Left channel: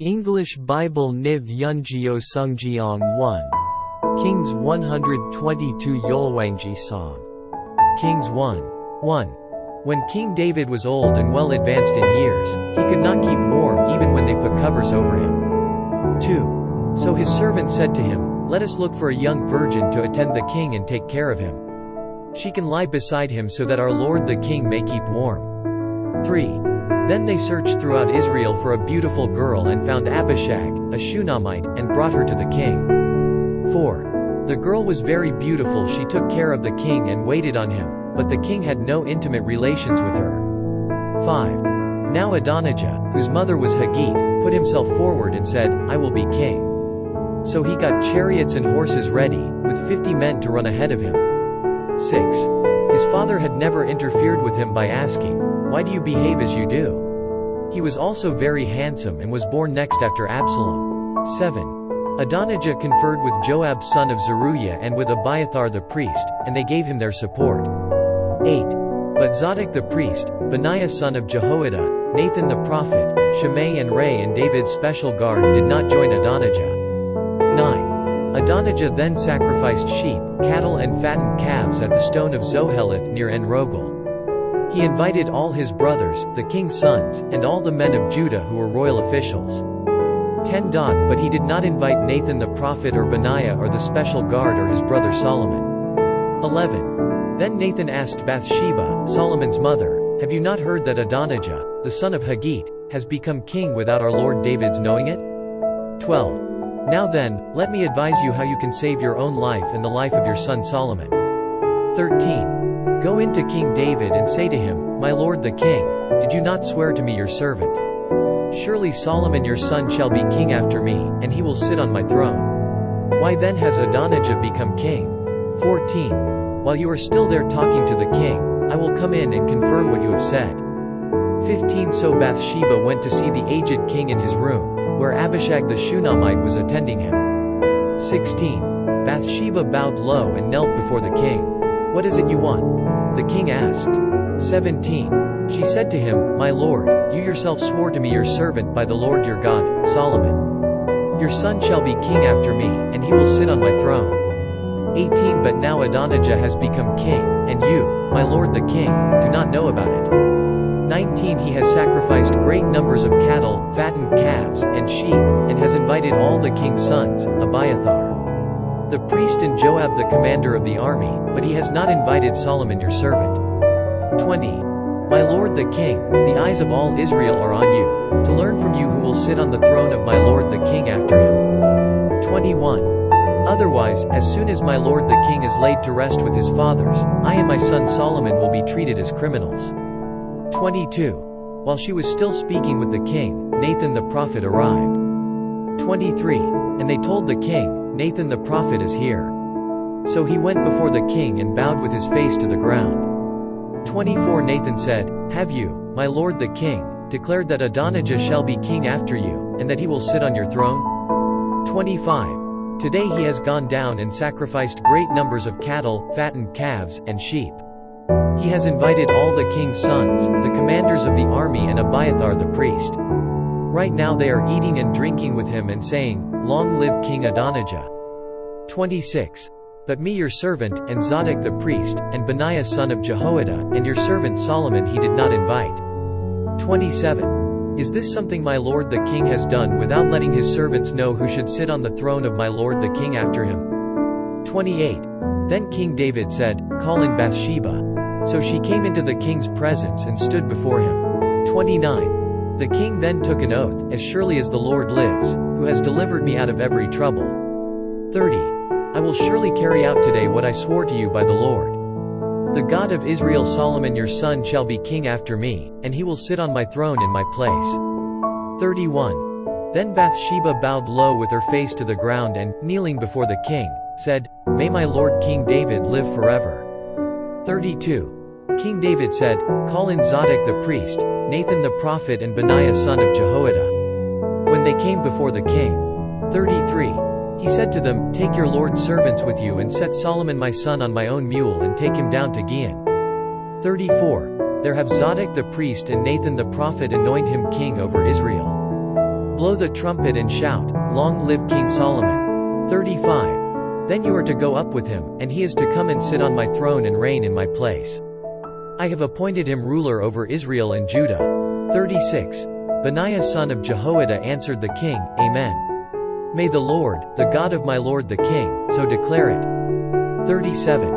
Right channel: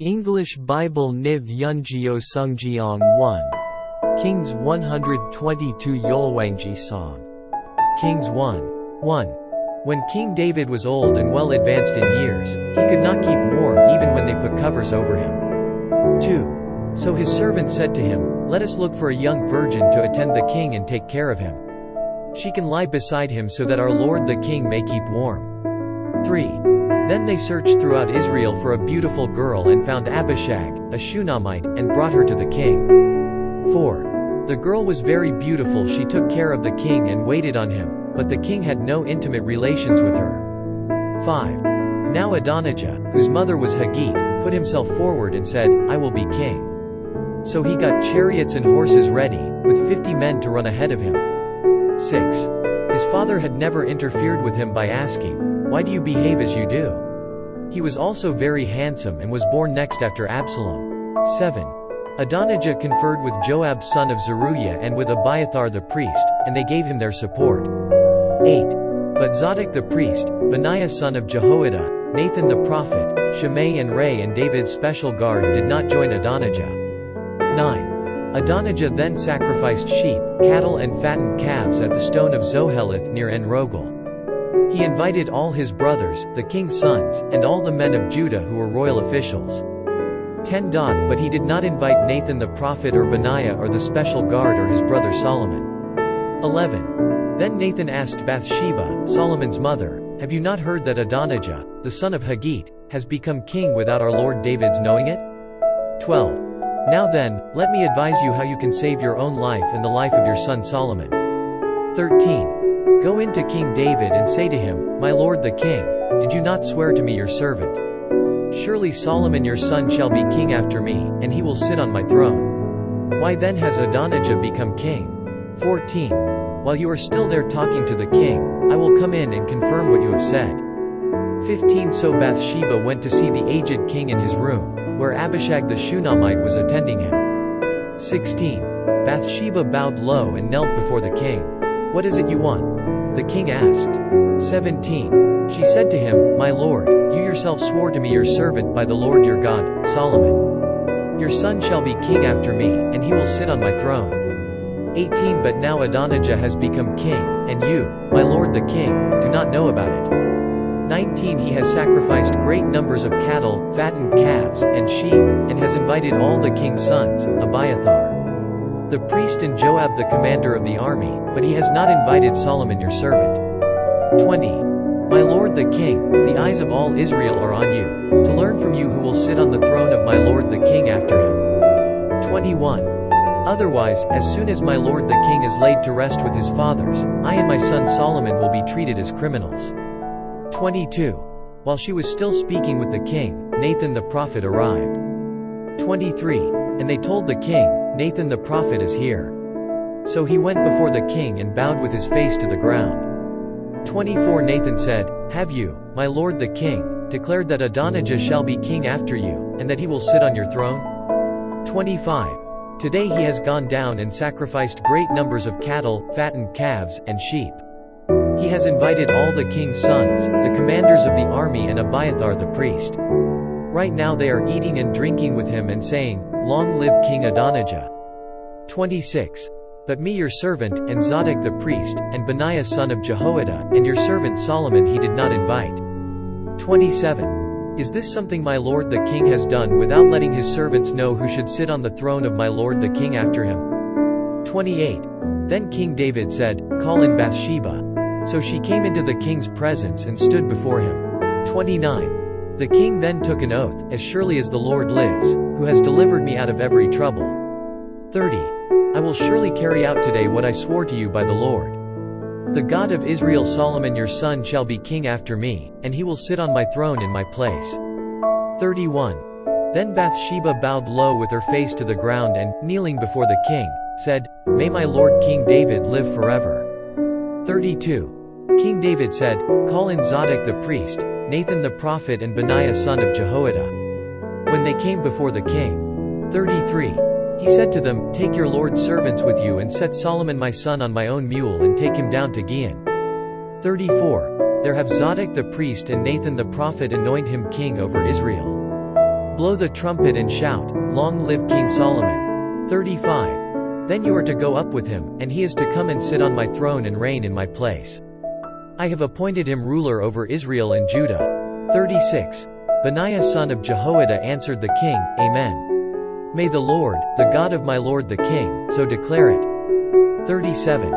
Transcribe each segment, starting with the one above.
English Bible NIV 영어성경 1. Kings 122 열왕기상. Kings 1. 1. When King David was old and well advanced in years, he could not keep warm even when they put covers over him. 2. So his servant said to him, "Let us look for a young virgin to attend the king and take care of him. She can lie beside him so that our lord the king may keep warm." 3. Then they searched throughout Israel for a beautiful girl and found Abishag, a Shunammite, and brought her to the king. 4. The girl was very beautiful. She took care of the king and waited on him, but the king had no intimate relations with her. 5. Now Adonijah, whose mother was Haggith, put himself forward and said, "I will be king." So he got chariots and horses ready, with 50 men to run ahead of him. 6. His father had never interfered with him by asking, "Why do you behave as you do?" He was also very handsome and was born next after Absalom. 7. Adonijah conferred with Joab son of Zeruiah and with Abiathar the priest, and they gave him their support. 8. But Zadok the priest, Benaiah son of Jehoiada, Nathan the prophet, Shimei and Ray and David's special guard did not join Adonijah. 9. Adonijah then sacrificed sheep, cattle and fattened calves at the stone of Zoheleth near En-Rogel. He invited all his brothers, the king's sons, and all the men of Judah who were royal officials. 10. But he did not invite Nathan the prophet or Benaiah or the special guard or his brother Solomon. 11. Then Nathan asked Bathsheba, Solomon's mother, "Have you not heard that Adonijah, the son of Haggith, has become king without our lord David's knowing it?" 12. Now then, let me advise you how you can save your own life and the life of your son Solomon. 13. Go in to King David and say to him, "My lord the king, did you not swear to me your servant? Surely Solomon your son shall be king after me, and he will sit on my throne. Why then has Adonijah become king?" 14. While you are still there talking to the king, I will come in and confirm what you have said. 15. So Bathsheba went to see the aged king in his room, where Abishag the Shunammite was attending him. 16. Bathsheba bowed low and knelt before the king. "What is it you want?" the king asked. 17. She said to him, "My lord, you yourself swore to me your servant by the Lord your God, Solomon. Your son shall be king after me, and he will sit on my throne." 18. But now Adonijah has become king, and you, my lord the king, do not know about it. 19. He has sacrificed great numbers of cattle, fattened calves, and sheep, and has invited all the king's sons, Abiathar the priest and Joab the commander of the army, but he has not invited Solomon your servant. 20. My lord the king, the eyes of all Israel are on you, to learn from you who will sit on the throne of my lord the king after him. 21. Otherwise, as soon as my lord the king is laid to rest with his fathers, I and my son Solomon will be treated as criminals. 22. While she was still speaking with the king, Nathan the prophet arrived. 23. And they told the king, "Nathan the prophet is here." So he went before the king and bowed with his face to the ground. 24. Nathan said, "Have you, my lord the king, declared that Adonijah shall be king after you, and that he will sit on your throne?" 25. Today he has gone down and sacrificed great numbers of cattle, fattened calves, and sheep. He has invited all the king's sons, the commanders of the army and Abiathar the priest. Right now they are eating and drinking with him and saying, "Long live King Adonijah." 26. But me your servant, and Zadok the priest, and Benaiah son of Jehoiada, and your servant Solomon he did not invite. 27. Is this something my lord the king has done without letting his servants know who should sit on the throne of my lord the king after him? 28. Then King David said, "Call in Bathsheba." So she came into the king's presence and stood before him. 29. The king then took an oath, "As surely as the Lord lives, who has delivered me out of every trouble." 30. I will surely carry out today what I swore to you by the Lord. The God of Israel, Solomon your son shall be king after me, and he will sit on my throne in my place. 31. Then Bathsheba bowed low with her face to the ground and, kneeling before the king, said, "May my lord King David live forever." 32. King David said, "Call in Zadok the priest, Nathan the prophet and Benaiah son of Jehoiada." When they came before the king. 33. He said to them, "Take your lord's servants with you and set Solomon my son on my own mule and take him down to Gihon." 34. There have Zadok the priest and Nathan the prophet anoint him king over Israel. Blow the trumpet and shout, Long live King Solomon. 35. Then you are to go up with him, and he is to come and sit on my throne and reign in my place. I have appointed him ruler over Israel and Judah. 36. Benaiah son of Jehoiada answered the king, Amen. May the Lord, the God of my lord the king, so declare it. 37.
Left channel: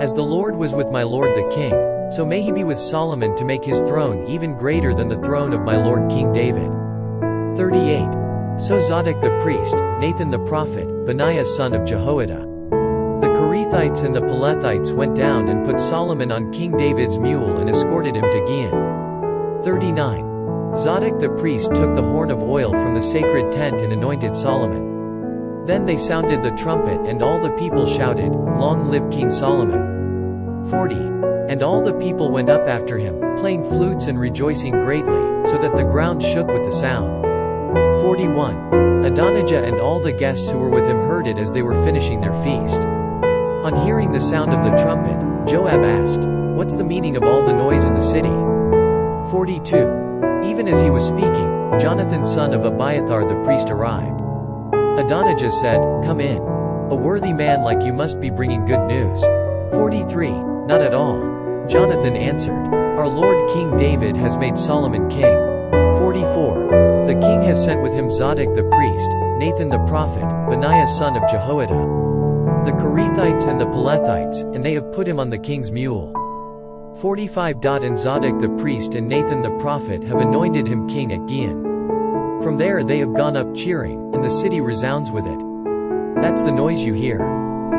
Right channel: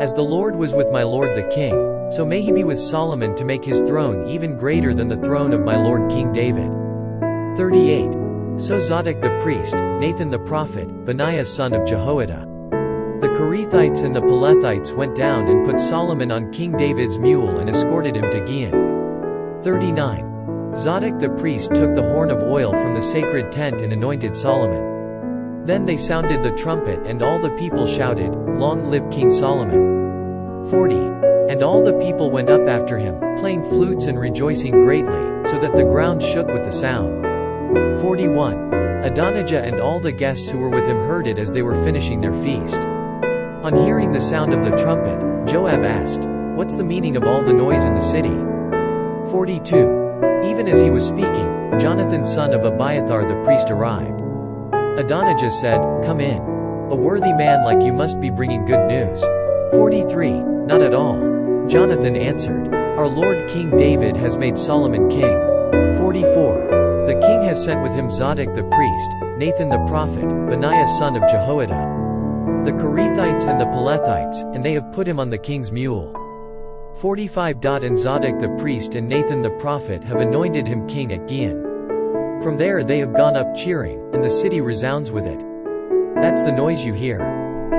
As the Lord was with my lord the king, so may he be with Solomon to make his throne even greater than the throne of my lord King David. 38. So Zadok the priest, Nathan the prophet, Benaiah son of Jehoiada, the Kerethites and the Pelethites went down and put Solomon on King David's mule and escorted him to Gihon. 39. Zadok the priest took the horn of oil from the sacred tent and anointed Solomon. Then they sounded the trumpet and all the people shouted, Long live King Solomon. 40. And all the people went up after him, playing flutes and rejoicing greatly, so that the ground shook with the sound. 41. Adonijah and all the guests who were with him heard it as they were finishing their feast. On hearing the sound of the trumpet, Joab asked, What's the meaning of all the noise in the city? 42. Even as he was speaking, Jonathan son of Abiathar the priest arrived. Adonijah said, Come in. A worthy man like you must be bringing good news. 43. Not at all. Jonathan answered, Our Lord King David has made Solomon king. 44. The king has sent with him Zadok the priest, Nathan the prophet, Benaiah son of Jehoiada, the Kerethites and the Pelethites, and they have put him on the king's mule. 45. And Zadok the priest and Nathan the prophet have anointed him king at Gihon. From there they have gone up cheering, and the city resounds with it. That's the noise you hear.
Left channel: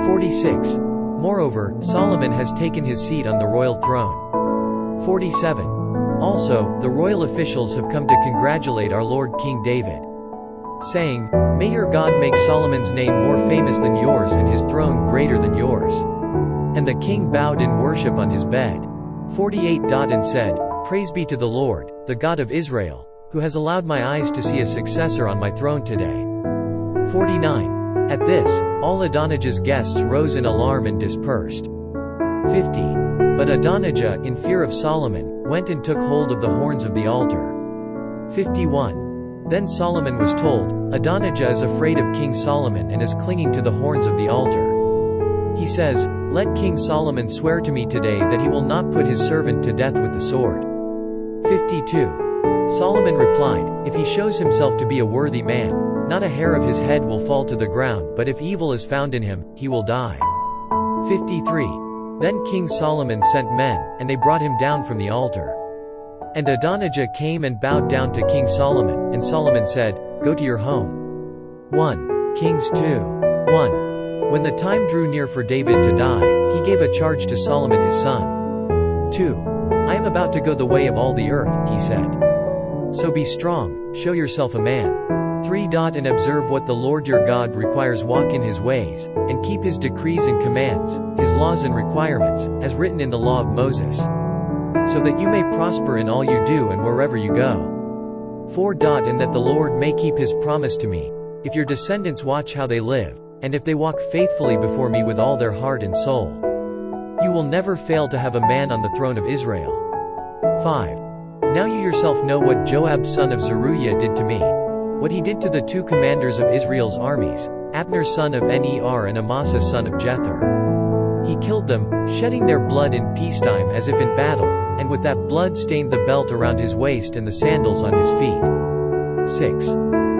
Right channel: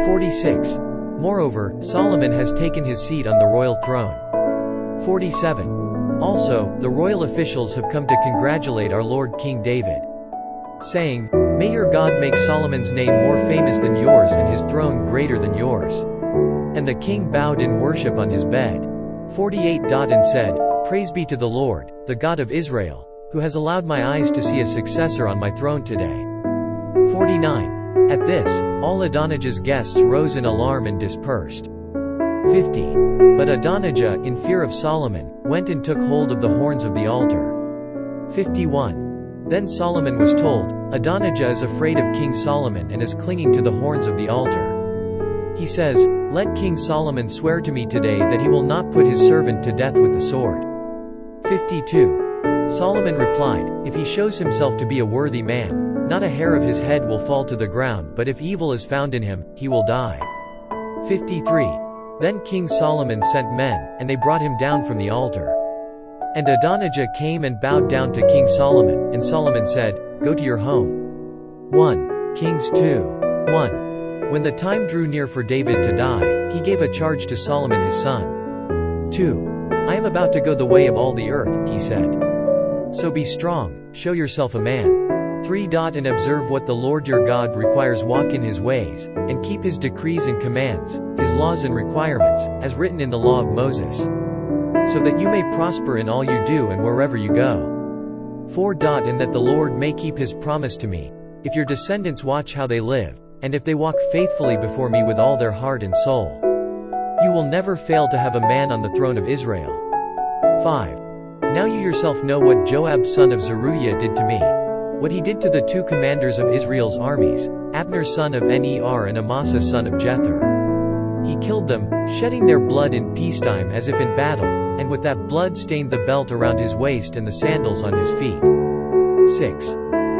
46. Moreover, Solomon has taken his seat on the royal throne. 47. Also, the royal officials have come to congratulate our Lord King David, saying, May your God make Solomon's name more famous than yours and his throne greater than yours. And the king bowed in worship on his bed. 48. And said, Praise be to the Lord, the God of Israel, who has allowed my eyes to see a successor on my throne today. 49. At this, all Adonijah's guests rose in alarm and dispersed. 50. But Adonijah, in fear of Solomon, went and took hold of the horns of the altar. 51. Then Solomon was told, Adonijah is afraid of King Solomon and is clinging to the horns of the altar. He says, Let King Solomon swear to me today that he will not put his servant to death with the sword. 52. Solomon replied, If he shows himself to be a worthy man, not a hair of his head will fall to the ground, but if evil is found in him, he will die. 53. Then King Solomon sent men, and they brought him down from the altar. And Adonijah came and bowed down to King Solomon, and Solomon said, Go to your home. 1 Kings 2. 1. When the time drew near for David to die, he gave a charge to Solomon his son. 2. I am about to go the way of all the earth, he said. So be strong, show yourself a man. 3. And observe what the Lord your God requires, walk in his ways, and keep his decrees and commands, his laws and requirements, as written in the law of Moses, so that you may prosper in all you do and wherever you go. 4. And that the Lord may keep his promise to me, if your descendants watch how they live, and if they walk faithfully before me with all their heart and soul. You will never fail to have a man on the throne of Israel. 5. Now you yourself know what Joab son of Zeruiah did to me, what he did to the 2 commanders of Israel's armies, Abner son of Ner and Amasa son of Jether. He killed them, shedding their blood in peacetime as if in battle, and with that blood stained the belt around his waist and the sandals on his feet. 6.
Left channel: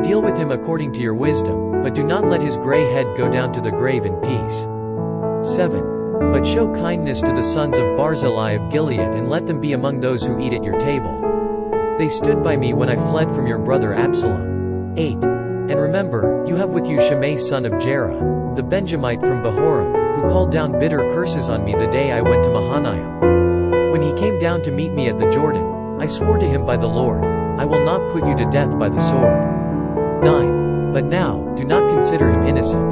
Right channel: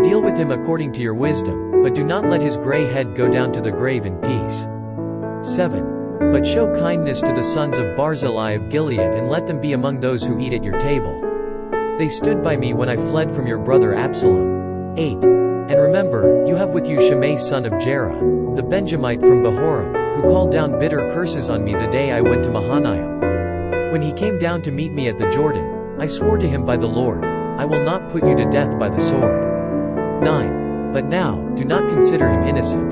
Deal with him according to your wisdom, but do not let his gray head go down to the grave in peace. 7. But show kindness to the sons of Barzillai of Gilead and let them be among those who eat at your table. They stood by me when I fled from your brother Absalom. 8. And remember, you have with you Shimei son of Jerah, the Benjamite from Bahorim, who called down bitter curses on me the day I went to Mahanaim. When he came down to meet me at the Jordan, I swore to him by the Lord, I will not put you to death by the sword. 9. But now, do not consider him innocent.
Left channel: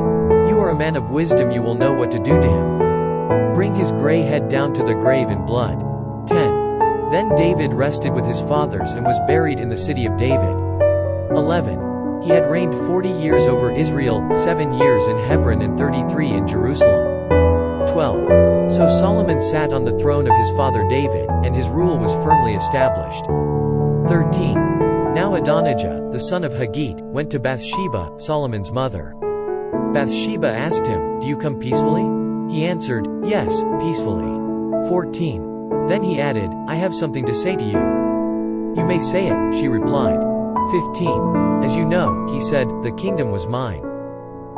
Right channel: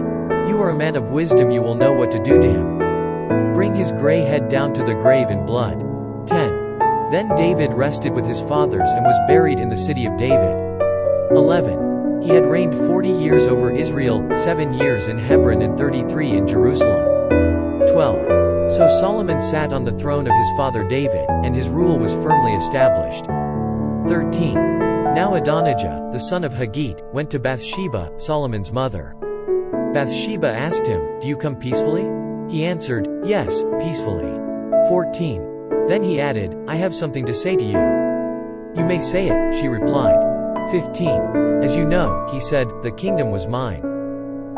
You are a man of wisdom, you will know what to do to him. Bring his gray head down to the grave in blood. 10. Then David rested with his fathers and was buried in the city of David. 11. He had reigned 40 years over Israel, 7 years in Hebron and 33 in Jerusalem. 12. So Solomon sat on the throne of his father David, and his rule was firmly established. 13. Now Adonijah, the son of Haggith, went to Bathsheba, Solomon's mother. Bathsheba asked him, "Do you come peacefully?" He answered, "Yes, peacefully." 14. Then he added, "I have something to say to you." "You may say it," she replied. 15. "As you know," he said, "the kingdom was mine.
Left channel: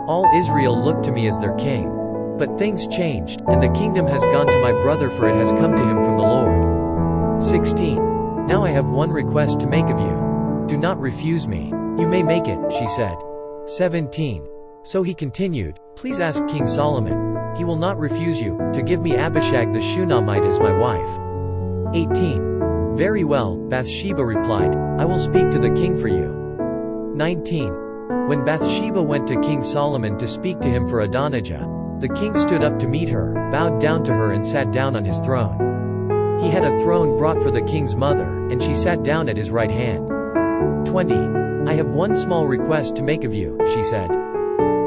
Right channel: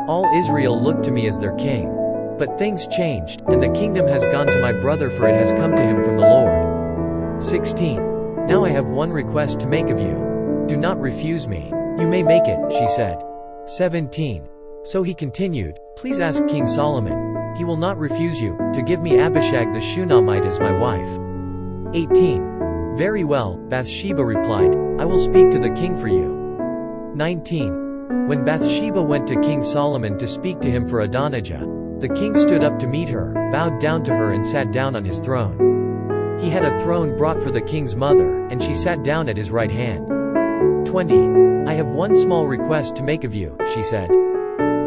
All Israel looked to me as their king. But things changed, and the kingdom has gone to my brother, for it has come to him from the Lord." 16. "Now I have one request to make of you. Do not refuse me." "You may make it," she said. 17. So he continued, "Please ask King Solomon. He will not refuse you, to give me Abishag the Shunammite as my wife." 18. "Very well," Bathsheba replied, "I will speak to the king for you." 19. When Bathsheba went to King Solomon to speak to him for Adonijah, the king stood up to meet her, bowed down to her and sat down on his throne. He had a throne brought for the king's mother, and she sat down at his right hand. 20. "I have one small request to make of you," she said.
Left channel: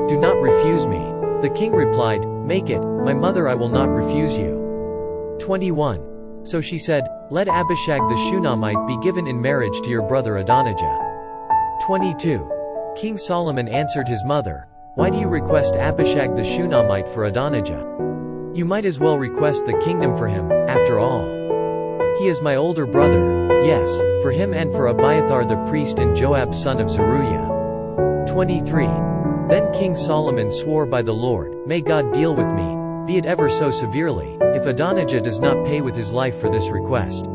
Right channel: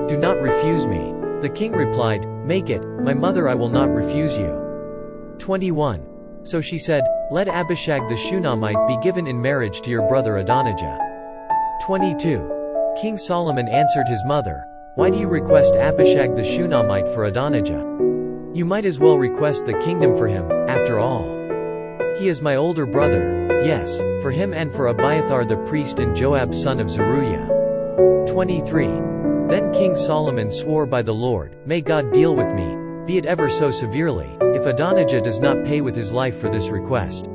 "Do not refuse me." The king replied, "Make it, my mother, I will not refuse you." 21. So she said, "Let Abishag the Shunammite be given in marriage to your brother Adonijah." 22. King Solomon answered his mother, "Why do you request Abishag the Shunammite for Adonijah? You might as well request the kingdom for him, after all. He is my older brother. Yes, for him and for Abiathar the priest and Joab son of Zeruiah." 23. Then King Solomon swore by the Lord, "May God deal with me, be it ever so severely, if Adonijah does not pay with his life for this request."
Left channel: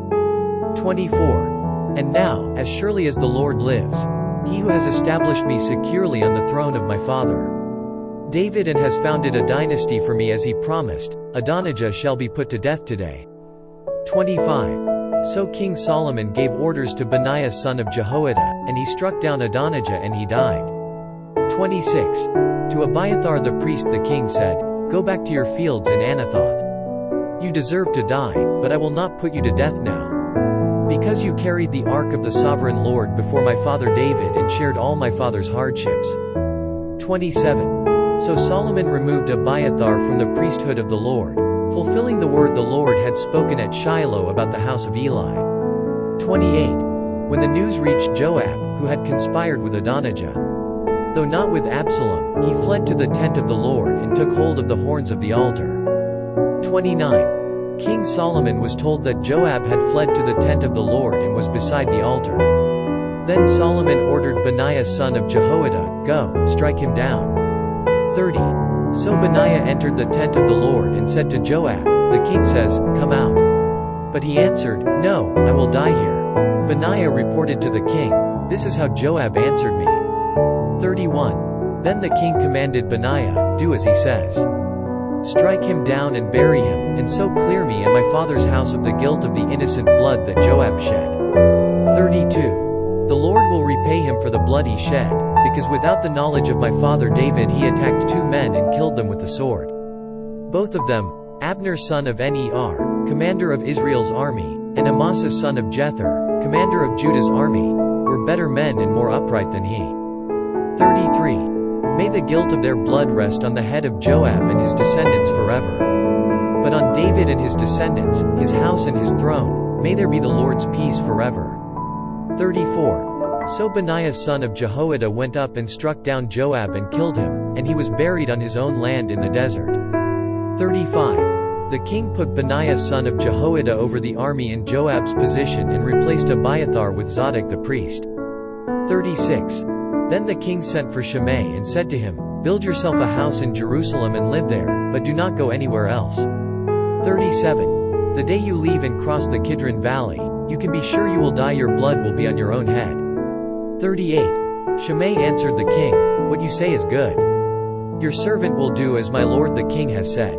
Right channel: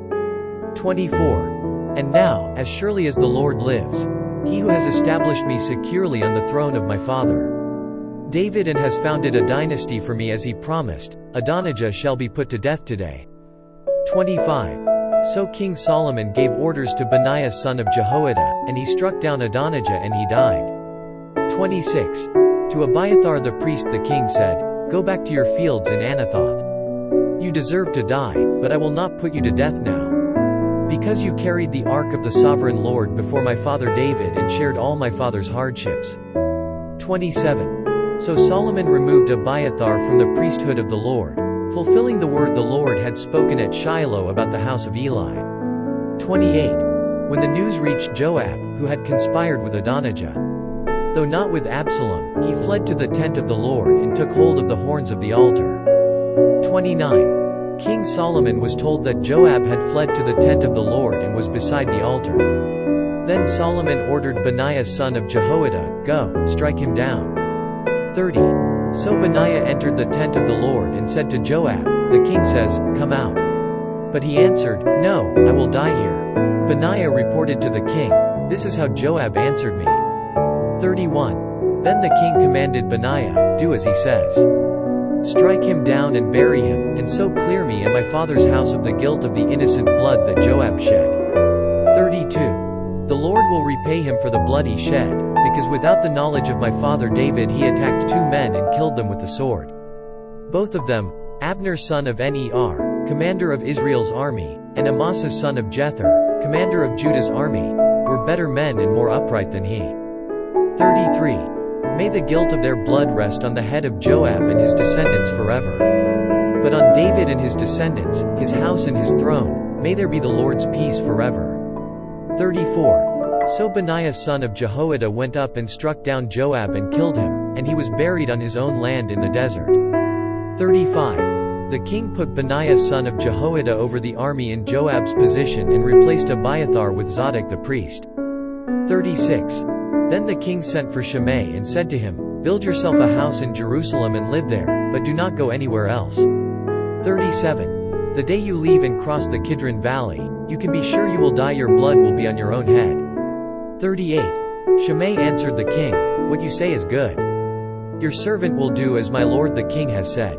24. "And now, as surely as the Lord lives, he who has established me securely on the throne of my father David and has founded a dynasty for me as he promised, Adonijah shall be put to death today." 25. So King Solomon gave orders to Benaiah son of Jehoiada, and he struck down Adonijah and he died. 26. To Abiathar the priest the king said, "Go back to your fields in Anathoth. You deserve to die, but I will not put you to death now, because you carried the ark of the sovereign Lord before my father David and shared all my father's hardships." 27. So Solomon removed Abiathar from the priesthood of the Lord, fulfilling the word the Lord had spoken at Shiloh about the house of Eli. 28. When the news reached Joab, who had conspired with Adonijah, though not with Absalom, he fled to the tent of the Lord and took hold of the horns of the altar. 29. King Solomon was told that Joab had fled to the tent of the Lord and was beside the altar. Then Solomon ordered Benaiah son of Jehoiada, "Go, strike him down." 30. So Benaiah entered the tent of the Lord and said to Joab, "The king says, 'Come out.'" But he answered, "No, I will die here." Benaiah reported to the king, "This is how Joab answered me." 31. Then the king commanded Benaiah, "Do as he says. Strike him down and bury him, and so clear me and my father's house of the guilt of the innocent blood that Joab shed." 32. The Lord will repay him for the blood he shed, because without the knowledge of my father David he attacked 2 men and killed them with the sword. Both of them, Abner son of Ner, commander of Israel's army, and Amasa son of Jether, commander of Judah's army, were better men and more upright than he. 33. May the guilt of their blood rest on the head of Joab and his descendants forever. But on David and his descendants, his house and his throne, may there be the Lord's peace forever. 34. So Benaiah son of Jehoiada went up and struck down Joab and killed him, and he was buried on his own land in the desert. 35. The king put Benaiah son of Jehoiada over the army in Joab's position and replaced Abiathar with Zadok the priest. 36. Then the king sent for Shimei and said to him, "Build yourself a house in Jerusalem and live there, but do not go anywhere else." 37. The day you leave and cross the Kidron Valley, you can be sure you will die, your blood will be on your own head. 38. Shimei answered the king, "What you say is good. Your servant will do as my lord the king has said."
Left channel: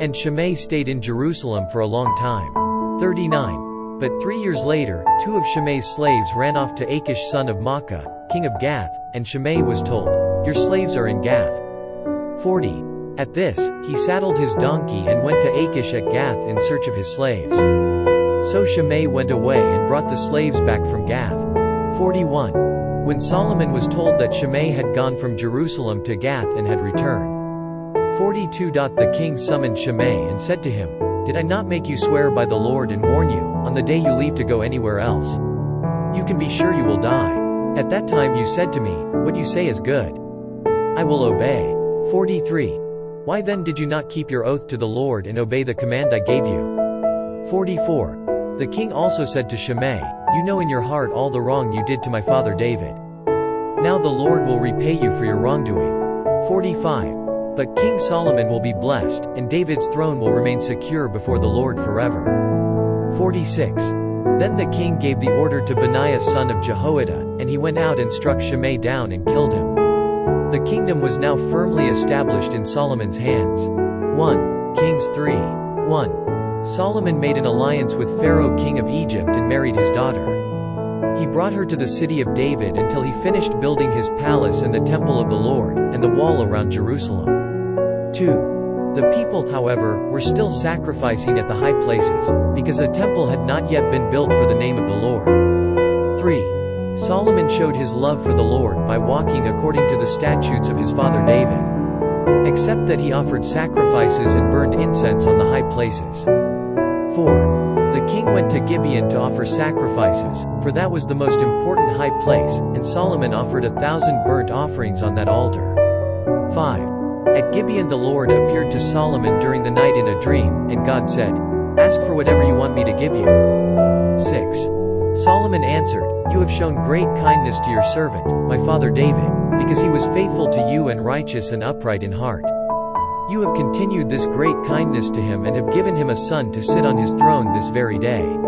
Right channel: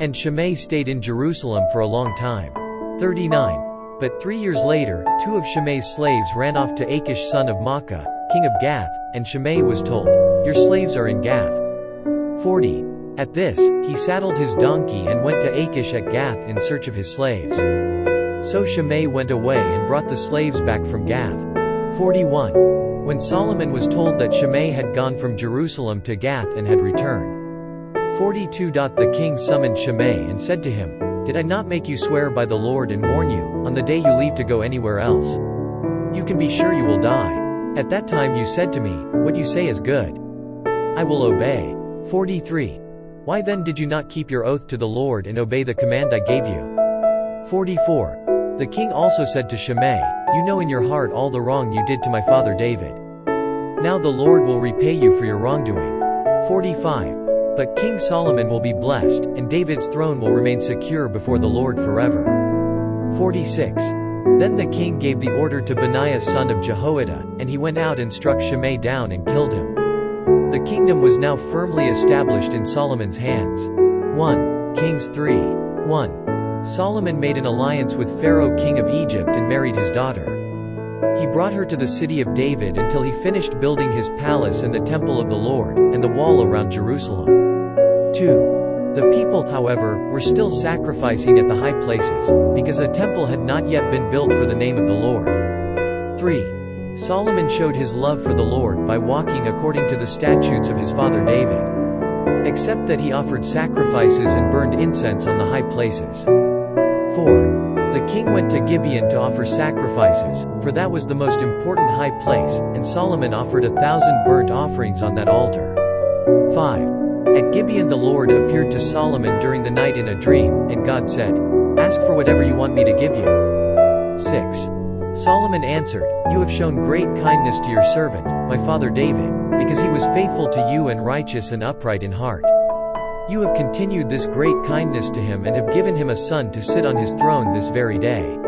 And Shimei stayed in Jerusalem for a long time. 39. But 3 years later, 2 of Shimei's slaves ran off to Achish son of Maacah, king of Gath, and Shimei was told, "Your slaves are in Gath." 40. At this, he saddled his donkey and went to Achish at Gath in search of his slaves. So Shimei went away and brought the slaves back from Gath. 41. When Solomon was told that Shimei had gone from Jerusalem to Gath and had returned. 42. The king summoned Shimei and said to him, "Did I not make you swear by the Lord and warn you, on the day you leave to go anywhere else? You can be sure you will die. At that time you said to me, what you say is good. I will obey. 43. Why then did you not keep your oath to the Lord and obey the command I gave you? 44. The king also said to Shimei, you know in your heart all the wrong you did to my father David. Now the Lord will repay you for your wrongdoing. 45. But King Solomon will be blessed, and David's throne will remain secure before the Lord forever. 46. Then the king gave the order to Benaiah son of Jehoiada, and he went out and struck Shimei down and killed him. The kingdom was now firmly established in Solomon's hands. 1 Kings 3. 1. Solomon made an alliance with Pharaoh king of Egypt and married his daughter. He brought her to the city of David until he finished building his palace and the temple of the Lord, and the wall around Jerusalem. 2. The people, however, were still sacrificing at the high places, because a temple had not yet been built for the name of the Lord. 3. Solomon showed his love for the Lord by walking according to the statutes of his father David. Except that he offered sacrifices and burned incense on the high places. 4. The king went to Gibeon to offer sacrifices, for that was the most important high place, and Solomon offered 1,000 burnt offerings on that altar. 5. At Gibeon the Lord appeared to Solomon during the night in a dream, and God said, ask for whatever you want me to give you. 6. Solomon answered, you have shown great kindness to your servant, my father David, because he was faithful to you and righteous and upright in heart. You have continued this great kindness to him and have given him a son to sit on his throne this very day.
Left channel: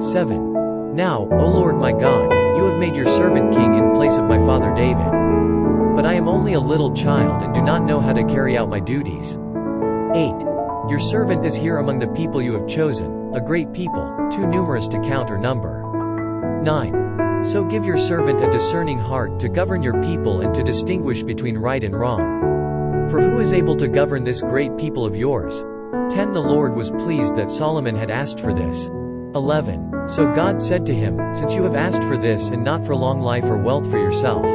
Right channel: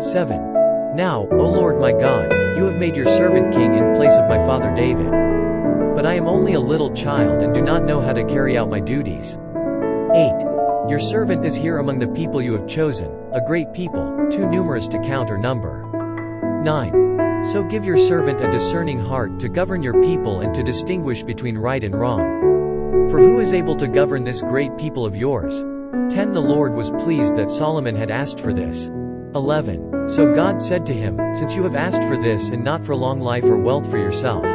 7. Now, O Lord my God, you have made your servant king in place of my father David. But I am only a little child and do not know how to carry out my duties. 8. Your servant is here among the people you have chosen, a great people, too numerous to count or number. 9. So give your servant a discerning heart to govern your people and to distinguish between right and wrong. For who is able to govern this great people of yours? 10. The Lord was pleased that Solomon had asked for this. 11. So God said to him, since you have asked for this and not for long life or wealth for yourself,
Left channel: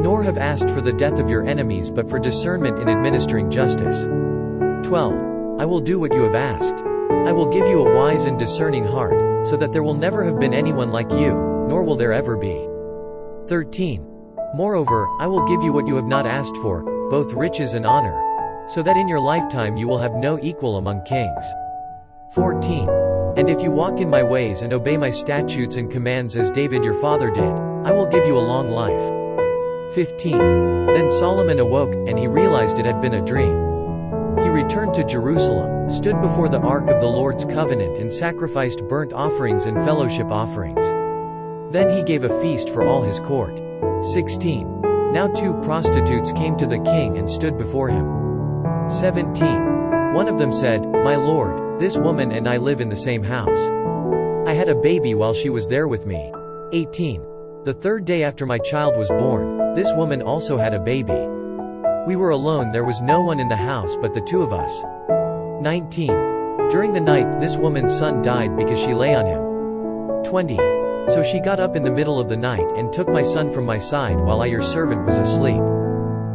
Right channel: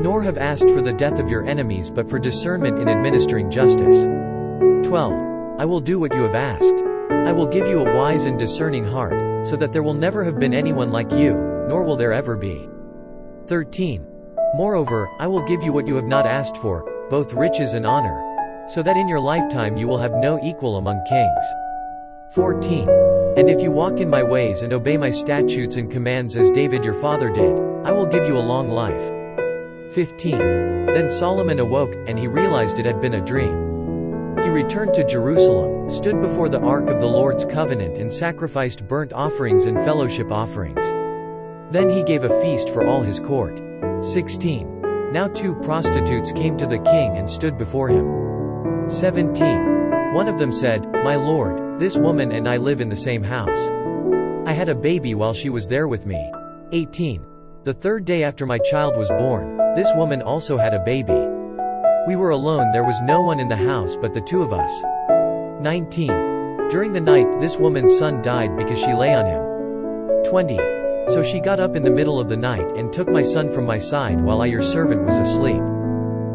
nor have asked for the death of your enemies but for discernment in administering justice. 12. I will do what you have asked. I will give you a wise and discerning heart, so that there will never have been anyone like you, nor will there ever be. 13. Moreover, I will give you what you have not asked for, both riches and honor, so that in your lifetime you will have no equal among kings. 14. And if you walk in my ways and obey my statutes and commands as David your father did, I will give you a long life. 15. Then Solomon awoke, and he realized it had been a dream. He returned to Jerusalem, stood before the ark of the Lord's covenant and sacrificed burnt offerings and fellowship offerings. Then he gave a feast for all his court. 16. Now 2 prostitutes came to the king and stood before him. 17. One of them said, my lord, this woman and I live in the same house. I had a baby while she was there with me. 18. The 3rd day after my child was born, this woman also had a baby. We were alone, there was no one in the house but the 2 of us. 19. During the night this woman's son died because she lay on him. 20. So she got up in the middle of the night and took my son from my side while I your servant was asleep.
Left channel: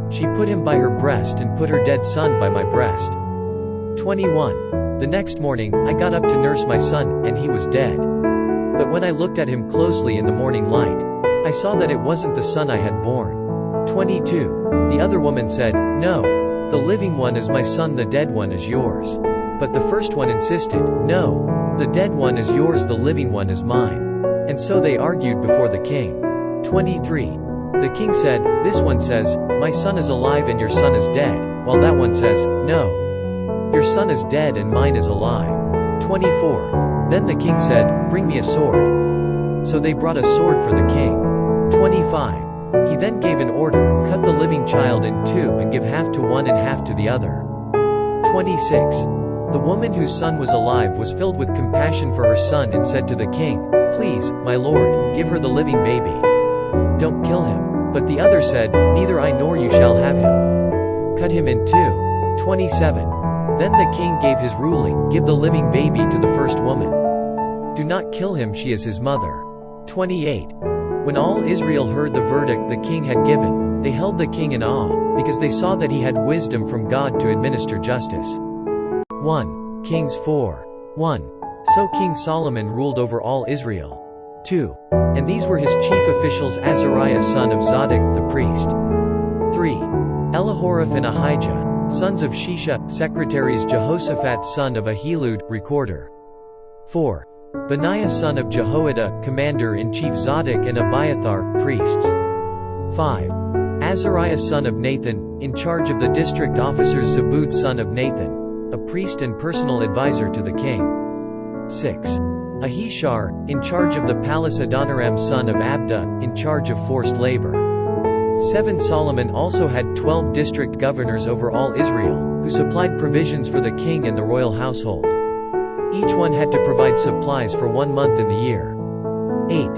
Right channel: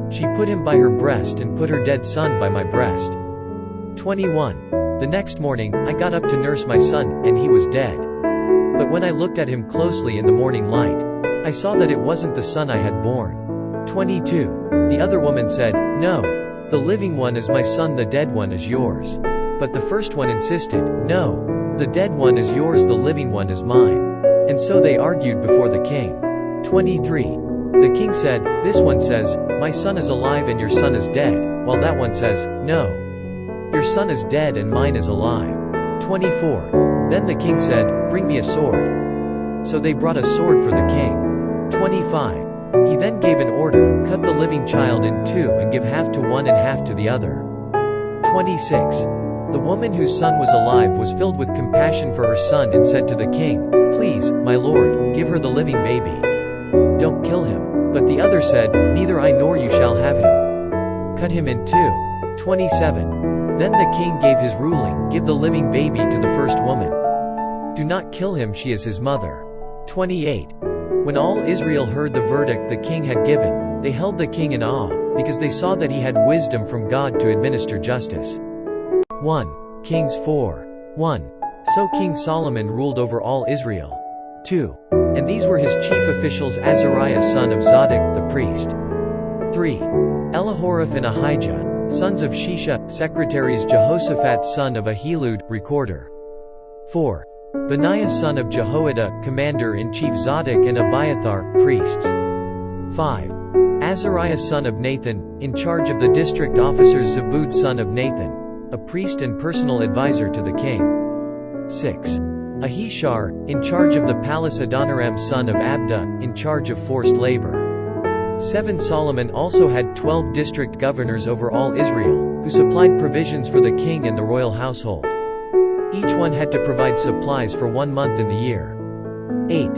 She put him by her breast and put her dead son by my breast. 21. The next morning, I got up to nurse my son, and he was dead. But when I looked at him closely in the morning light, I saw that it wasn't the son I had born. 22. The other woman said, no, the living one is my son, the dead one is yours. But the first one insisted, no, the dead one is yours, the living one is mine. And so they argued before the king. 23. The king said, this one says, my son is alive and your son is dead, while that one says, no, your son is dead and mine is alive. 24. Then the king said, bring me a sword. So they brought a sword for the king. 25. He then gave an order, cut the living child in 2 and give half to one and half to the other. 26. The woman whose son was alive was filled with compassion for her son and said to the king, please, my lord, give her the living baby. Don't kill him. But the other said, neither I nor you shall have him. Cut him in 2. 27. Then the king gave his ruling, give the living baby to the first woman. Do not kill him, she is his mother. 28. When all Israel heard the verdict the king had given, they held the king in awe, because they saw that he had wisdom from God to administer justice. 1 Kings 4. 1. So King Solomon ruled over all Israel. 2. and these were his chief officials: Azariah son of Zadok, the priest. 3. Elihoreph and Ahijah, sons of Shisha, secretaries: Jehoshaphat son of Ahilud, recorder. 4. Benaiah son of Jehoiada, commander-in-chief: Zadok and Abiathar, priests. 5. Azariah son of Nathan, in charge of the district officers: Zabud son of Nathan, a priest and personal advisor to the king. 6. Ahishar, in charge of the palace: Adoniram son of Abda, in charge of forced labor. 7. Solomon also had 12 district governors over all Israel, who supplied provisions for the king and the royal household. Each one had to provide supplies for 1 month in the year. 8.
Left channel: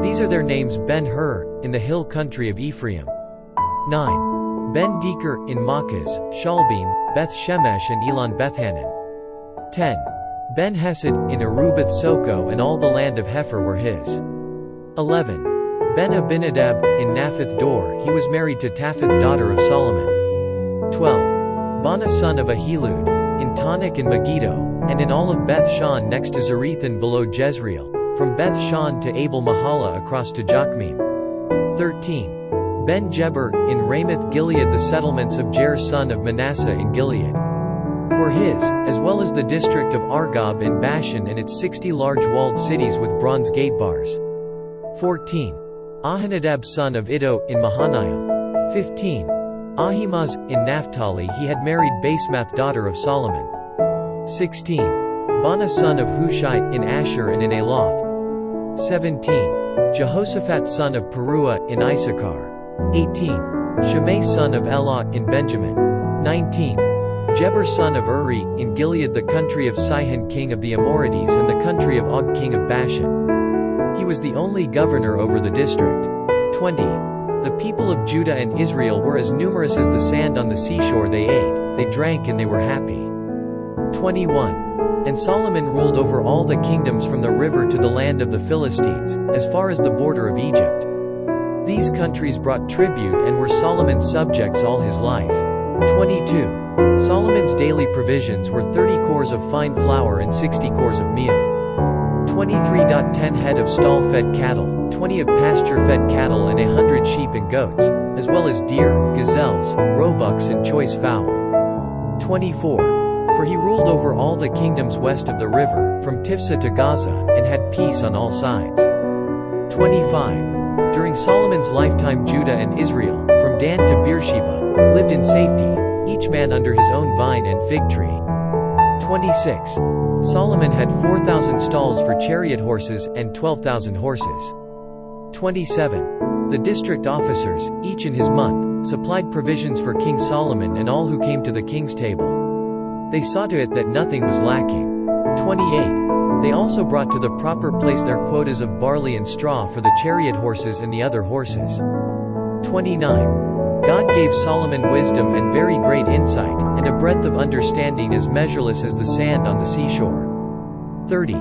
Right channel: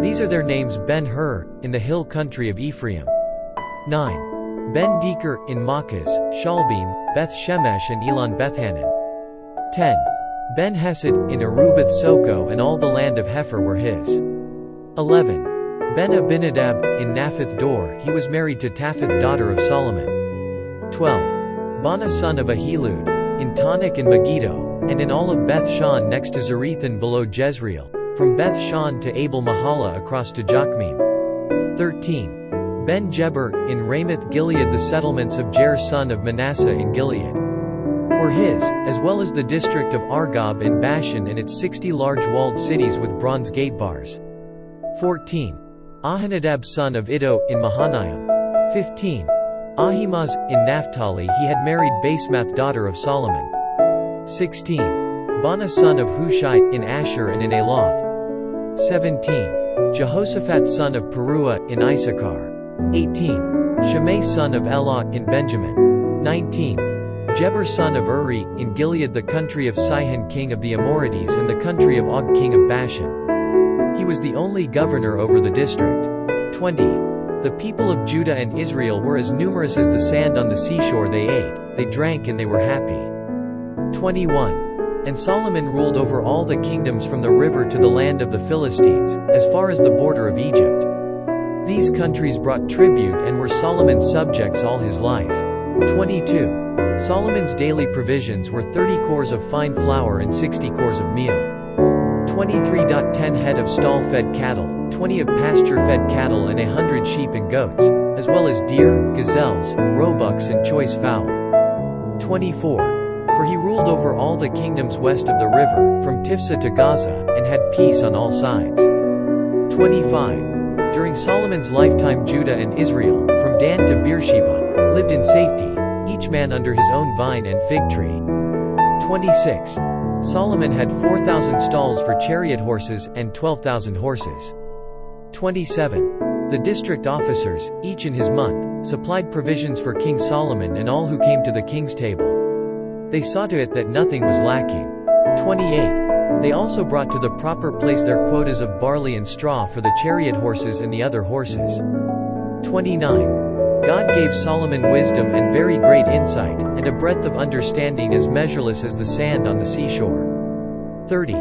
These are their names: Ben-Hur, in the hill country of Ephraim. 9. Ben-Deker, in Makaz, Shalbim, Beth-Shemesh and Elon Bethhanan. 10. Ben-Hesed, in Arubath Soko, and all the land of Hepher were his. 11. Ben-Abinadab, in Naphath Dor, he was married to Taphith daughter of Solomon. 12. Bana son of Ahilud, in Tanakh and Megiddo, and in all of Beth-Shan next to Zarethan below Jezreel, from Beth-Shan to Abel-Mahala across to Jokmeam. 13. Ben-Jeber, in Ramoth-Gilead. The settlements of Jair son of Manasseh in Gilead were his, as well as the district of Argob in Bashan and its 60 large walled cities with bronze gate bars. 14. Ahinadab son of Iddo, in Mahanaim. 15. Ahimaaz, in Naphtali. He had married Basemath daughter of Solomon. 16. Bana son of Hushai, in Asher and in Aloth. 17. Jehoshaphat son of Peruah, in Issachar. 18. Shimei son of Elah, in Benjamin. 19. Jeber son of Uri, in Gilead, the country of Sihon king of the Amorites and the country of Og king of Bashan. He was the only governor over the district. 20. The people of Judah and Israel were as numerous as the sand on the seashore. They ate, they drank, and they were happy. 21. And Solomon ruled over all the kingdoms from the river to the land of the Philistines, as far as the border of Egypt. These countries brought tribute and were Solomon's subjects all his life. 22. Solomon's daily provisions were 30 cores of fine flour and 60 cores of meal. 23.10 head of stall-fed cattle, 20 of pasture-fed cattle and 100 sheep and goats, as well as deer, gazelles, roebucks and choice fowl. 24. For he ruled over all the kingdoms west of the river, from Tifsa to Gaza, and had peace on all sides. 25. During Solomon's lifetime Judah and Israel, from Dan to Beersheba, lived in safety, each man under his own vine and fig tree. 26. Solomon had 4,000 stalls for chariot horses, and 12,000 horses. 27. The district officers, each in his month, supplied provisions for King Solomon and all who came to the king's table. They saw to it that nothing was lacking. 28. They also brought to the proper place their quotas of barley and straw for the chariot horses and the other horses. 29. God gave Solomon wisdom and very great insight, and a breadth of understanding as measureless as the sand on the seashore. 30.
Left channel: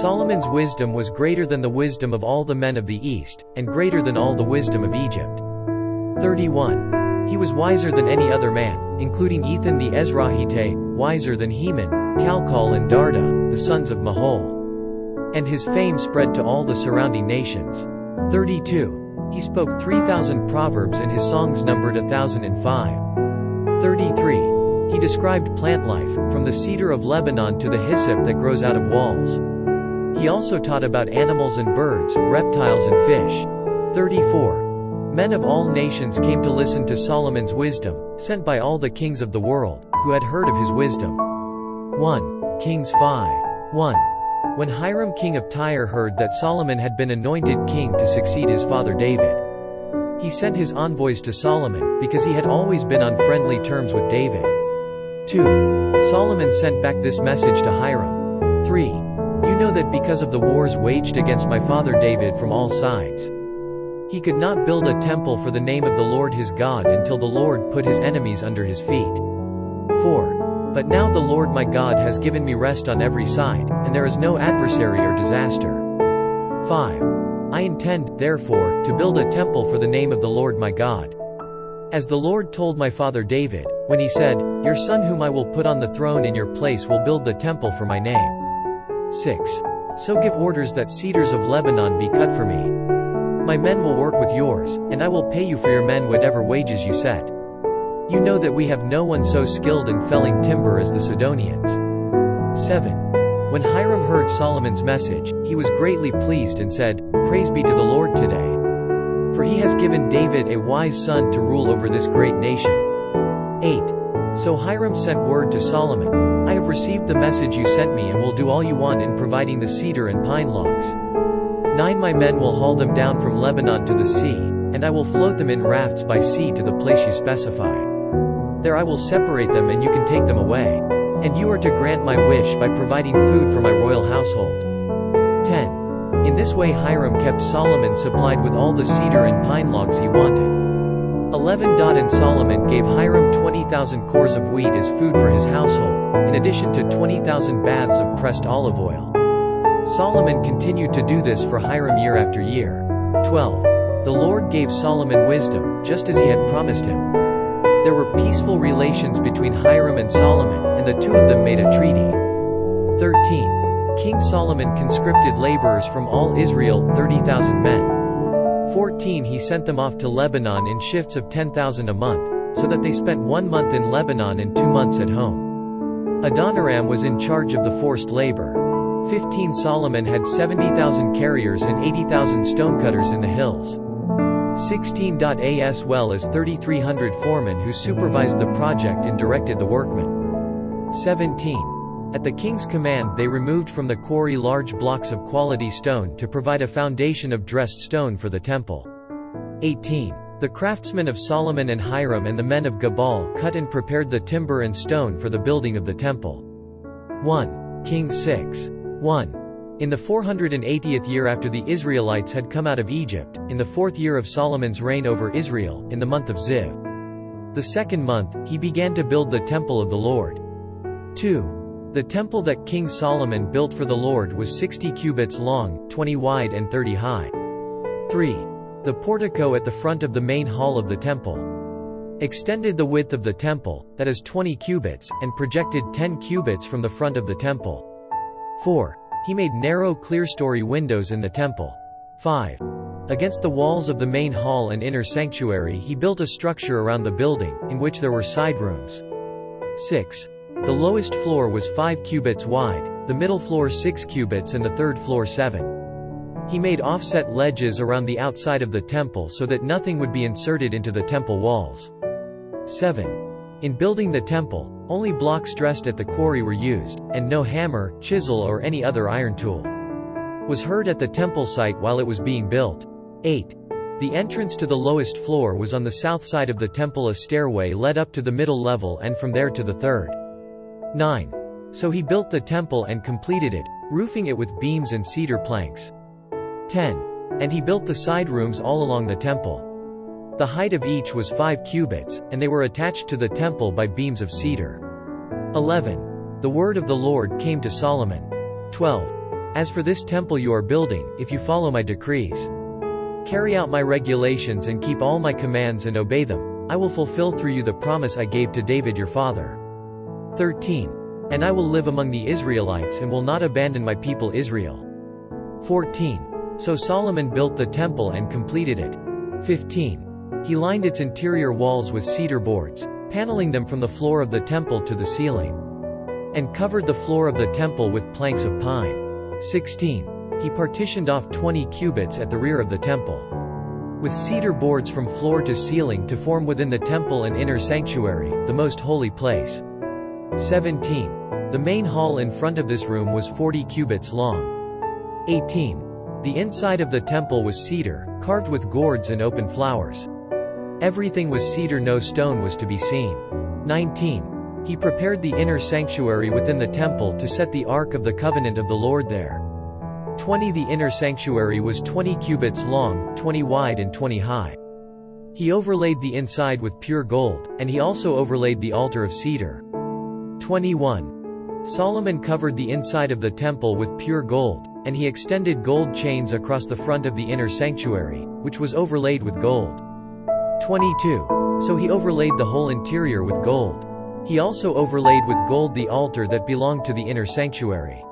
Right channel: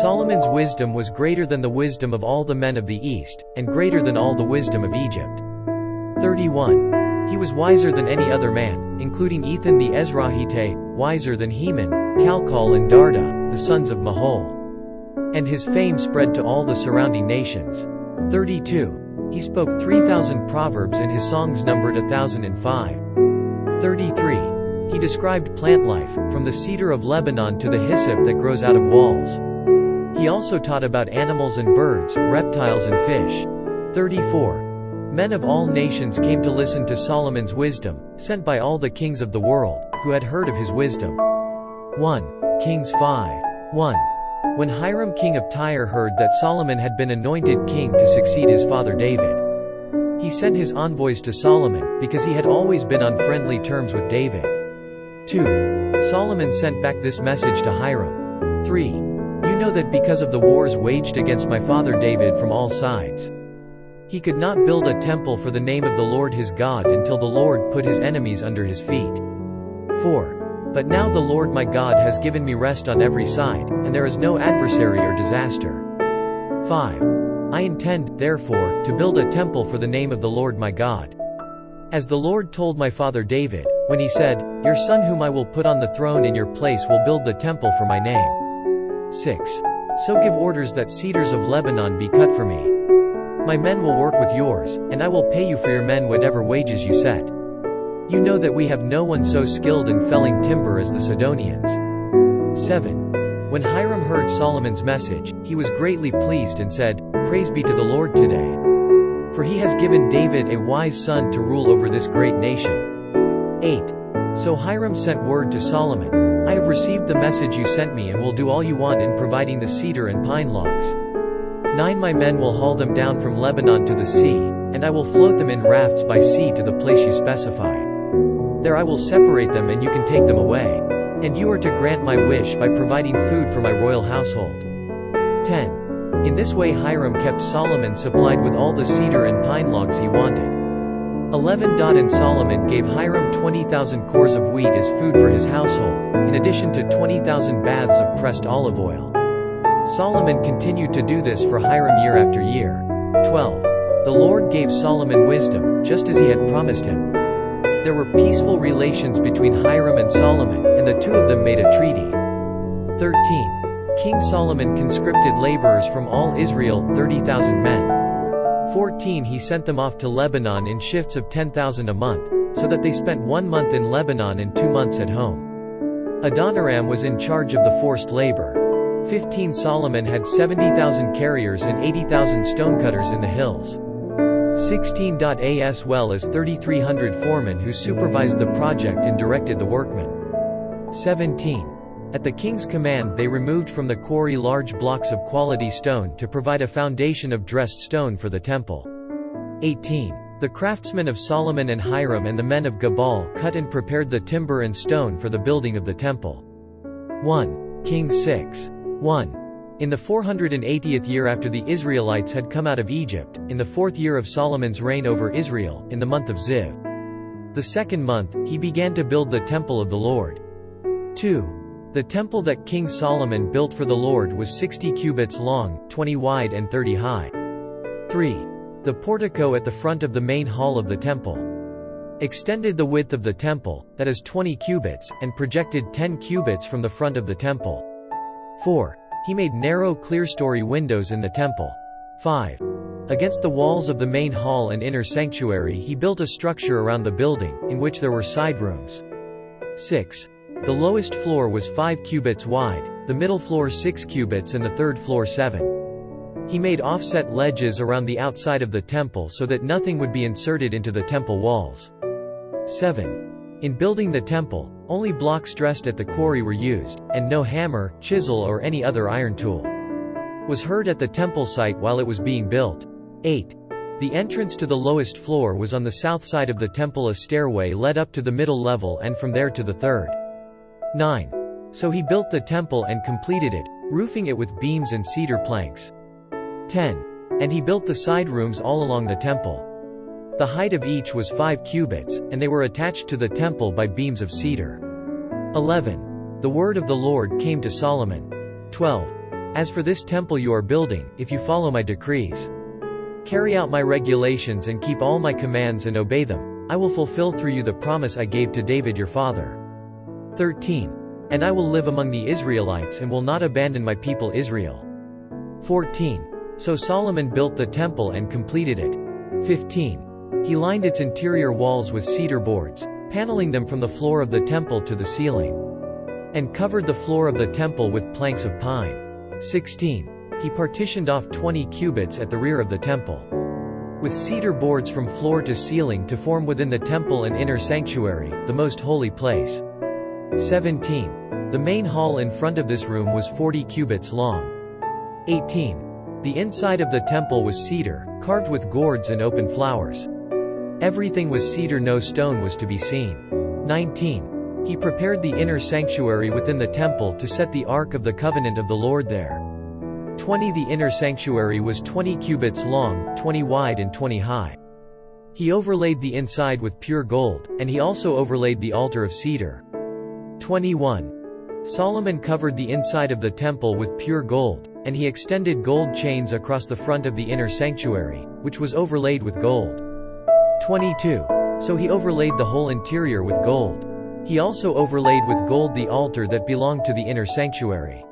Solomon's wisdom was greater than the wisdom of all the men of the East, and greater than all the wisdom of Egypt. 31. He was wiser than any other man, including Ethan the Ezrahite, wiser than Heman, Calcol and Darda, the sons of Mahol. And his fame spread to all the surrounding nations. 32. He spoke 3,000 proverbs and his songs numbered 1,005. 33. He described plant life, from the cedar of Lebanon to the hyssop that grows out of walls. He also taught about animals and birds, reptiles and fish. 34. Men of all nations came to listen to Solomon's wisdom, sent by all the kings of the world, who had heard of his wisdom. 1 Kings 5. 1. When Hiram king of Tyre heard that Solomon had been anointed king to succeed his father David, he sent his envoys to Solomon, because he had always been on friendly terms with David. 2. Solomon sent back this message to Hiram. 3. You know that because of the wars waged against my father David from all sides, he could not build a temple for the name of the Lord his God until the Lord put his enemies under his feet. 4. But now the Lord my God has given me rest on every side, and there is no adversary or disaster. 5. I intend, therefore, to build a temple for the name of the Lord my God, as the Lord told my father David, when he said, Your son whom I will put on the throne in your place will build the temple for my name. 6. So give orders that cedars of Lebanon be cut for me. My men will work with yours, and I will pay you for your men whatever wages you set. You know that we have no one so skilled in felling timber as the Sidonians." 7. When Hiram heard Solomon's message, he was greatly pleased and said, "Praise be to the Lord today. For he has given David a wise son to rule over this great nation." 8. So Hiram sent word to Solomon, "I have received the message you sent me and will do all you want in providing the cedar and pine logs. 9 My men will haul them down from Lebanon to the sea, and I will float them in rafts by sea to the place you specify. There I will separate them and you can take them away. And you are to grant my wish by providing food for my royal household." 10. In this way Hiram kept Solomon supplied with all the cedar and pine logs he wanted. 11. And Solomon gave Hiram 20,000 cores of wheat as food for his household, in addition to 20,000 baths of pressed olive oil. Solomon continued to do this for Hiram year after year. 12. The Lord gave Solomon wisdom, just as he had promised him. There were peaceful relations between Hiram and Solomon, and the two of them made a treaty. 13. King Solomon conscripted laborers from all Israel, 30,000 men. 14. He sent them off to Lebanon in shifts of 10,000 a month, so that they spent 1 month in Lebanon and 2 months at home. Adoniram was in charge of the forced labor. 15. Solomon had 70,000 carriers and 80,000 stonecutters in the hills. 16. As well as 3,300 foremen who supervised the project and directed the workmen. 17. At the king's command they removed from the quarry large blocks of quality stone to provide a foundation of dressed stone for the temple. 18. The craftsmen of Solomon and Hiram and the men of Gebal cut and prepared the timber and stone for the building of the temple. 1 Kings 6. 1. In the 480th year after the Israelites had come out of Egypt, in the 4th year of Solomon's reign over Israel, in the month of Ziv, the 2nd month, he began to build the temple of the Lord. 2. The temple that King Solomon built for the Lord was 60 cubits long, 20 wide and 30 high. 3. The portico at the front of the main hall of the temple extended the width of the temple, that is 20 cubits, and projected 10 cubits from the front of the temple. 4. He made narrow clerestory windows in the temple. 5. Against the walls of the main hall and inner sanctuary he built a structure around the building, in which there were side rooms. 6. The lowest floor was 5 cubits wide, the middle floor 6 cubits and the third floor 7. He made offset ledges around the outside of the temple so that nothing would be inserted into the temple walls. 7. In building the temple, only blocks dressed at the quarry were used, and no hammer, chisel or any other iron tool was heard at the temple site while it was being built. 8. The entrance to the lowest floor was on the south side of the temple. A stairway led up to the middle level and from there to the third. 9. So he built the temple and completed it, roofing it with beams and cedar planks. 10. And he built the side rooms all along the temple. The height of each was 5 cubits, and they were attached to the temple by beams of cedar. 11. The word of the Lord came to Solomon. 12. As for this temple you are building, if you follow my decrees, carry out my regulations and keep all my commands and obey them, I will fulfill through you the promise I gave to David your father. 13. And I will live among the Israelites and will not abandon my people Israel. 14. So Solomon built the temple and completed it. 15. He lined its interior walls with cedar boards, paneling them from the floor of the temple to the ceiling, and covered the floor of the temple with planks of pine. 16. He partitioned off 20 cubits at the rear of the temple, with cedar boards from floor to ceiling to form within the temple an inner sanctuary, the most holy place. 17. The main hall in front of this room was 40 cubits long. 18. The inside of the temple was cedar, carved with gourds and open flowers. Everything was cedar, no stone was to be seen. 19. He prepared the inner sanctuary within the temple to set the Ark of the Covenant of the Lord there. 20. The inner sanctuary was 20 cubits long, 20 wide and 20 high. He overlaid the inside with pure gold, and he also overlaid the altar of cedar. 21. Solomon covered the inside of the temple with pure gold, and he extended gold chains across the front of the inner sanctuary, which was overlaid with gold. 22. So he overlaid the whole interior with gold. He also overlaid with gold the altar that belonged to the inner sanctuary.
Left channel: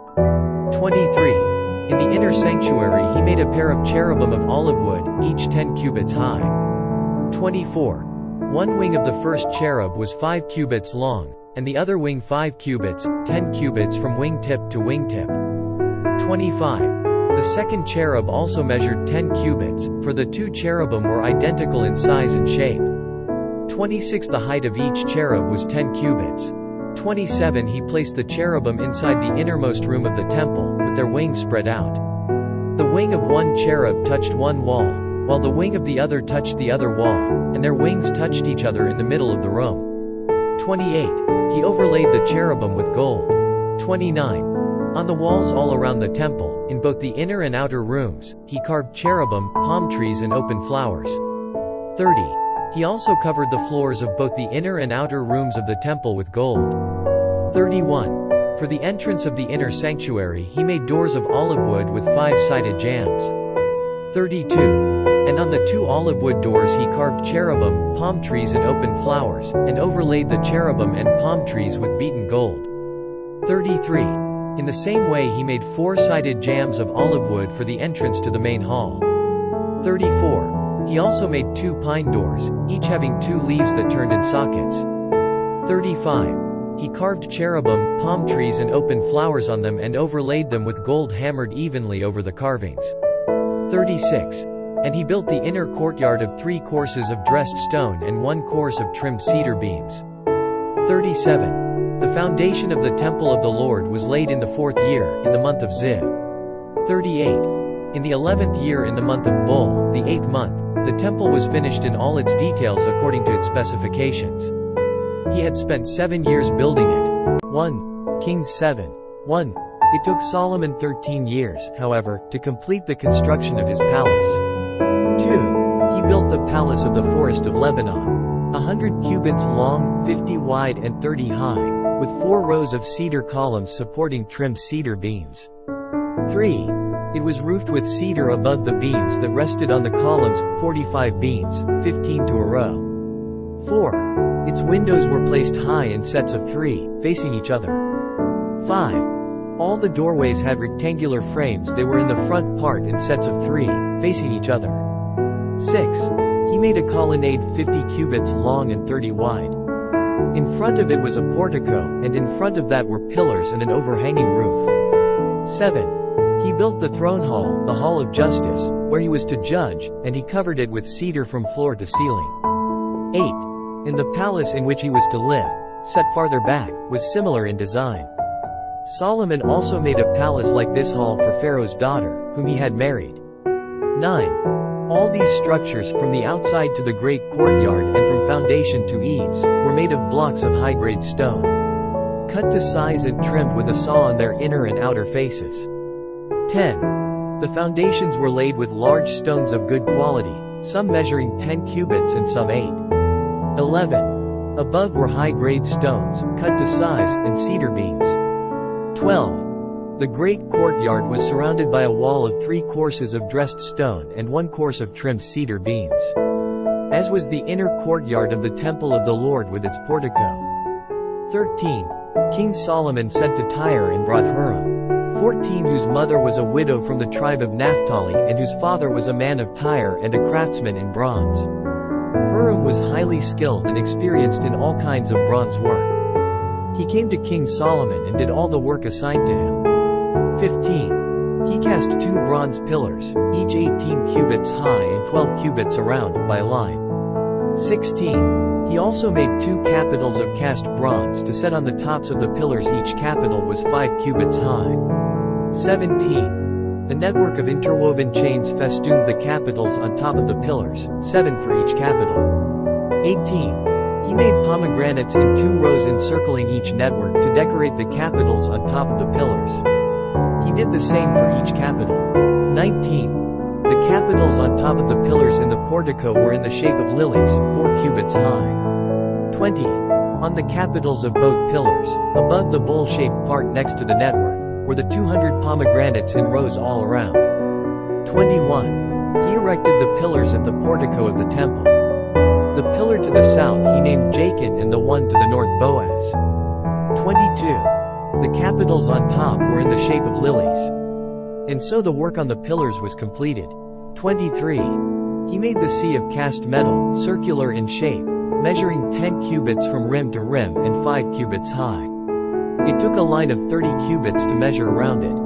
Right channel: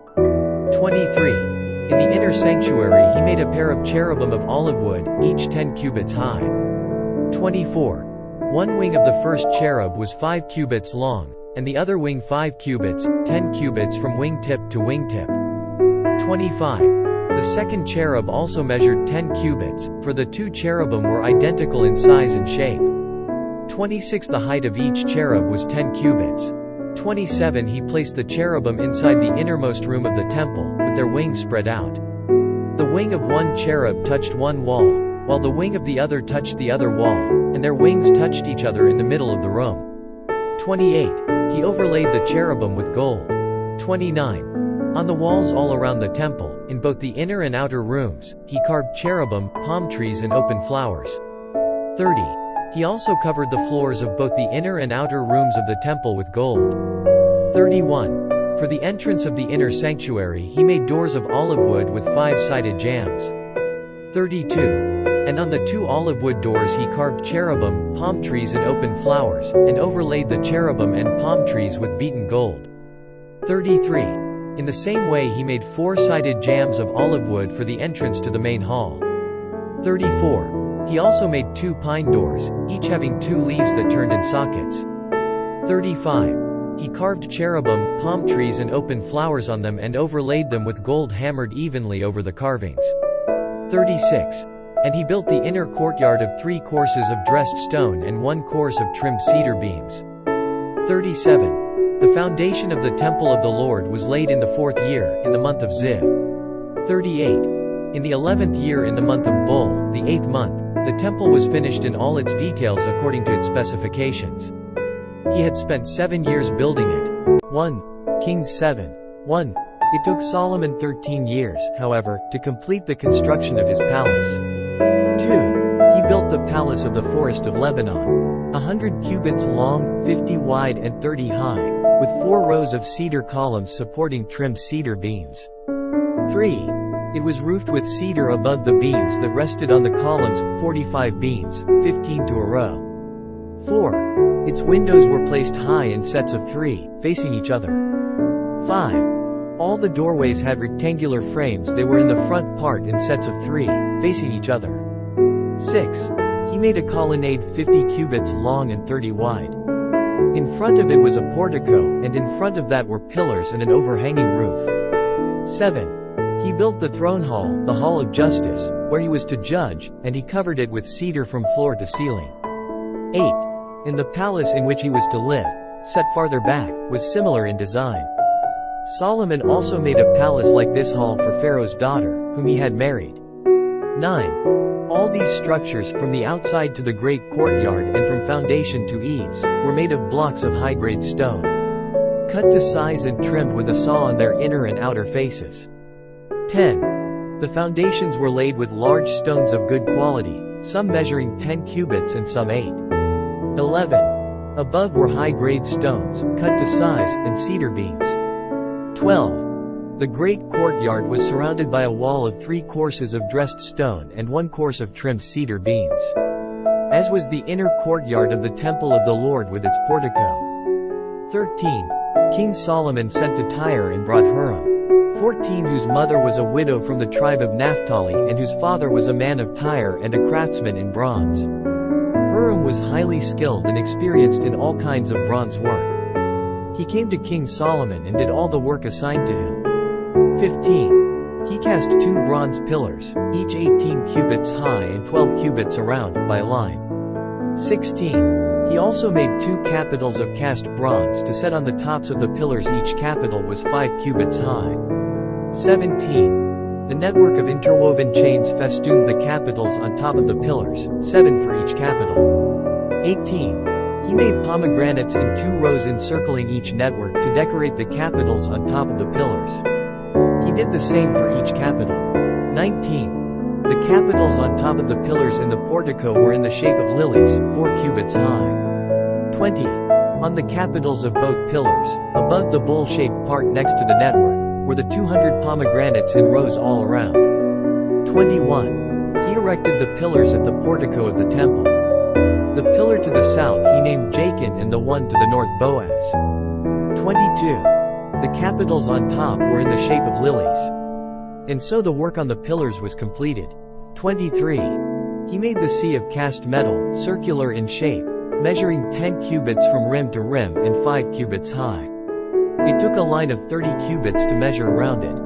23. In the inner sanctuary he made a pair of cherubim of olive wood, each 10 cubits high. 24. One wing of the first cherub was 5 cubits long, and the other wing 5 cubits, 10 cubits from wing-tip to wing-tip. 25. The second cherub also measured 10 cubits, for the 2 cherubim were identical in size and shape. 26. The height of each cherub was 10 cubits. 27. He placed the cherubim inside the innermost room of the temple, with their wings spread out. The wing of one cherub touched one wall, while the wing of the other touched the other wall, and their wings touched each other in the middle of the room. 28. He overlaid the cherubim with gold. 29. On the walls all around the temple, in both the inner and outer rooms, he carved cherubim, palm trees and open flowers. 30. He also covered the floors of both the inner and outer rooms of the temple with gold. 31. For the entrance of the inner sanctuary he made doors of olive wood with 5-sided jambs. 32. And on the 2 olive wood doors he carved cherubim, palm trees and open flowers, and overlaid the cherubim and palm trees with beaten gold. 33. In the same way he made 4-sided jambs of olive wood for the entrance to the main hall. 34. He also made 2 pine doors, each having 2 leaves that turned in sockets. 35. He carved cherubim, palm trees and open flowers on them and overlaid them with gold hammered evenly over the carvings. 36. And he built the inner courtyard of 3 courses of dressed stone and 1 course of trimmed cedar beams. 37. The foundation of the temple of the Lord was laid in the 4th year, in the month of Ziv. 38. In the 11th year in the month of Bul, the 8th month, the temple was finished in all its details according to its specifications. He had spent 7 years building it. 1 Kings 7. 1. It took Solomon 13 years, however, to complete the construction of his palace. 2. He built the palace of the forest of Lebanon, 100 cubits long, 50 wide and 30 high, with 4 rows of cedar columns supporting trimmed cedar beams. 3. It was roofed with cedar above the beams that rested on the columns, 45 beams, 15 to a row. 4. Its windows were placed high in sets of 3, facing each other. 5. All the doorways had rectangular frames. They were in the front part in sets of 3, facing each other. 6. He made a colonnade 50 cubits long and 30 wide. In front of it was a portico, and in front of that were pillars and an overhanging roof. 7. He built the throne hall, the hall of justice, where he was to judge, and he covered it with cedar from floor to ceiling. 8. In the palace in which he was to live, set farther back, was similar in design. Solomon also made a palace like this hall for Pharaoh's daughter, whom he had married. 9. All these structures, from the outside to the great courtyard and from foundation to eaves, were made of blocks of high-grade stone, cut to size and trimmed with a saw on their inner and outer faces. 10. The foundations were laid with large stones of good quality, some measuring 10 cubits and some 8. 11. Above were high-grade stones, cut to size, and cedar beams. 12. The great courtyard was surrounded by a wall of 3 courses of dressed stone and 1 course of trimmed cedar beams, as was the inner courtyard of the temple of the Lord with its portico. 13. King Solomon sent to Tyre and brought Hiram, 14, whose mother was a widow from the tribe of Naphtali and whose father was a man of Tyre and a craftsman in bronze. Hiram was highly skilled and experienced in all kinds of bronze work. He came to King Solomon and did all the work assigned to him. 15. He cast 2 bronze pillars, each 18 cubits high and 12 cubits around, by line. 16. He also made 2 capitals of cast bronze to set on the tops of the pillars. Each capital was 5 cubits high. 17. The network of interwoven chains festooned the capitals on top of the pillars, 7 for each capital. 18. He made pomegranates in 2 rows encircling each network to decorate the capitals on top of the pillars. He did the same for each capital. 19. The capitals on top of the pillars in the portico were in the shape of lilies, 4 cubits high. 20. On the capitals of both pillars, above the bowl-shaped part next to the network, were the 200 pomegranates in rows all around. 21. He erected the pillars at the portico of the temple. The pillar to the south he named Jachin and the one to the north Boaz. 22. The capitals on top were in the shape of lilies. And so the work on the pillars was completed. 23. He made the sea of cast metal, circular in shape, measuring 10 cubits from rim to rim and 5 cubits high. It took a line of 30 cubits to measure around it.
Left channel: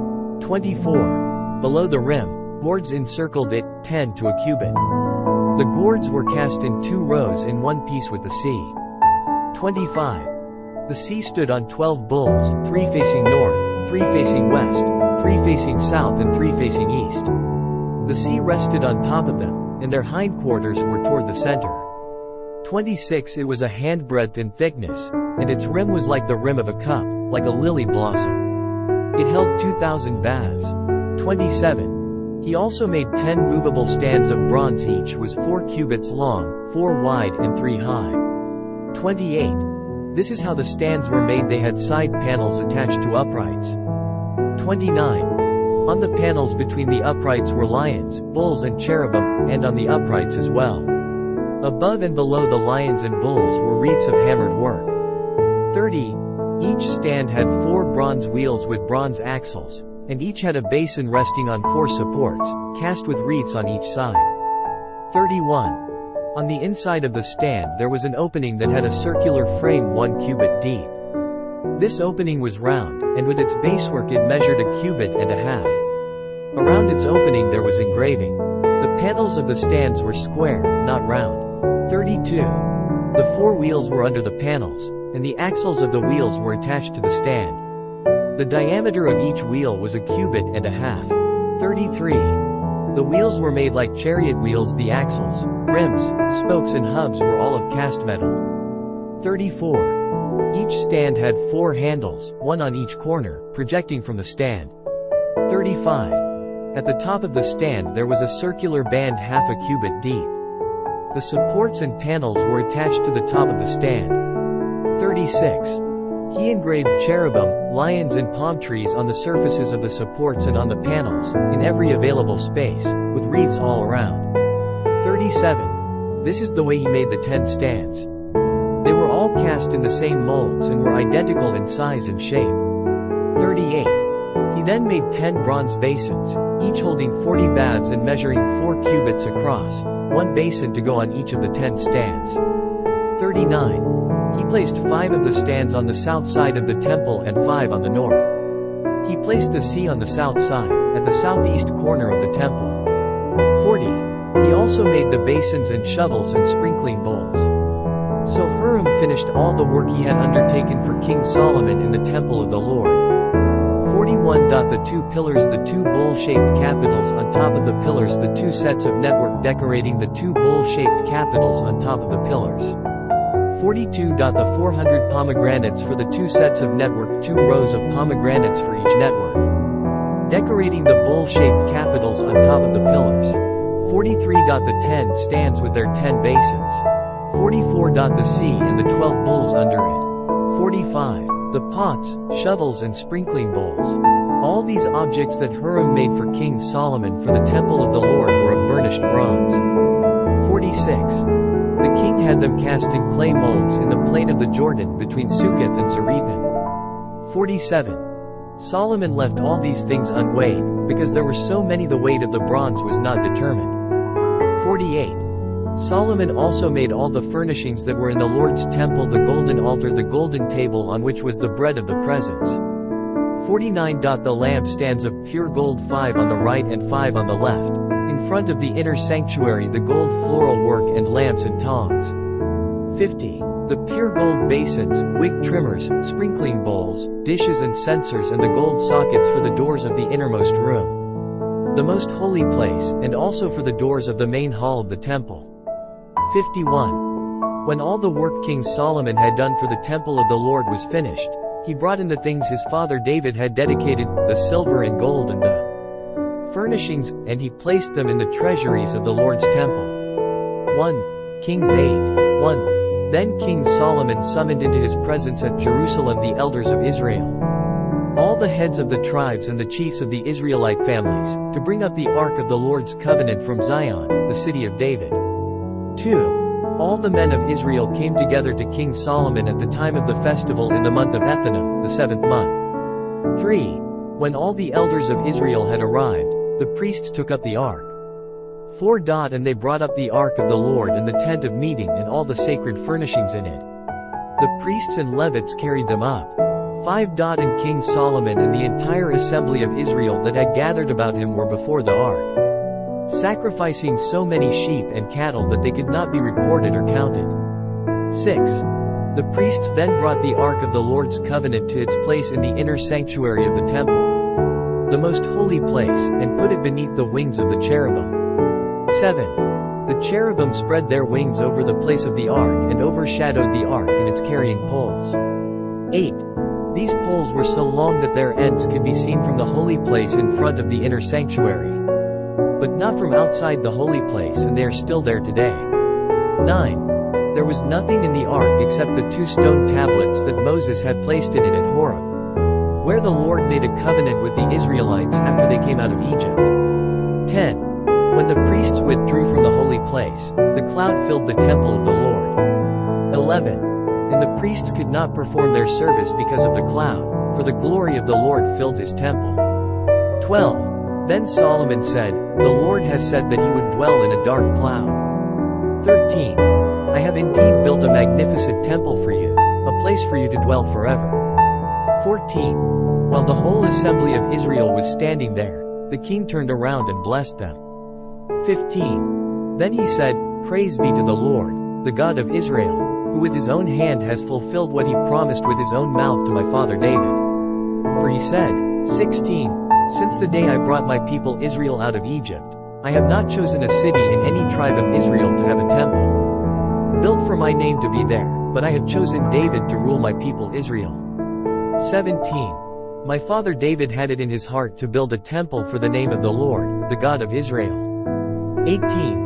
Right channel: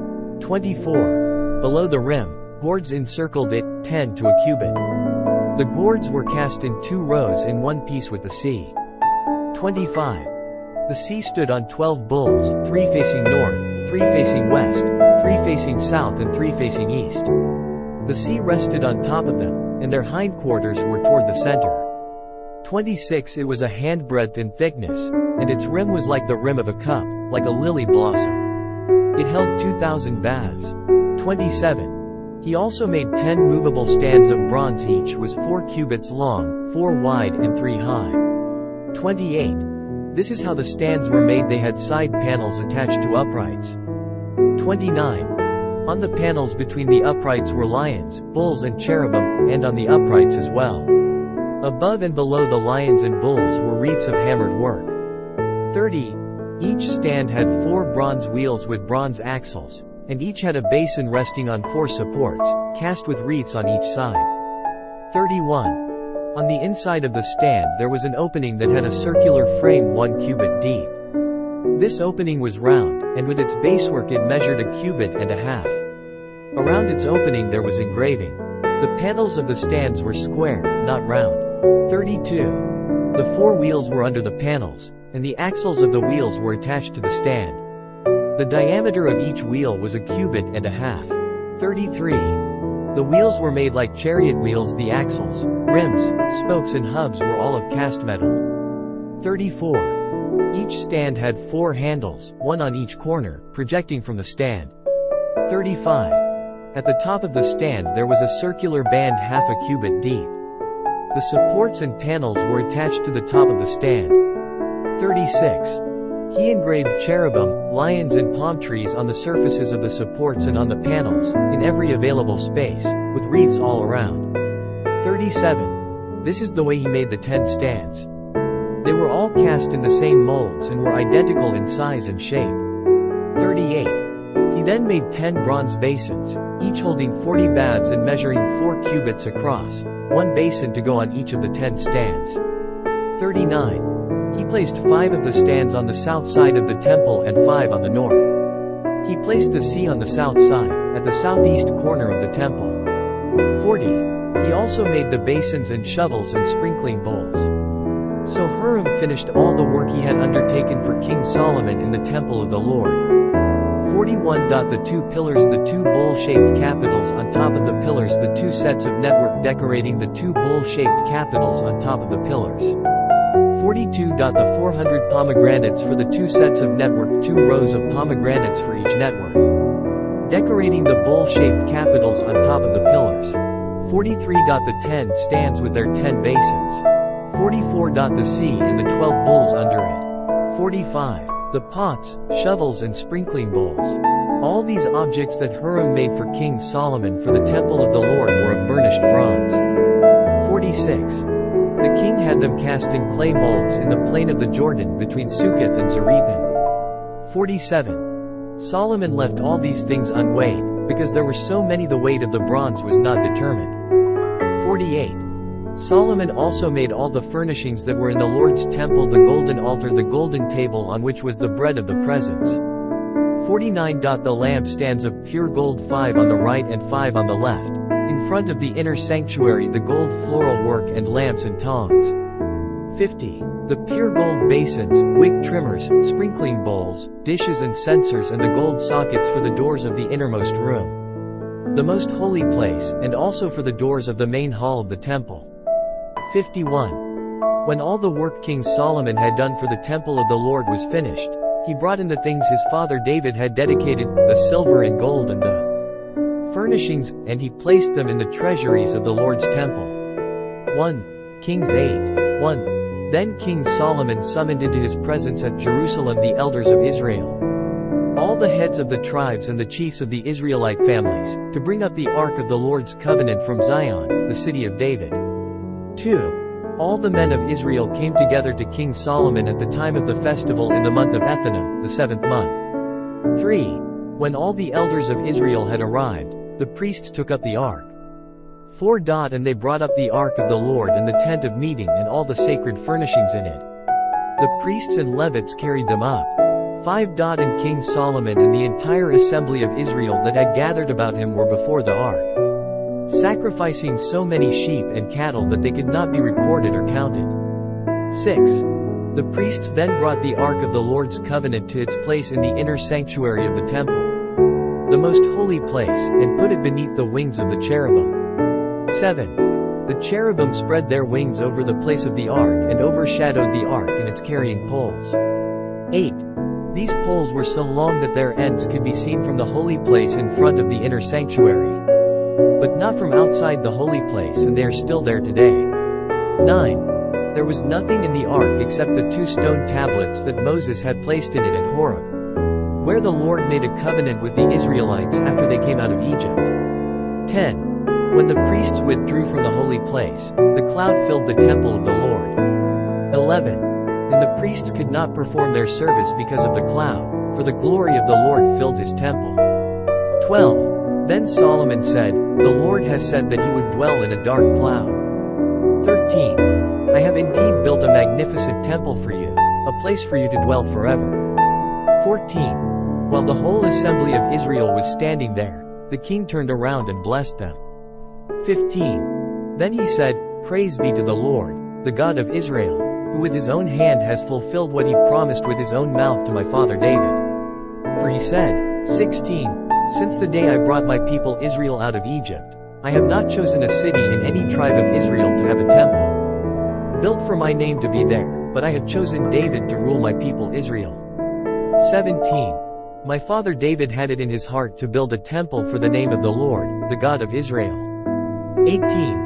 24. Below the rim, gourds encircled it, 10 to a cubit. The gourds were cast in 2 rows in one piece with the sea. 25. The sea stood on 12 bulls, 3 facing north, 3 facing west, 3 facing south and 3 facing east. The sea rested on top of them, and their hindquarters were toward the center. 26. It was a handbreadth in thickness, and its rim was like the rim of a cup, like a lily blossom. It held 2,000 baths. 27. He also made 10 movable stands of bronze, each was 4 cubits long, 4 wide and 3 high. 28. This is how the stands were made. They had side panels attached to uprights. 29. On the panels between the uprights were lions, bulls and cherubim, and on the uprights as well. Above and below the lions and bulls were wreaths of hammered work. 30. Each stand had 4 bronze wheels with bronze axles, and each had a basin resting on 4 supports, cast with wreaths on each side. 31. On the inside of the stand there was an opening that had a circular frame 1 cubit deep. This opening was round, and with its basework it measured 1.5 cubits. Around its opening there was engraving. The panels of the stands were square, not round. 32. The 4 wheels were under the panels, and the axles of the wheels were attached to the stand. The diameter of each wheel was 1.5 cubits. 33. The wheels were made like chariot wheels. The axles, rims, spokes and hubs were all of cast metal. 34. Each stand had 4 handles, 1 on each corner, projecting from the stand. 35. At the top of the stand there was a circular band 0.5 cubit deep. The supports and panels were attached to the top of the stand. 36. He engraved cherubim, lions and palm trees on the surfaces of the supports and on the panels, in every available space, with wreaths all around. 37. This is the way he made the 10 stands. They were all cast in the same molds and were identical in size and shape. 38. He then made 10 bronze basins, each holding 40 baths and measuring 4 cubits across, 1 basin to go on each of the 10 stands. 39. He placed 5 of the stands on the south side of the temple and 5 on the north. He placed the sea on the south side, at the southeast corner of the temple. 40. He also made the basins and shovels and sprinkling bowls. So Hiram finished all the work he had undertaken for King Solomon in the temple of the Lord. 41. The 2 pillars, the 2 bowl-shaped capitals on top of the pillars, the 2 sets of network decorating the 2 bowl-shaped capitals on top of the pillars. 42. The 400 pomegranates for the 2 sets of network, 2 rows of pomegranates for each network, decorating the bowl-shaped capitals on top of the pillars. 43. The 10 stands with their 10 basins. 44. The sea and the 12 bulls under it. 45. The pots, shovels and sprinkling bowls. All these objects that Hiram made for King Solomon for the temple of the Lord were of burnished bronze. 46. The king had them cast in clay molds in the plain of the Jordan between Succoth and Zarethan. 47. Solomon left all these things unweighed, because there were so many the weight of the bronze was not determined. 48. Solomon also made all the furnishings that were in the Lord's temple, the golden altar, the golden table on which was the bread of the presence. 49. The lampstands of pure gold, 5 on the right and 5 on the left, in front of the inner sanctuary, the gold floral work and lamps and tongs. 50. The pure gold basins, wig trimmers, sprinkling bowls, dishes and censers, and the gold sockets for the doors of the innermost room, the most holy place, and also for the doors of the main hall of the temple. 51. When all the work King Solomon had done for the temple of the Lord was finished, he brought in the things his father David had dedicated, the silver and gold and the furnishings, and he placed them in the treasuries of the Lord's temple. 1 Kings 8. 1. Then King Solomon summoned into his presence at Jerusalem the elders of Israel, all the heads of the tribes and the chiefs of the Israelite families, to bring up the ark of the Lord's covenant from Zion, the city of David. 2. All the men of Israel came together to King Solomon at the time of the festival in the month of Ethanim, the 7th month. 3. When all the elders of Israel had arrived, the priests took up the ark. 4. And they brought up the ark of the Lord and the tent of meeting and all the sacred furnishings in it. The priests and Levites carried them up. 5. And King Solomon and the entire assembly of Israel that had gathered about him were before the ark, sacrificing so many sheep and cattle that they could not be recorded or counted. 6. The priests then brought the ark of the Lord's covenant to its place in the inner sanctuary of the temple, the most holy place, and put it beneath the wings of the cherubim. 7. The cherubim spread their wings over the place of the ark and overshadowed the ark and its carrying poles. 8. These poles were so long that their ends could be seen from the holy place in front of the inner sanctuary, but not from outside the holy place, and they are still there today. 9. There was nothing in the ark except the 2 stone tablets that Moses had placed in it at Horeb, where the Lord made a covenant with the Israelites after they came out of Egypt. 10. When the priests withdrew from the holy place, the cloud filled the temple of the Lord. 11. And the priests could not perform their service because of the cloud, for the glory of the Lord filled his temple. 12. Then Solomon said, "The Lord has said that he would dwell in a dark cloud." 13. I have indeed built a magnificent temple for you, a place for you to dwell forever. 14. While the whole assembly of Israel was standing there, the king turned around and blessed them. 15. Then he said, "Praise be to the Lord, the God of Israel, who with his own hand has fulfilled what he promised with his own mouth to my father David. For he said, 16, Since the day I brought my people Israel out of Egypt, I have not chosen a city in any tribe of Israel to have a temple built for my name to be there, but I have chosen David to rule my people Israel." 17. My father David had it in his heart to build a temple for the name of the Lord, the God of Israel. 18.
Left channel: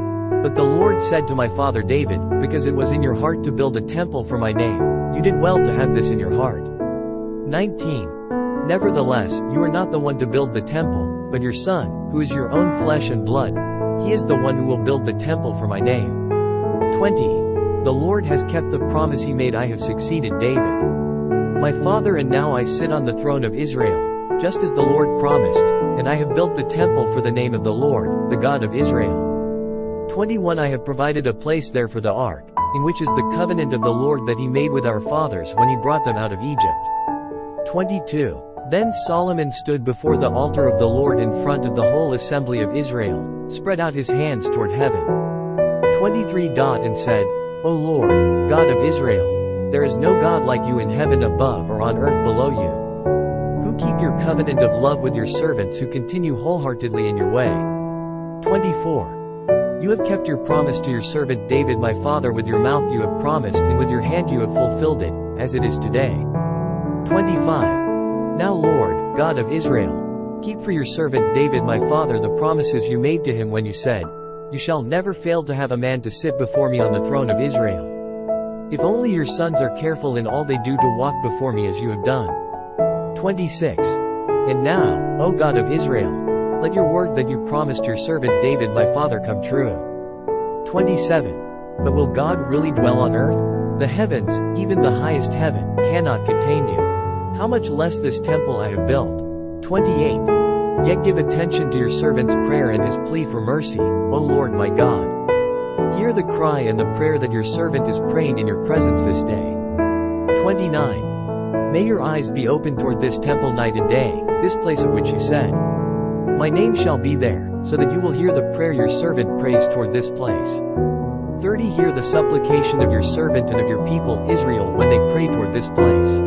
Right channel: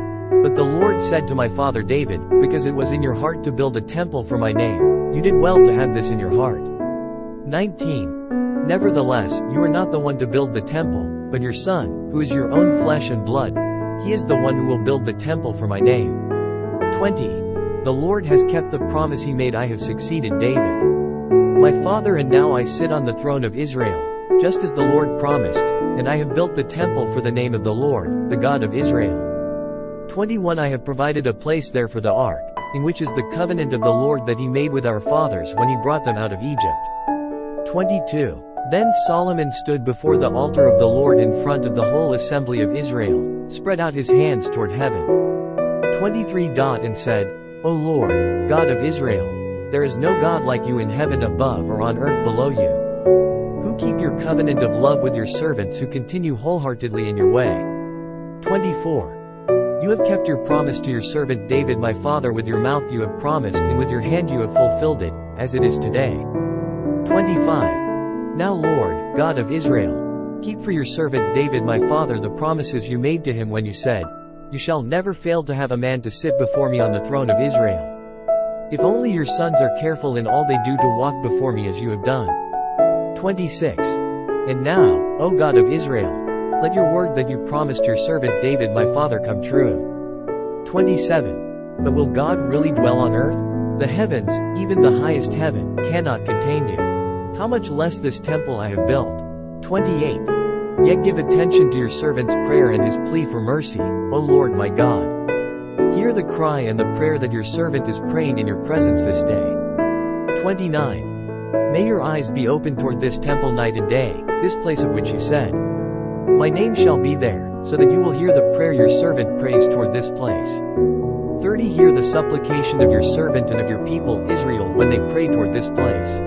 But the Lord said to my father David, "Because it was in your heart to build a temple for my name, you did well to have this in your heart." 19. Nevertheless, you are not the one to build the temple, but your son, who is your own flesh and blood. He is the one who will build the temple for my name. 20. The Lord has kept the promise he made. I have succeeded David, my father, and now I sit on the throne of Israel, just as the Lord promised, and I have built the temple for the name of the Lord, the God of Israel. 21. I have provided a place there for the ark, in which is the covenant of the Lord that he made with our fathers when he brought them out of Egypt. 22. Then Solomon stood before the altar of the Lord in front of the whole assembly of Israel, spread out his hands toward heaven. 23. And said, "O Lord, God of Israel, there is no God like you in heaven above or on earth below you, who keep your covenant of love with your servants who continue wholeheartedly in your way." 24. You have kept your promise to your servant David my father. With your mouth you have promised, and with your hand you have fulfilled it, as it is today. 25. Now Lord, God of Israel, keep for your servant David my father the promises you made to him when you said, "You shall never fail to have a man to sit before me on the throne of Israel." If only your sons are careful in all they do to walk before me as you have done. 26. And now, O God of Israel, let your word that you promised your servant David my father come true. 27. But will God really dwell on earth? The heavens, even the highest heaven, cannot contain you. How much less this temple I have built? 28. Yet give attention to your servant's prayer and his plea for mercy, O Lord my God. Hear the cry and the prayer that your servant is praying in your presence this day. 29. May your eyes be open toward this temple night and day, this place of which you said, "My name shall be there," so that you will hear the prayer your servant prays toward this place. 30. Hear the supplication of your servant and of your people Israel when they pray toward this place.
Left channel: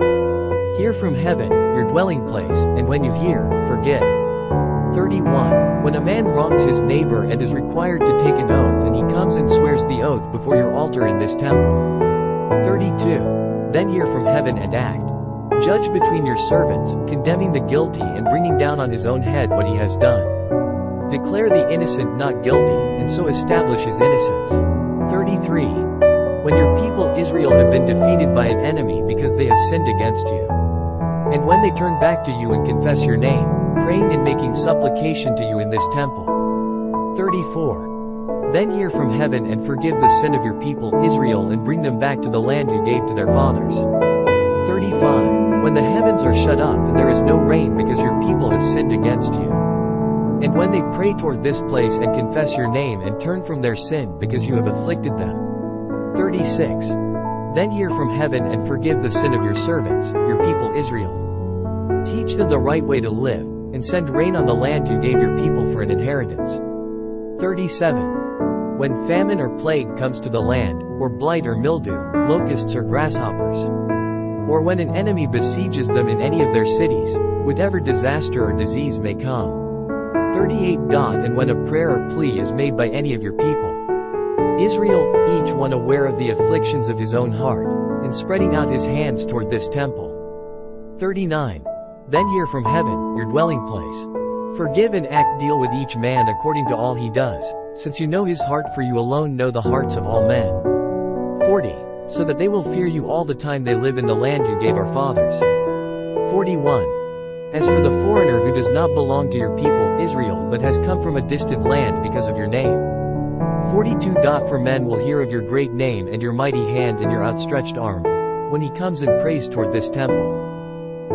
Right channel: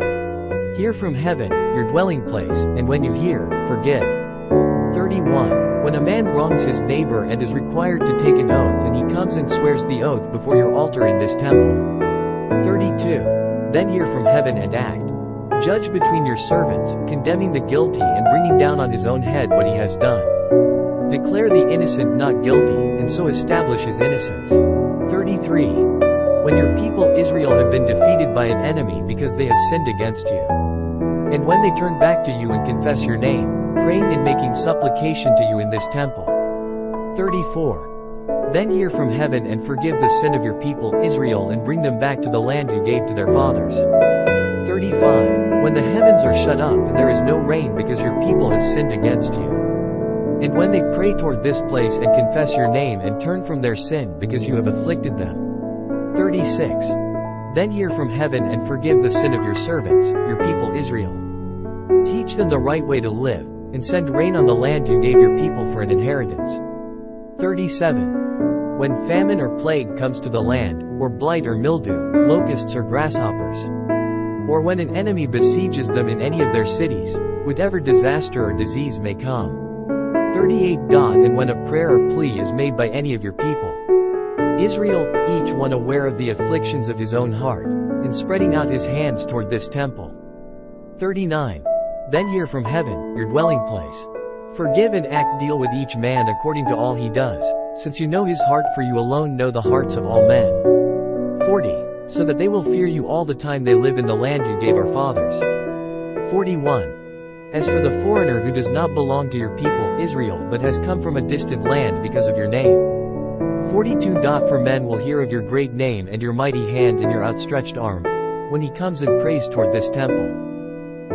Hear from heaven, your dwelling place, and when you hear, forgive. 31. When a man wrongs his neighbor and is required to take an oath and he comes and swears the oath before your altar in this temple. 32. Then hear from heaven and act. Judge between your servants, condemning the guilty and bringing down on his own head what he has done. Declare the innocent not guilty, and so establish his innocence. 33. When your people Israel have been defeated by an enemy because they have sinned against you, and when they turn back to you and confess your name, praying and making supplication to you in this temple. 34. Then hear from heaven and forgive the sin of your people Israel and bring them back to the land you gave to their fathers. 35. When the heavens are shut up and there is no rain because your people have sinned against you. And when they pray toward this place and confess your name and turn from their sin because you have afflicted them. 36. Then hear from heaven and forgive the sin of your servants, your people Israel. Teach them the right way to live, and send rain on the land you gave your people for an inheritance. 37. When famine or plague comes to the land, or blight or mildew, locusts or grasshoppers, or when an enemy besieges them in any of their cities, whatever disaster or disease may come. 38. And when a prayer or plea is made by any of your people, Israel, each one aware of the afflictions of his own heart, and spreading out his hands toward this temple. 39. Then hear from heaven, your dwelling place. Forgive and deal with each man according to all he does, since you know his heart, for you alone know the hearts of all men. 40. So that they will fear you all the time they live in the land you gave our fathers. 41. As for the foreigner who does not belong to your people Israel but has come from a distant land because of your name. 42. For men will hear of your great name and your mighty hand and your outstretched arm, when he comes and prays toward this temple.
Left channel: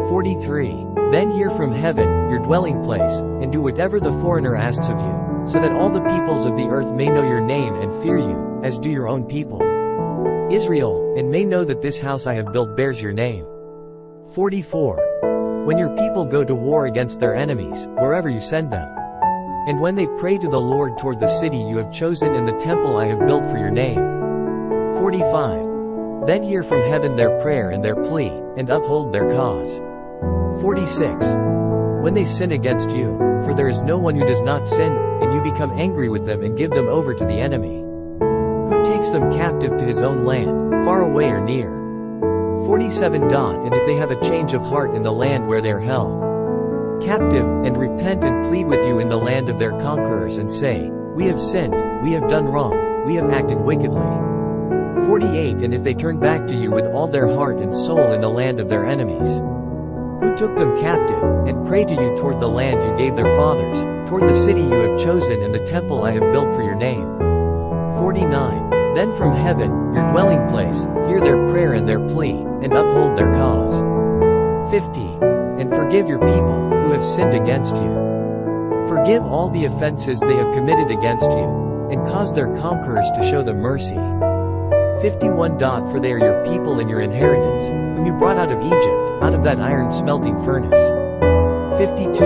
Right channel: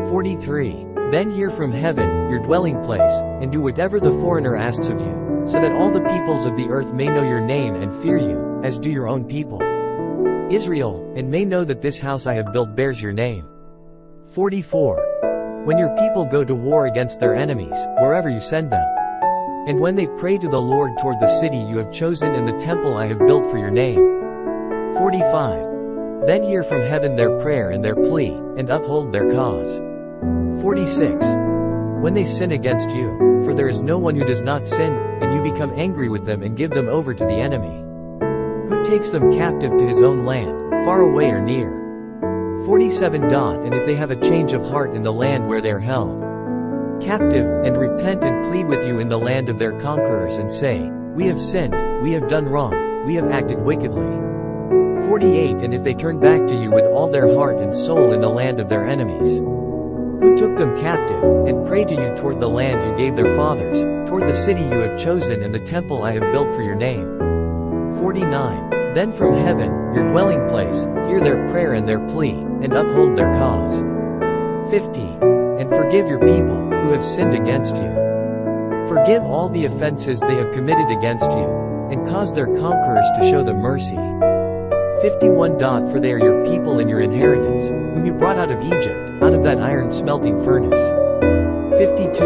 43. Then hear from heaven, your dwelling place, and do whatever the foreigner asks of you, so that all the peoples of the earth may know your name and fear you, as do your own people Israel, and may know that this house I have built bears your name. 44. When your people go to war against their enemies, wherever you send them, and when they pray to the Lord toward the city you have chosen and the temple I have built for your name. 45. Then hear from heaven their prayer and their plea, and uphold their cause. 46. When they sin against you, for there is no one who does not sin, and you become angry with them and give them over to the enemy, who takes them captive to his own land, far away or near. 47. And if they have a change of heart in the land where they are held captive, and repent and plead with you in the land of their conquerors and say, we have sinned, we have done wrong, we have acted wickedly. 48. And if they turn back to you with all their heart and soul in the land of their enemies, who took them captive, and pray to you toward the land you gave their fathers, toward the city you have chosen and the temple I have built for your name. 49. Then from heaven, your dwelling place, hear their prayer and their plea, and uphold their cause. 50. And forgive your people, who have sinned against you. Forgive all the offenses they have committed against you, and cause their conquerors to show them mercy. 51. For they are your people and your inheritance, whom you brought out of Egypt, out of that iron smelting furnace. 52.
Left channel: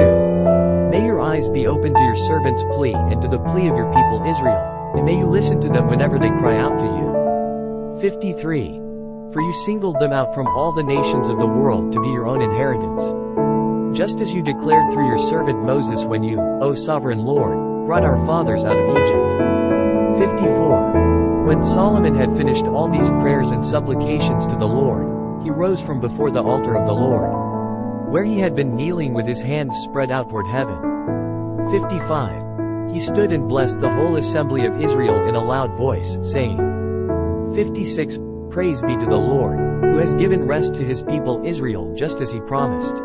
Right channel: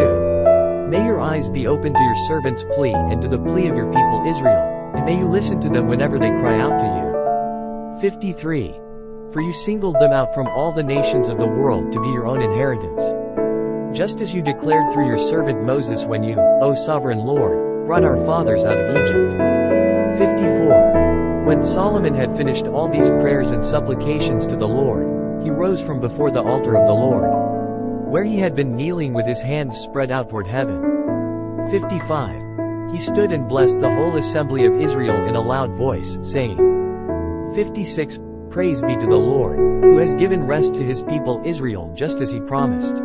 May your eyes be open to your servant's plea and to the plea of your people Israel, and may you listen to them whenever they cry out to you. 53. For you singled them out from all the nations of the world to be your own inheritance, just as you declared through your servant Moses when you, O sovereign Lord, brought our fathers out of Egypt. 54. When Solomon had finished all these prayers and supplications to the Lord, he rose from before the altar of the Lord, where he had been kneeling with his hands spread out toward heaven. 55. He stood and blessed the whole assembly of Israel in a loud voice, saying, 56. Praise be to the Lord, who has given rest to his people Israel just as he promised.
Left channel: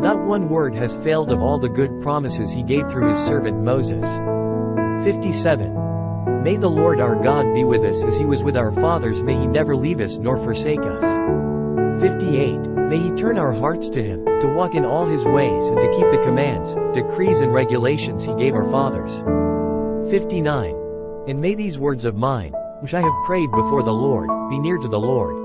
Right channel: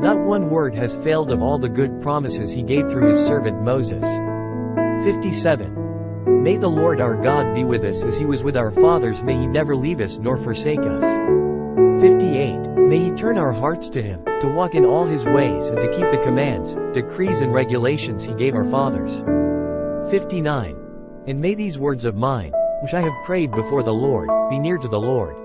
Not one word has failed of all the good promises he gave through his servant Moses. 57. May the Lord our God be with us as he was with our fathers, may he never leave us nor forsake us. 58. May he turn our hearts to him, to walk in all his ways and to keep the commands, decrees and regulations he gave our fathers. 59. And may these words of mine, which I have prayed before the Lord, be near to the Lord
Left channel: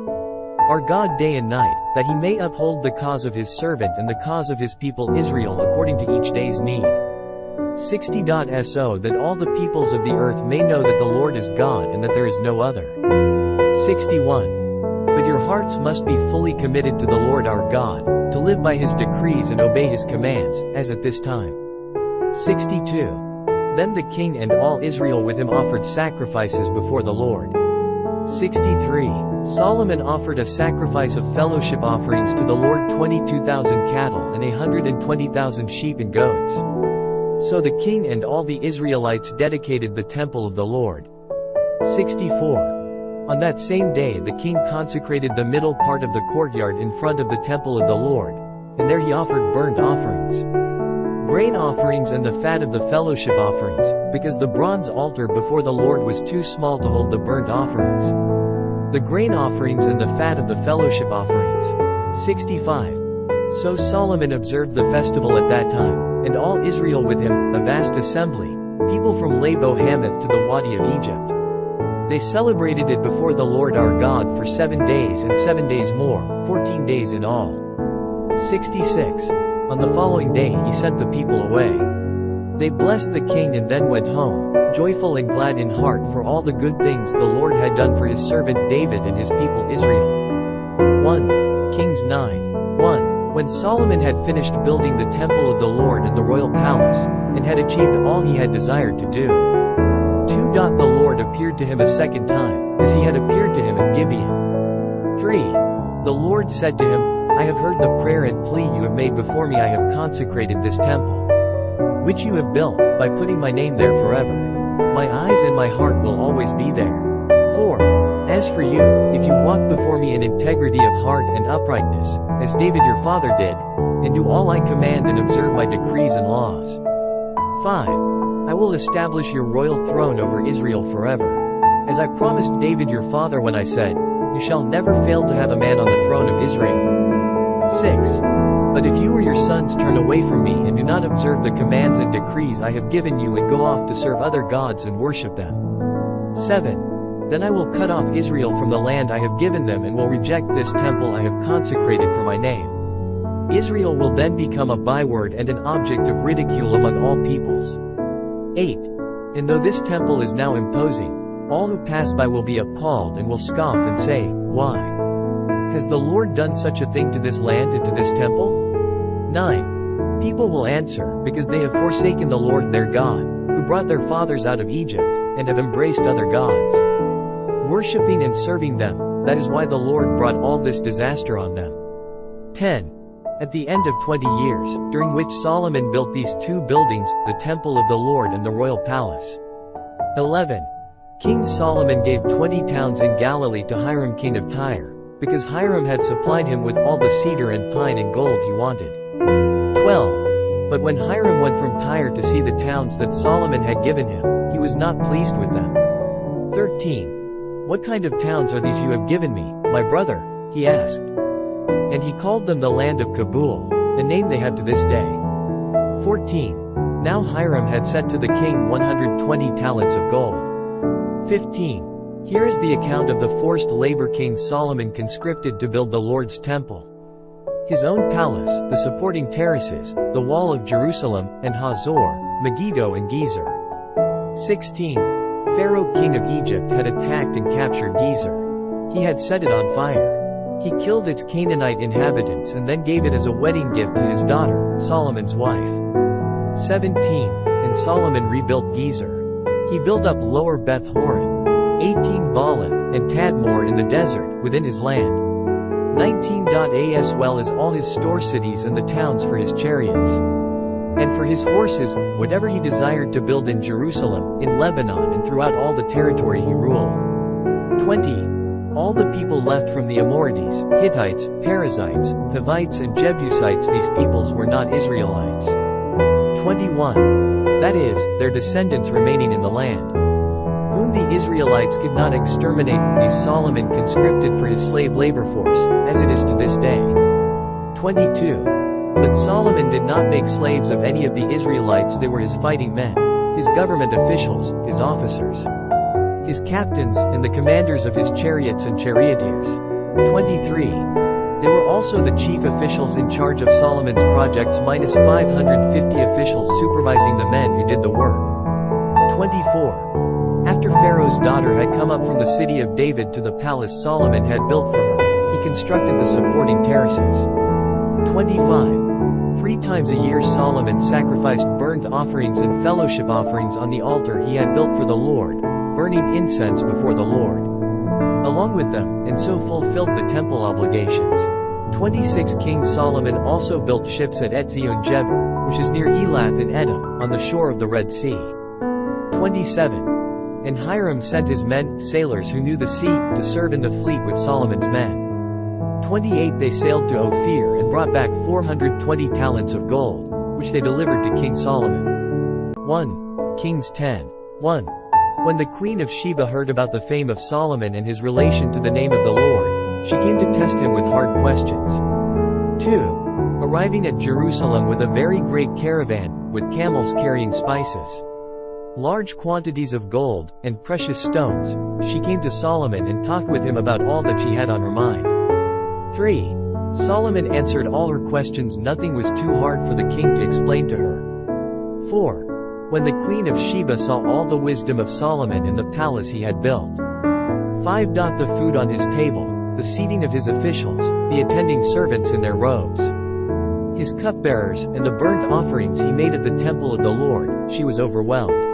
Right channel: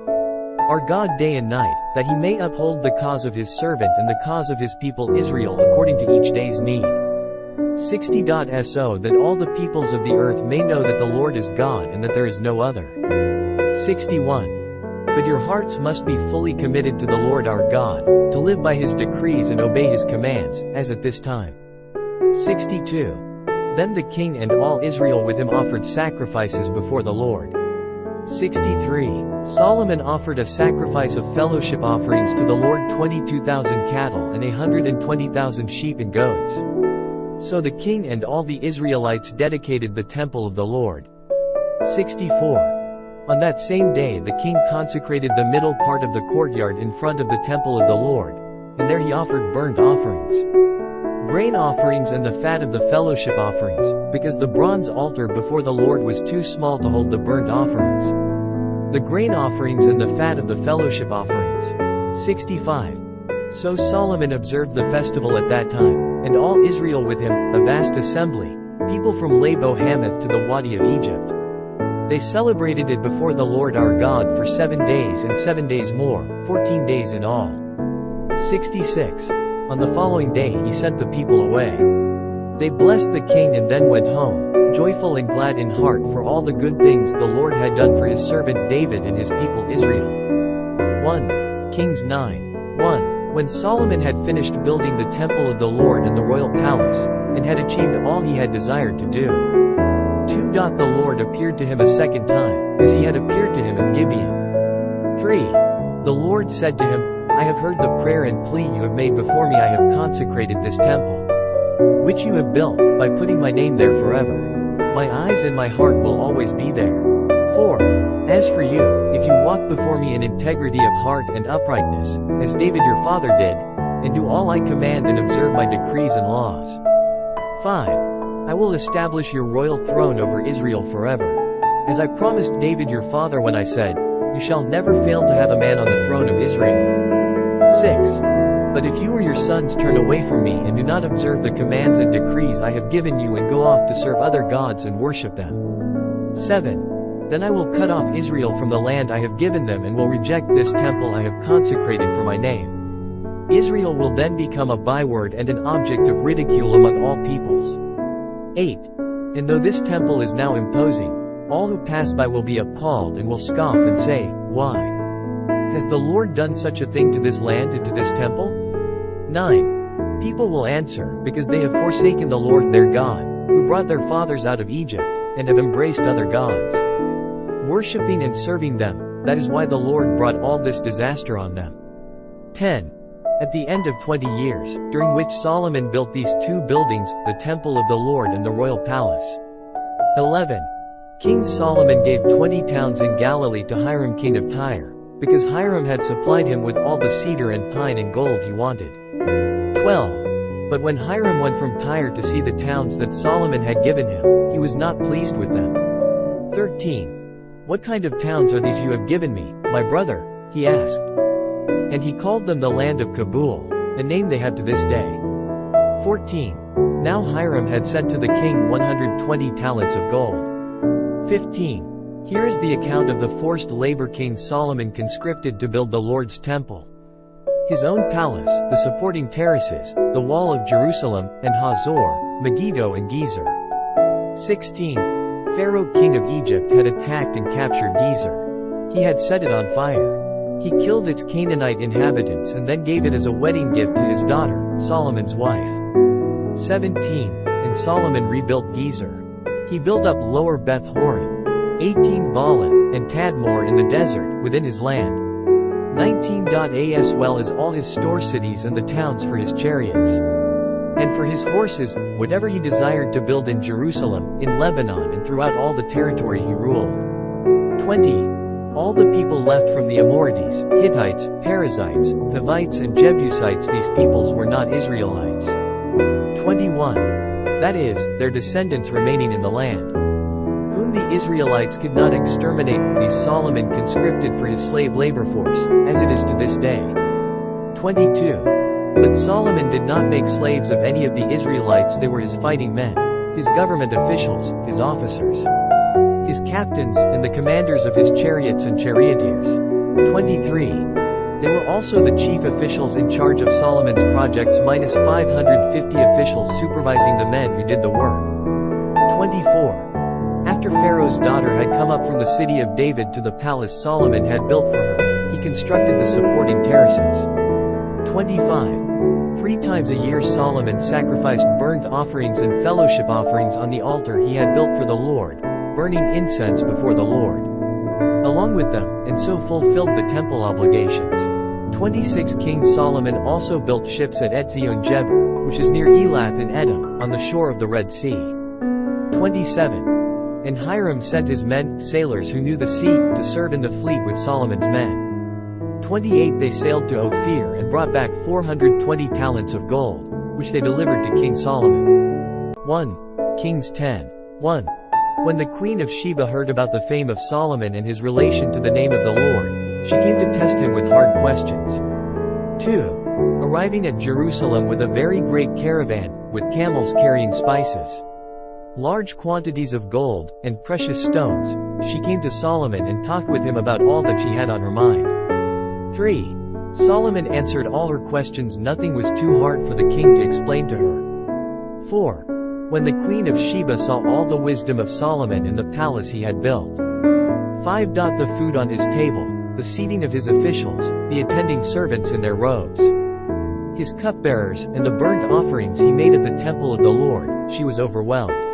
our God day and night, that he may uphold the cause of his servant and the cause of his people Israel according to each day's need. 60. So that all the peoples of the earth may know that the Lord is God and that there is no other. 61. But your hearts must be fully committed to the Lord our God, to live by his decrees and obey his commands, as at this time. 62. Then the king and all Israel with him offered sacrifices before the Lord. 63. Solomon offered a sacrifice of fellowship offerings to the Lord 22,000 cattle and 120,000 sheep and goats. So the king and all the Israelites dedicated the temple of the Lord. 64. On that same day the king consecrated the middle part of the courtyard in front of the temple of the Lord, and there he offered burnt offerings, grain offerings and the fat of the fellowship offerings, because the bronze altar before the Lord was too small to hold the burnt offerings, the grain offerings and the fat of the fellowship offerings. 65. So Solomon observed the festival at that time, and all Israel with him, a vast assembly, people from Labo Hamath to the Wadi of Egypt. They celebrated it before the Lord our God for 7 days and 7 days more, 14 days in all. 66. On the following day he sent the people away. They blessed the king and then went home, joyful and glad in heart for all the good things the Lord had done for his servant David and his people Israel. 1 Kings 9. 1. When Solomon had finished building the temple of the Lord and the royal palace, and had achieved all he had desired to do. 2. The Lord appeared to him a second time, as he had appeared to him at Gibeon. 3. The Lord said to him, I have heard the prayer and plea you have made before me. I have consecrated this temple, which you have built, by putting my name there forever. My eyes and my heart will always be there. 4. As for you, if you walk before me in integrity of heart and uprightness, as David your father did, and do all I command and observe my decrees and laws. 5. I will establish your royal throne over Israel forever. As I promised David your father when I said, you shall never fail to have a man on the throne of Israel. 6. But if you or your sons turn away from me and do not observe the commands and decrees I have given you and go off to serve other gods and worship them. 7. Then I will cut off Israel from the land I have given them and will reject this temple I have consecrated for my name. Israel will then become a byword and an object of ridicule among all peoples. 8. And though this temple is now imposing, all who pass by will be appalled and will scoff and say, why has the Lord done such a thing to this land and to this temple? 9. People will answer, because they have forsaken the Lord their God, who brought their fathers out of Egypt, and have embraced other gods, worshipping and serving them. That is why the Lord brought all this disaster on them. 10. At the end of 20 years, during which Solomon built these 2 buildings, the temple of the Lord and the royal palace. 11. King Solomon gave 20 towns in Galilee to Hiram king of Tyre, because Hiram had supplied him with all the cedar and pine and gold he wanted. 12. But when Hiram went from Tyre to see the towns that Solomon had given him, he was not pleased with them. 13. What kind of towns are these you have given me, my brother? He asked. And he called them the land of Kabul, a name they have to this day. 14. Now Hiram had sent to the king 120 talents of gold. 15. Here is the account of the forced labor King Solomon conscripted to build the Lord's temple. His own palace, the supporting terraces, the wall of Jerusalem, and Hazor, Megiddo and Gezer. 16. Pharaoh king of Egypt had attacked and captured Gezer. He had set it on fire. He killed its Canaanite inhabitants and then gave it as a wedding gift to his daughter, Solomon's wife. 17. And Solomon rebuilt Gezer. He built up Lower Beth Horon, 18 Baalath, and Tadmor in the desert, within his land. 19. As well as all his store cities and the towns for his chariots, and for his horses, whatever he desired to build in Jerusalem, in Lebanon and throughout all the territory he ruled. 20. All the people left from the Amorites, Hittites, Perizzites, Hivites and Jebusites. These peoples were not Israelites. 21. That is, their descendants remaining in the land, whom the Israelites could not exterminate. These Solomon conscripted for his slave labor force, as it is to this day. 22. But Solomon did not make slaves of any of the Israelites. They were his fighting men, his government officials, his officers, his captains, and the commanders of his chariots and charioteers. 23. They were also the chief officials in charge of Solomon's projects minus 550 officials supervising the men who did the work. 24. After Pharaoh's daughter had come up from the city of David to the palace Solomon had built for her, he constructed the supporting terraces. 25. 3 times a year Solomon sacrificed burnt offerings and fellowship offerings on the altar he had built for the Lord, burning incense before the Lord along with them, and so fulfilled the temple obligations. 26. King Solomon also built ships at Etzion-Geber, which is near Elath in Edom, on the shore of the Red Sea. 27. And Hiram sent his men, sailors who knew the sea, to serve in the fleet with Solomon's men. 28. They sailed to Ophir and brought back 420 talents of gold, which they delivered to King Solomon. 1 Kings 10. 1. When the queen of Sheba heard about the fame of Solomon and his relation to the name of the Lord, she came to test him with hard questions. 2. Arriving at Jerusalem with a very great caravan, with camels carrying spices, large quantities of gold, and precious stones, she came to Solomon and talked with him about all that she had on her mind. 3. Solomon answered all her questions. Nothing was too hard for the king to explain to her. 4. When the Queen of Sheba saw all the wisdom of Solomon and the palace he had built. 5. The food on his table, the seating of his officials, the attending servants in their robes, his cupbearers, and the burnt offerings he made at the temple of the Lord, she was overwhelmed.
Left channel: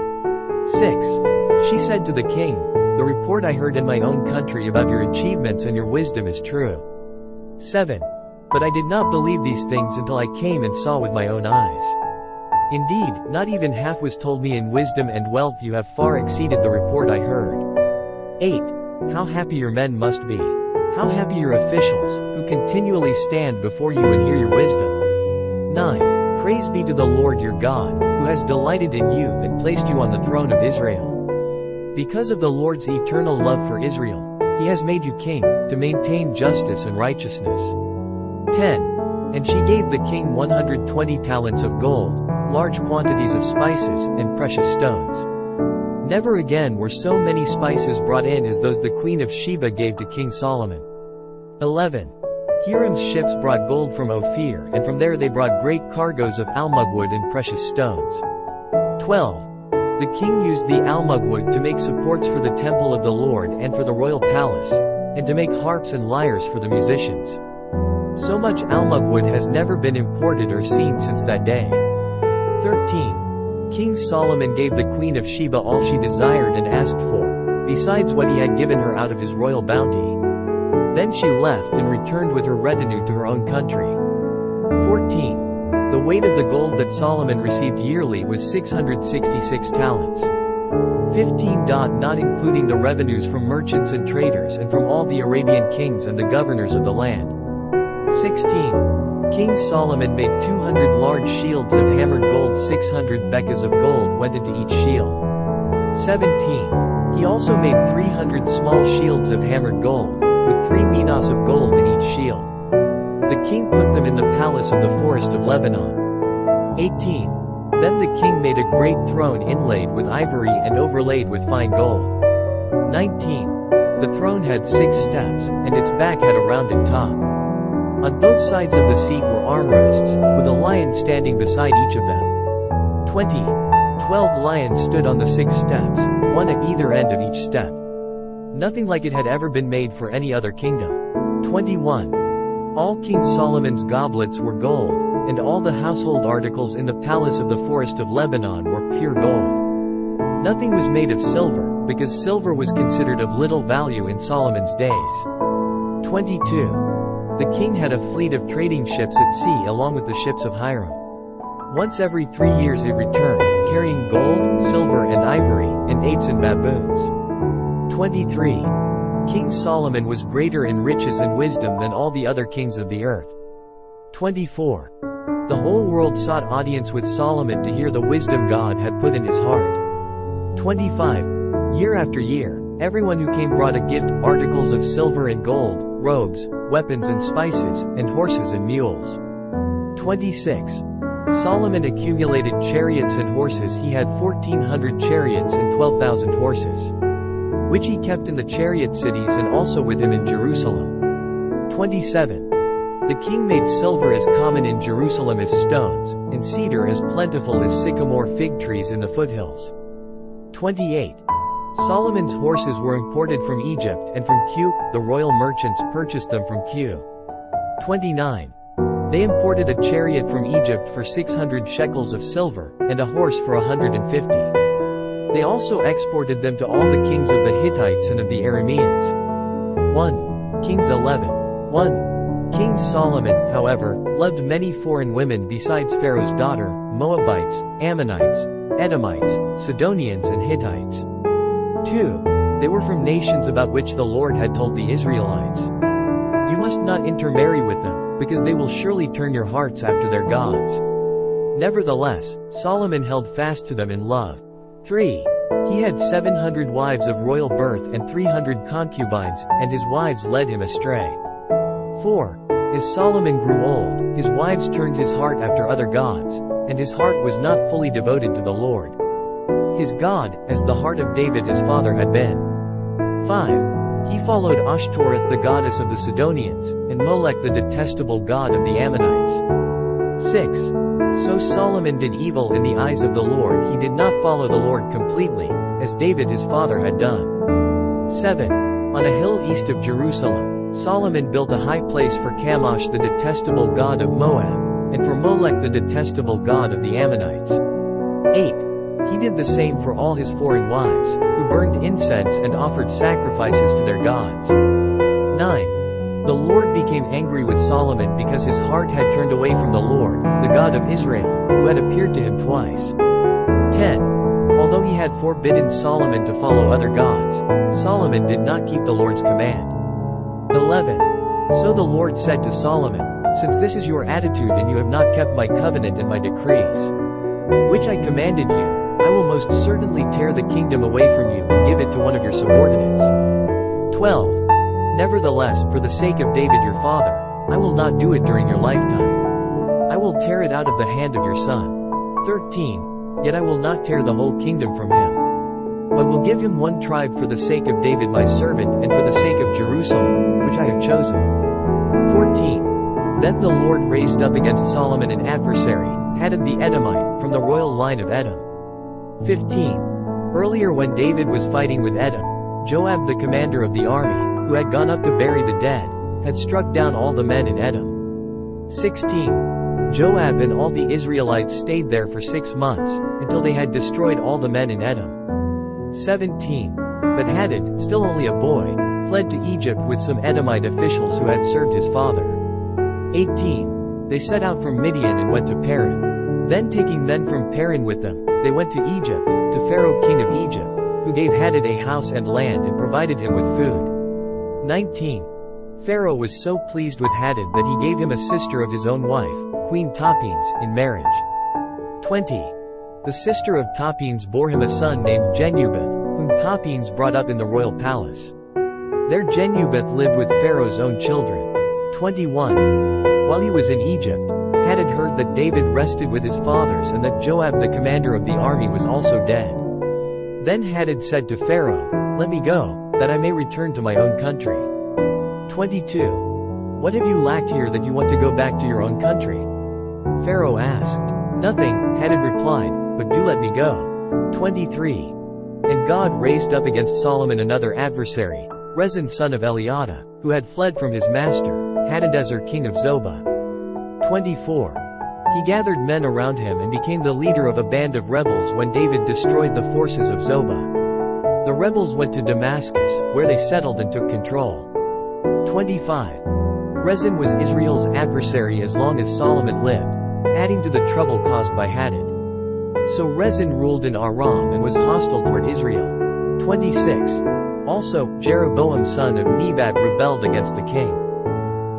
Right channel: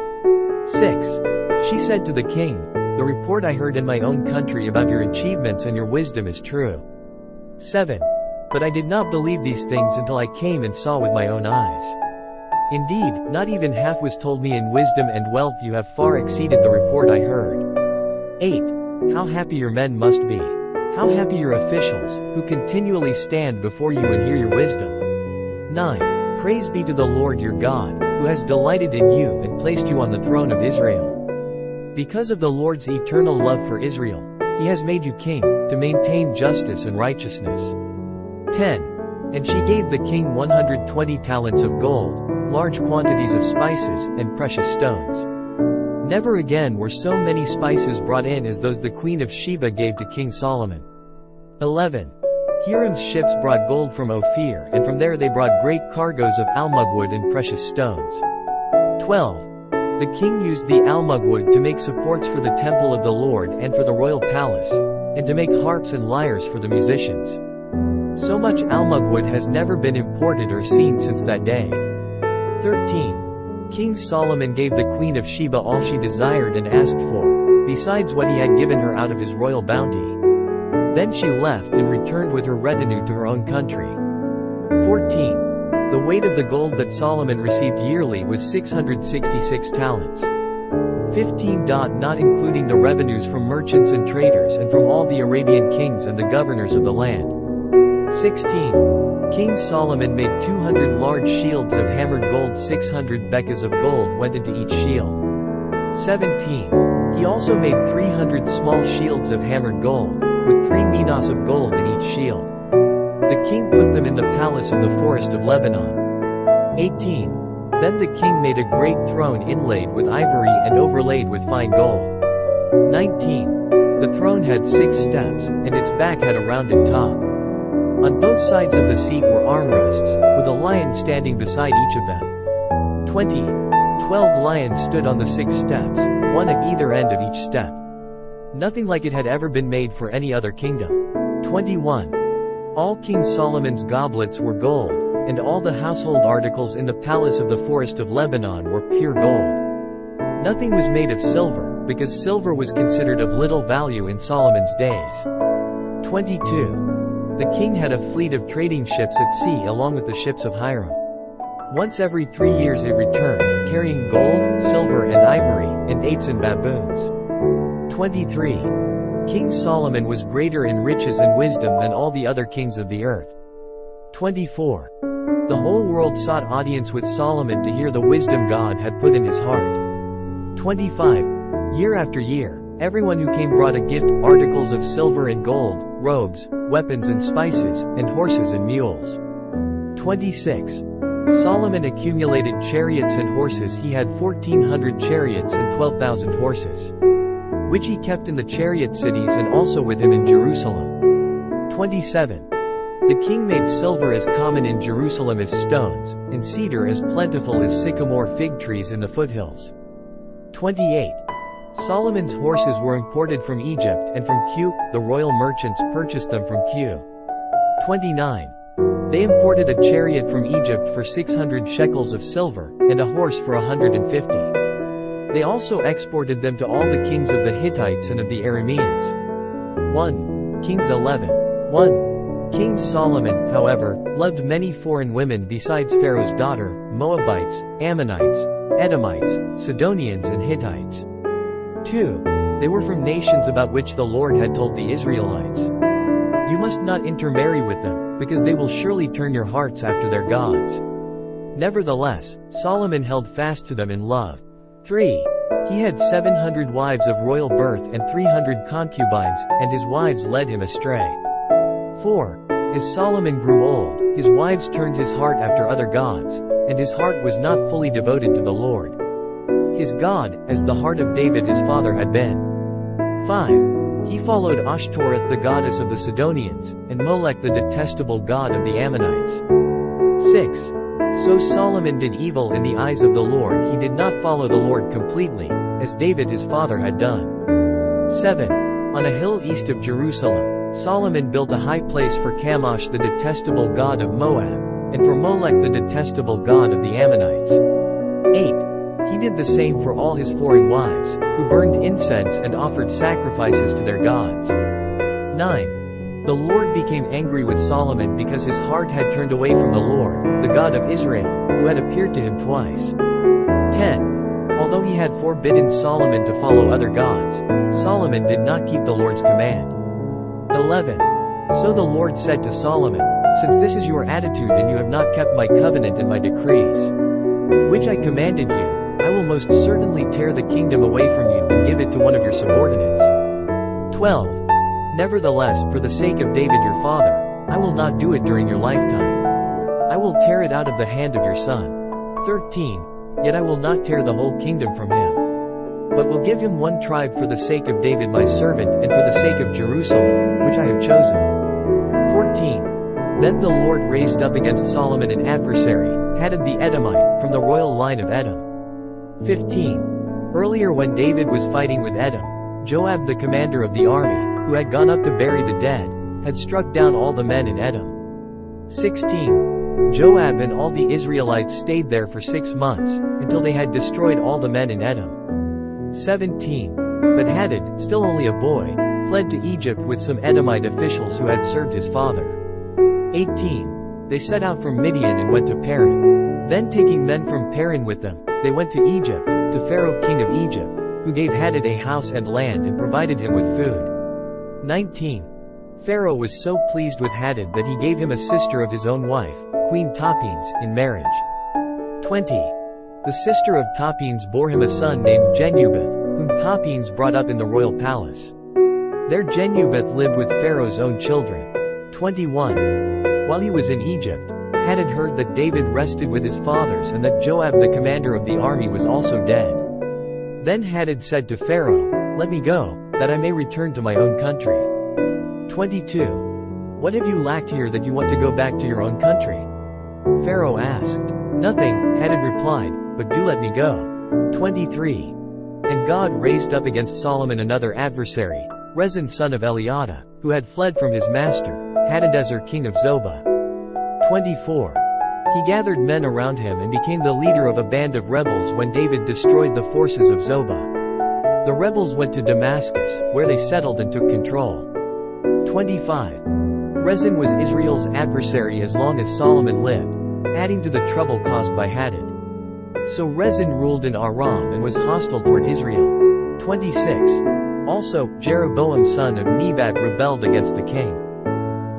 6. She said to the king, "The report I heard in my own country about your achievements and your wisdom is true." 7. But I did not believe these things until I came and saw with my own eyes. Indeed, not even half was told me. In wisdom and wealth you have far exceeded the report I heard. 8. How happy your men must be. How happy your officials, who continually stand before you and hear your wisdom. 9. Praise be to the Lord your God, who has delighted in you and placed you on the throne of Israel. Because of the Lord's eternal love for Israel, he has made you king, to maintain justice and righteousness. 10. And she gave the king 120 talents of gold, large quantities of spices, and precious stones. Never again were so many spices brought in as those the Queen of Sheba gave to King Solomon. 11. Hiram's ships brought gold from Ophir, and from there they brought great cargoes of almugwood and precious stones. 12. The king used the almugwood to make supports for the temple of the Lord and for the royal palace, and to make harps and lyres for the musicians. So much almugwood has never been imported or seen since that day. 13. King Solomon gave the Queen of Sheba all she desired and asked for, besides what he had given her out of his royal bounty. Then she left and returned with her retinue to her own country. 14. The weight of the gold that Solomon received yearly was 666 talents. 15. Not including the revenues from merchants and traders and from all the Arabian kings and the governors of the land. 16. King Solomon made 200 large shields of hammered gold. 600 bekas of gold went into each shield. 17. He also made 300 small shields of hammered gold, with 3 minas of gold in each shield. The king put them in the palace of the forest of Lebanon. 18. Then the king made a great throne inlaid with ivory and overlaid with fine gold. 19. The throne had 6 steps, and its back had a rounded top. On both sides of the seat were armrests, with a lion standing beside each of them. 20. 12 lions stood on the 6 steps, one at either end of each step. Nothing like it had ever been made for any other kingdom. 21. All King Solomon's goblets were gold, and all the household articles in the palace of the forest of Lebanon were pure gold. Nothing was made of silver, because silver was considered of little value in Solomon's days. 22. The king had a fleet of trading ships at sea along with the ships of Hiram. Once every 3 years it returned, carrying gold, silver and ivory, and apes and baboons. 23. King Solomon was greater in riches and wisdom than all the other kings of the earth. 24. The whole world sought audience with Solomon to hear the wisdom God had put in his heart. 25. Year after year, everyone who came brought a gift, articles of silver and gold, robes, weapons and spices, and horses and mules. 26. Solomon accumulated chariots and horses. He had 1,400 chariots and 12,000 horses, which he kept in the chariot cities and also with him in Jerusalem. 27. The king made silver as common in Jerusalem as stones, and cedar as plentiful as sycamore fig trees in the foothills. 28. Solomon's horses were imported from Egypt and from Cu. The royal merchants purchased them from Cu. 29. They imported a chariot from Egypt for 600 shekels of silver, and a horse for 150. They also exported them to all the kings of the Hittites and of the Arameans. 1 Kings 11. 1. King Solomon, however, loved many foreign women besides Pharaoh's daughter, Moabites, Ammonites, Edomites, Sidonians and Hittites. 2. They were from nations about which the Lord had told the Israelites, "You must not intermarry with them, because they will surely turn your hearts after their gods." Nevertheless, Solomon held fast to them in love. 3. He had 700 wives of royal birth and 300 concubines, and his wives led him astray. 4. As Solomon grew old, his wives turned his heart after other gods, and his heart was not fully devoted to the Lord, his God, as the heart of David his father had been. 5. He followed Ashtoreth the goddess of the Sidonians, and Molech the detestable god of the Ammonites. 6. So Solomon did evil in the eyes of the Lord. He did not follow the Lord completely, as David his father had done. 7. On a hill east of Jerusalem, Solomon built a high place for Chemosh the detestable god of Moab, and for Molech the detestable god of the Ammonites. 8. He did the same for all his foreign wives, who burned incense and offered sacrifices to their gods. 9. The Lord became angry with Solomon because his heart had turned away from the Lord, the God of Israel, who had appeared to him twice. 10. Although he had forbidden Solomon to follow other gods, Solomon did not keep the Lord's command. 11. So the Lord said to Solomon, "Since this is your attitude and you have not kept my covenant and my decrees, which I commanded you, I will most certainly tear the kingdom away from you and give it to one of your subordinates." 12. Nevertheless, for the sake of David your father, I will not do it during your lifetime. I will tear it out of the hand of your son. 13. Yet I will not tear the whole kingdom from him, but will give him one tribe for the sake of David my servant and for the sake of Jerusalem, which I have chosen. 14. Then the Lord raised up against Solomon an adversary, Hadad the Edomite, from the royal line of Edom. 15. Earlier when David was fighting with Edom, Joab the commander of the army, who had gone up to bury the dead, had struck down all the men in Edom. 16. Joab and all the Israelites stayed there for 6 months, until they had destroyed all the men in Edom. 17. But Hadad, still only a boy, fled to Egypt with some Edomite officials who had served his father. 18. They set out from Midian and went to Paran. Then taking men from Paran with them, they went to Egypt, to Pharaoh king of Egypt, who gave Hadad a house and land and provided him with food. 19. Pharaoh was so pleased with Hadad that he gave him a sister of his own wife, Queen Tapenes, in marriage. 20. The sister of Tapenes bore him a son named Genubath, whom Tapenes brought up in the royal palace. There Genubath lived with Pharaoh's own children. 21. While he was in Egypt, Hadad heard that David rested with his fathers and that Joab the commander of the army was also dead. Then Hadad said to Pharaoh, "Let me go, that I may return to my own country." 22. What have you lacked here that you want to go back to your own country? Pharaoh asked. Nothing, Hadad replied, but do let me go. 23. And God raised up against Solomon another adversary, Rezin son of Eliada, who had fled from his master, Hadadezer king of Zobah. 24. He gathered men around him and became the leader of a band of rebels when David destroyed the forces of Zobah. The rebels went to Damascus, where they settled and took control. 25. Rezin was Israel's adversary as long as Solomon lived, adding to the trouble caused by Hadad. So Rezin ruled in Aram and was hostile toward Israel. 26. Also, Jeroboam son of Nebat rebelled against the king.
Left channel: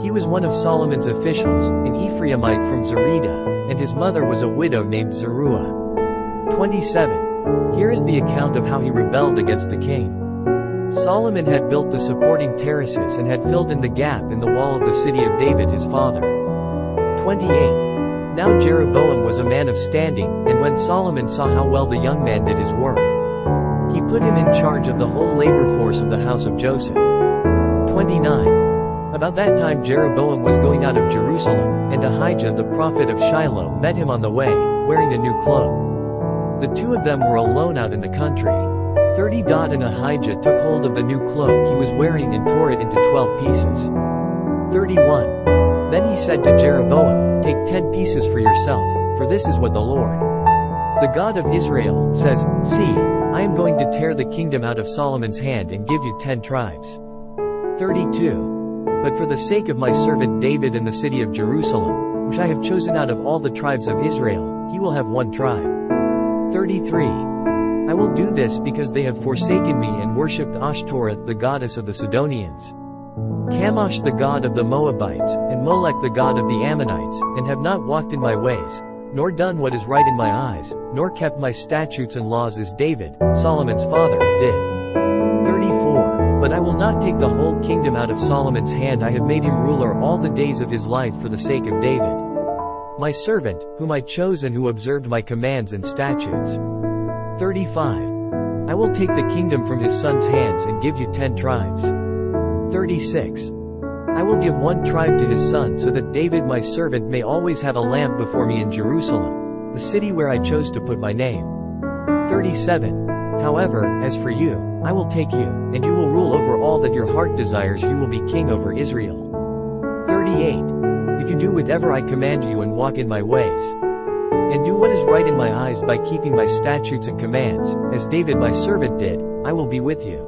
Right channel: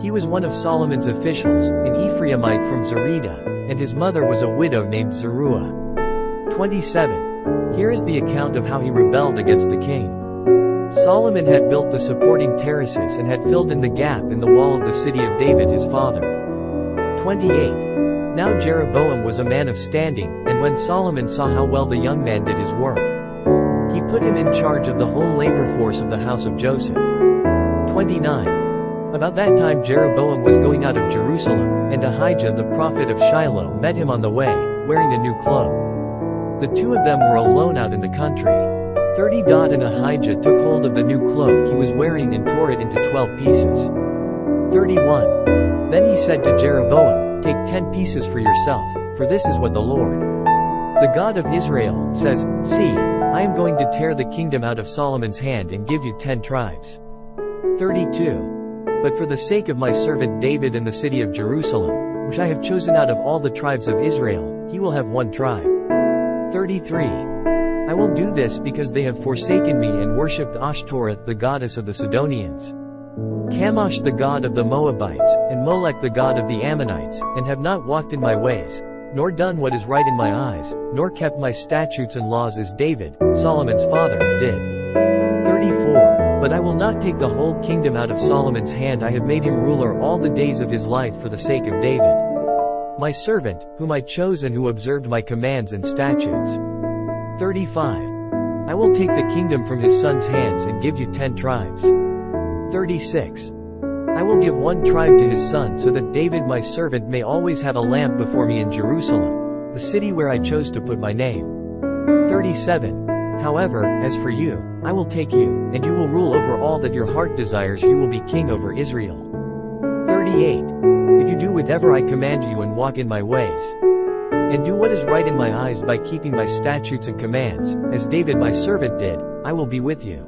He was one of Solomon's officials, an Ephraimite from Zerida, and his mother was a widow named Zeruah. 27. Here is the account of how he rebelled against the king. Solomon had built the supporting terraces and had filled in the gap in the wall of the city of David his father. 28. Now Jeroboam was a man of standing, and when Solomon saw how well the young man did his work, he put him in charge of the whole labor force of the house of Joseph. 29. About that time Jeroboam was going out of Jerusalem, and Ahijah the prophet of Shiloh met him on the way, wearing a new cloak. The two of them were alone out in the country. 30. And Ahijah took hold of the new cloak he was wearing and tore it into 12 pieces. 31. Then he said to Jeroboam, "Take 10 pieces for yourself, for this is what the Lord, the God of Israel, says, See, I am going to tear the kingdom out of Solomon's hand and give you 10 tribes. 32. But for the sake of my servant David and the city of Jerusalem, which I have chosen out of all the tribes of Israel, he will have 1 tribe. 33. I will do this because they have forsaken me and worshipped Ashtoreth the goddess of the Sidonians, Chemosh the god of the Moabites, and Molech the god of the Ammonites, and have not walked in my ways, nor done what is right in my eyes, nor kept my statutes and laws as David, Solomon's father, did. 34. But I will not take the whole kingdom out of Solomon's hand. I have made him ruler all the days of his life for the sake of David, my servant, whom I chose and who observed my commands and statutes. 35. I will take the kingdom from his son's hands and give you 10 tribes. 36. I will give 1 tribe to his son so that David my servant may always have a lamp before me in Jerusalem, the city where I chose to put my name. 37. However, as for you, I will take you, and you will rule over all that your heart desires. You will be king over Israel. 38. If you do whatever I command you and walk in my ways, and do what is right in my eyes by keeping my statutes and commands, as David my servant did, I will be with you.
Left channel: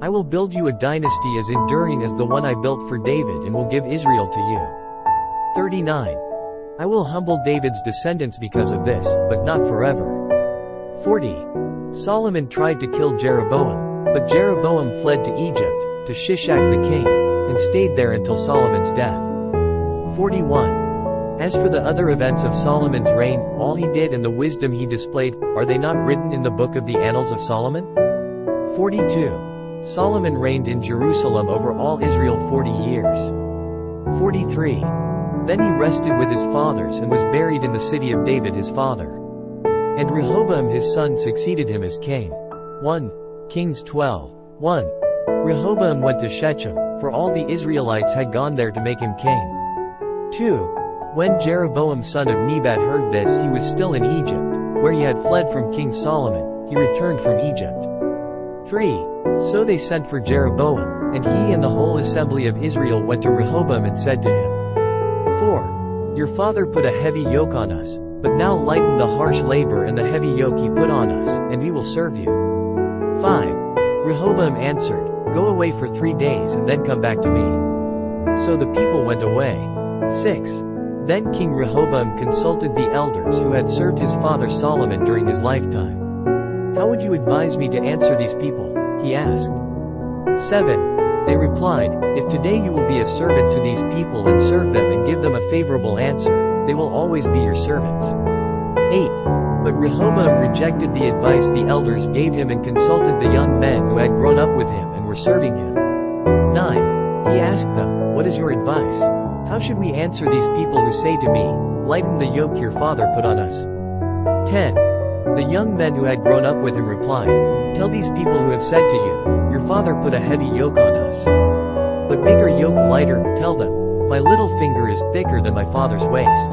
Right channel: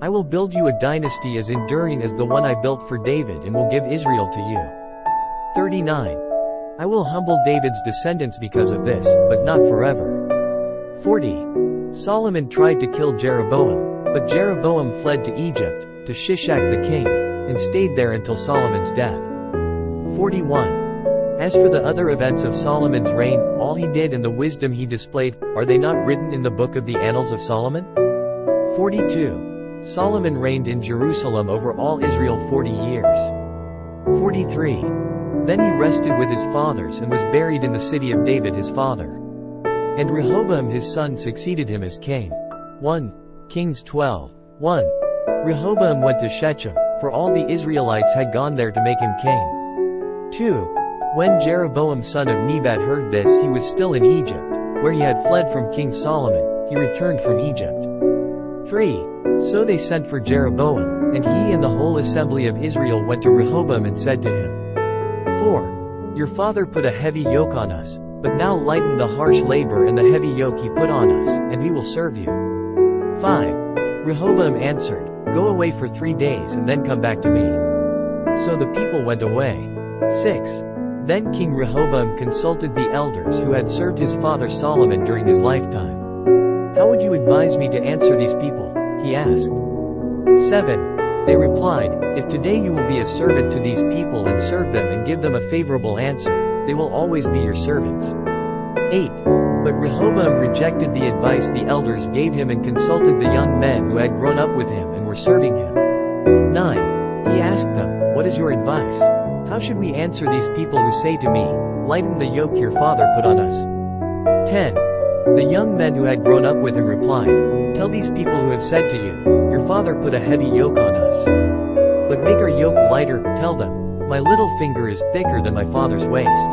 I will build you a dynasty as enduring as the one I built for David and will give Israel to you. 39. I will humble David's descendants because of this, but not forever. 40. Solomon tried to kill Jeroboam, but Jeroboam fled to Egypt, to Shishak the king, and stayed there until Solomon's death. 41. As for the other events of Solomon's reign, all he did and the wisdom he displayed, are they not written in the book of the Annals of Solomon? 42. Solomon reigned in Jerusalem over all Israel 40 years. 43. Then he rested with his fathers and was buried in the city of David his father. And Rehoboam his son succeeded him as king. 1 Kings 12. 1. Rehoboam went to Shechem, for all the Israelites had gone there to make him king. 2. When Jeroboam son of Nebat heard this, he was still in Egypt, where he had fled from King Solomon. He returned from Egypt. 3. So they sent for Jeroboam, and he and the whole assembly of Israel went to Rehoboam and said to him, 4. Your father put a heavy yoke on us, but now lighten the harsh labor and the heavy yoke he put on us, and we will serve you. 5. Rehoboam answered, Go away for 3 days and then come back to me. So the people went away. 6. Then King Rehoboam consulted the elders who had served his father Solomon during his lifetime. How would you advise me to answer these people? He asked. 7. They replied, If today you will be a servant to these people and serve them and give them a favorable answer, they will always be your servants. 8. But Rehoboam rejected the advice the elders gave him and consulted the young men who had grown up with him and were serving him. 9. He asked them, What is your advice? How should we answer these people who say to me, Lighten the yoke your father put on us? 10. The young men who had grown up with him replied, Tell these people who have said to you, Your father put a heavy yoke on us. But make our yoke lighter. Tell them, My little finger is thicker than my father's waist.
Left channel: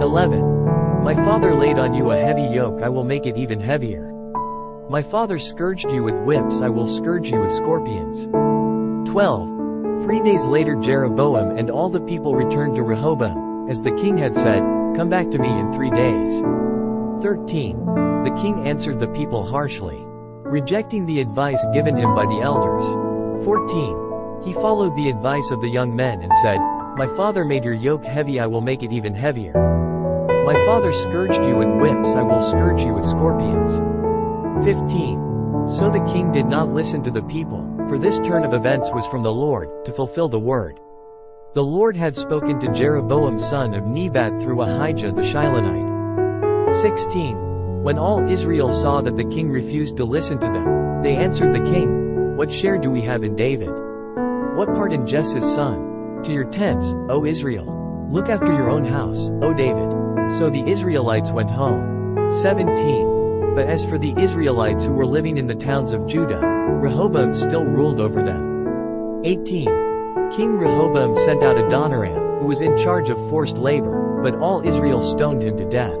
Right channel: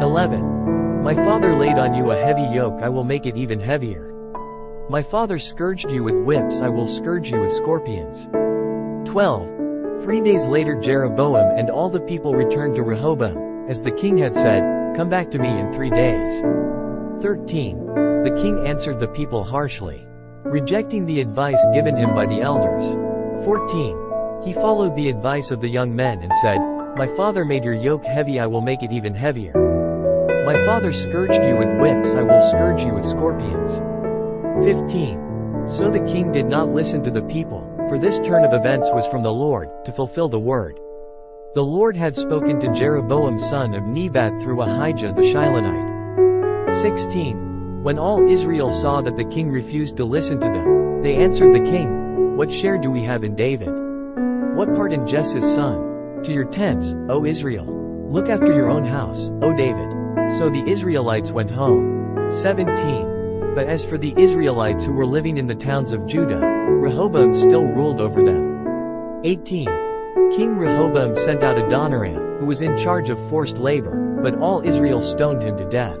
11. My father laid on you a heavy yoke, I will make it even heavier. My father scourged you with whips, I will scourge you with scorpions. 12. 3 days later Jeroboam and all the people returned to Rehoboam, as the king had said, Come back to me in 3 days. 13. The king answered the people harshly, rejecting the advice given him by the elders. 14. He followed the advice of the young men and said, My father made your yoke heavy, I will make it even heavier. My father scourged you with whips, I will scourge you with scorpions. 15. So the king did not listen to the people, for this turn of events was from the Lord, to fulfill the word. The Lord had spoken to Jeroboam son of Nebat through Ahijah the Shilonite. 16. When all Israel saw that the king refused to listen to them, they answered the king, What share do we have in David? What part in Jesse's son? To your tents, O Israel. Look after your own house, O David. So the Israelites went home. 17. But as for the Israelites who were living in the towns of Judah, Rehoboam still ruled over them. 18. King Rehoboam sent out Adoniram, who was in charge of forced labor, but all Israel stoned him to death.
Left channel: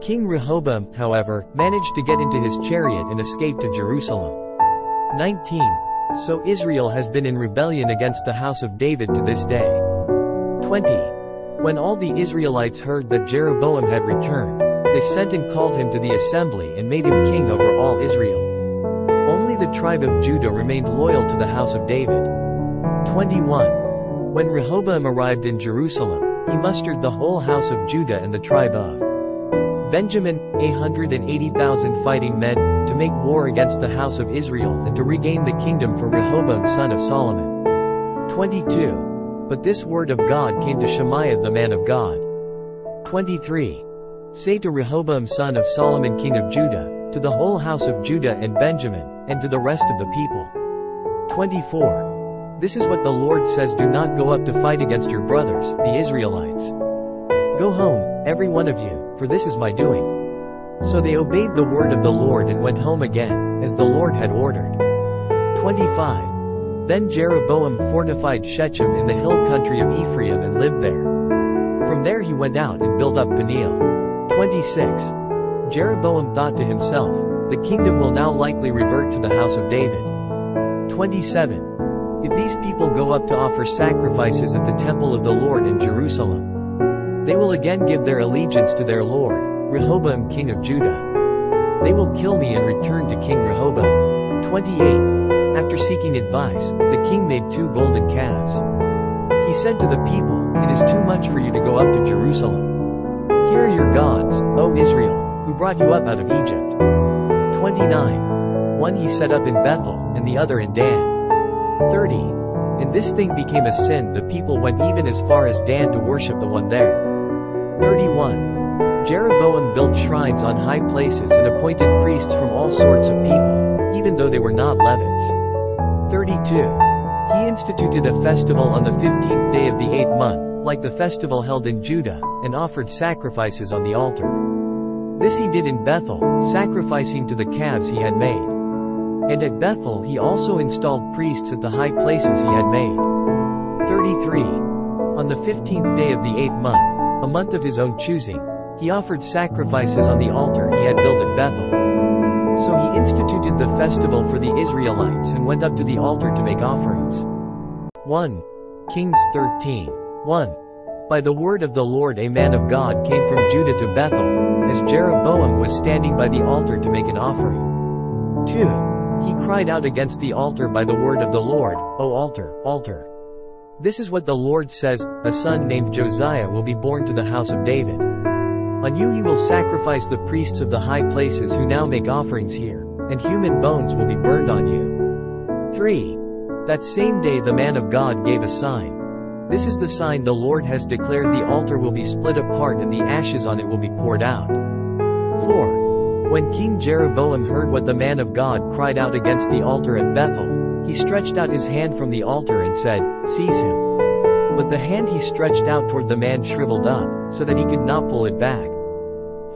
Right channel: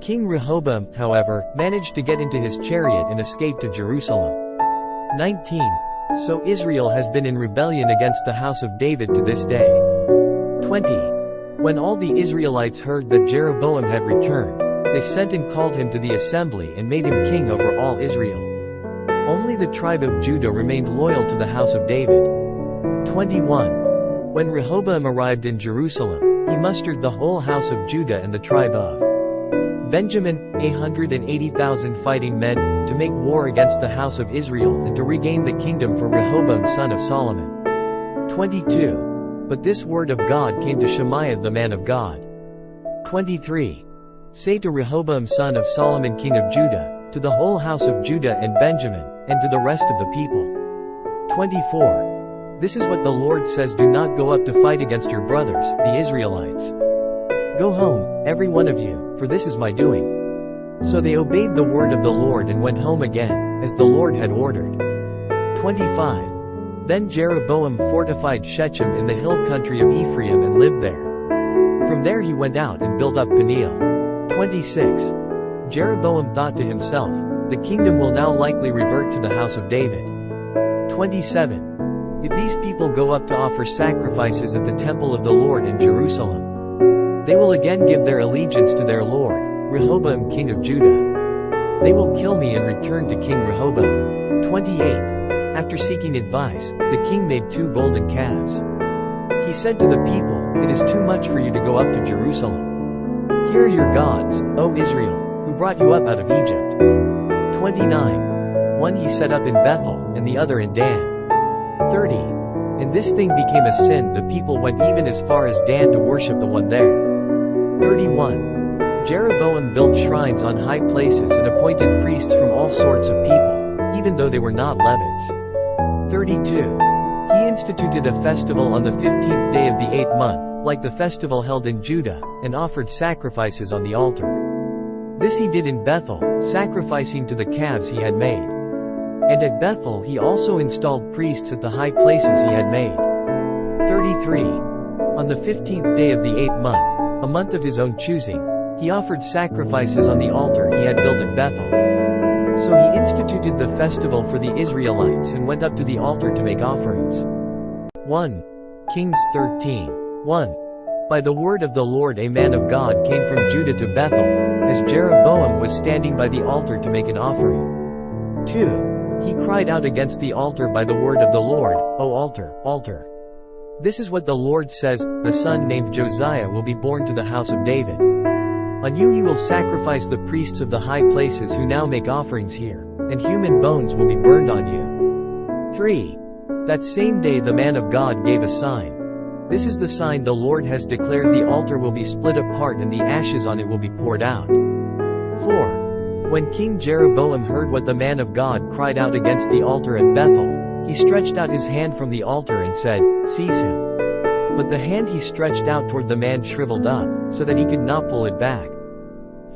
King Rehoboam, however, managed to get into his chariot and escape to Jerusalem. 19. So Israel has been in rebellion against the house of David to this day. 20. When all the Israelites heard that Jeroboam had returned, they sent and called him to the assembly and made him king over all Israel. Only the tribe of Judah remained loyal to the house of David. 21. When Rehoboam arrived in Jerusalem, he mustered the whole house of Judah and the tribe of Benjamin, 180,000 fighting men, to make war against the house of Israel and to regain the kingdom for Rehoboam son of Solomon. 22. But this word of God came to Shemaiah the man of God. 23. Say to Rehoboam son of Solomon king of Judah, to the whole house of Judah and Benjamin, and to the rest of the people, 24. This is what the Lord says: do not go up to fight against your brothers, the Israelites. Go home, every one of you, for this is my doing. So they obeyed the word of the Lord and went home again, as the Lord had ordered. 25. Then Jeroboam fortified Shechem in the hill country of Ephraim and lived there. From there he went out and built up Peniel. 26. Jeroboam thought to himself, the kingdom will now likely revert to the house of David. 27. If these people go up to offer sacrifices at the temple of the Lord in Jerusalem, they will again give their allegiance to their Lord, Rehoboam king of Judah. They will kill me and return to King Rehoboam. 28. After seeking advice, the king made 2 golden calves. He said to the people, it is too much for you to go up to Jerusalem. Here are your gods, O Israel, who brought you up out of Egypt. 29. One he set up in Bethel, and the other in Dan. 30. And this thing became a sin. The people went even as far as Dan to worship the one there. 31. Jeroboam built shrines on high places and appointed priests from all sorts of people, even though they were not Levites. 32. He instituted a festival on the 15th day of the 8th month, like the festival held in Judah, and offered sacrifices on the altar. This he did in Bethel, sacrificing to the calves he had made. And at Bethel he also installed priests at the high places he had made. 33. On the 15th day of the 8th month, a month of his own choosing, he offered sacrifices on the altar he had built at Bethel. So he instituted the festival for the Israelites and went up to the altar to make offerings. 1 Kings 13. 1. By the word of the Lord a man of God came from Judah to Bethel, as Jeroboam was standing by the altar to make an offering. 2. He cried out against the altar by the word of the Lord, O altar, altar. This is what the Lord says, a son named Josiah will be born to the house of David. On you he will sacrifice the priests of the high places who now make offerings here, and human bones will be burned on you. 3. That same day the man of God gave a sign. This is the sign the Lord has declared: the altar will be split apart and the ashes on it will be poured out. 4. When King Jeroboam heard what the man of God cried out against the altar at Bethel, he stretched out his hand from the altar and said, Seize him. But the hand he stretched out toward the man shriveled up, so that he could not pull it back.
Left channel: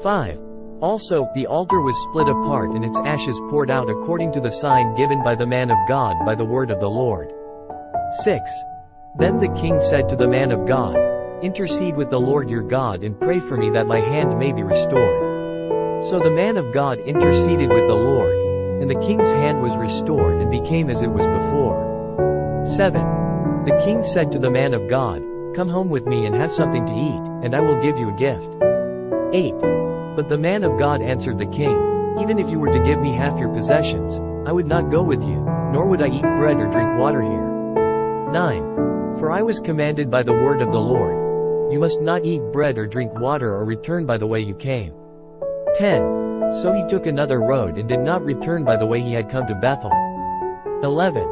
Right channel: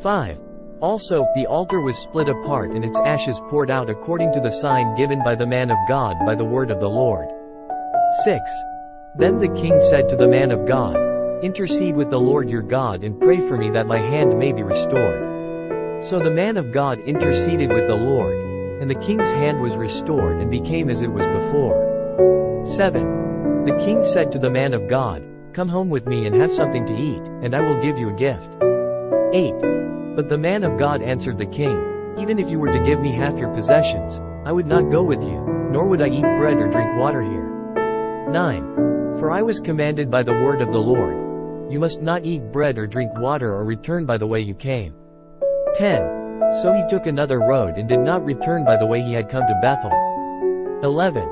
5. Also, the altar was split apart and its ashes poured out according to the sign given by the man of God by the word of the Lord. 6. Then the king said to the man of God, Intercede with the Lord your God and pray for me that my hand may be restored. So the man of God interceded with the Lord, and the king's hand was restored and became as it was before. 7. The king said to the man of God, Come home with me and have something to eat, and I will give you a gift. 8. But the man of God answered the king, Even if you were to give me half your possessions, I would not go with you, nor would I eat bread or drink water here. 9. For I was commanded by the word of the Lord, You must not eat bread or drink water or return by the way you came. 10. So he took another road and did not return by the way he had come to Bethel. 11.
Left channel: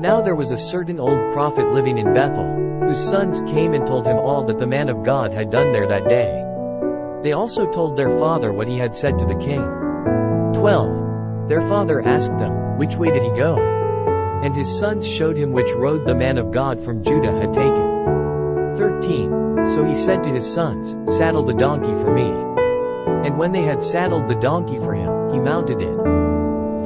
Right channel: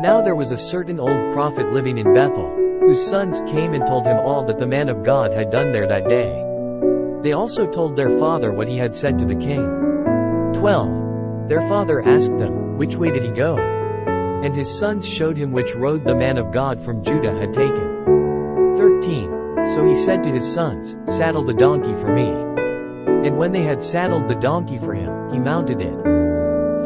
Now there was a certain old prophet living in Bethel, whose sons came and told him all that the man of God had done there that day. They also told their father what he had said to the king. 12. Their father asked them, Which way did he go? And his sons showed him which road the man of God from Judah had taken. 13. So he said to his sons, Saddle the donkey for me. And when they had saddled the donkey for him, he mounted it.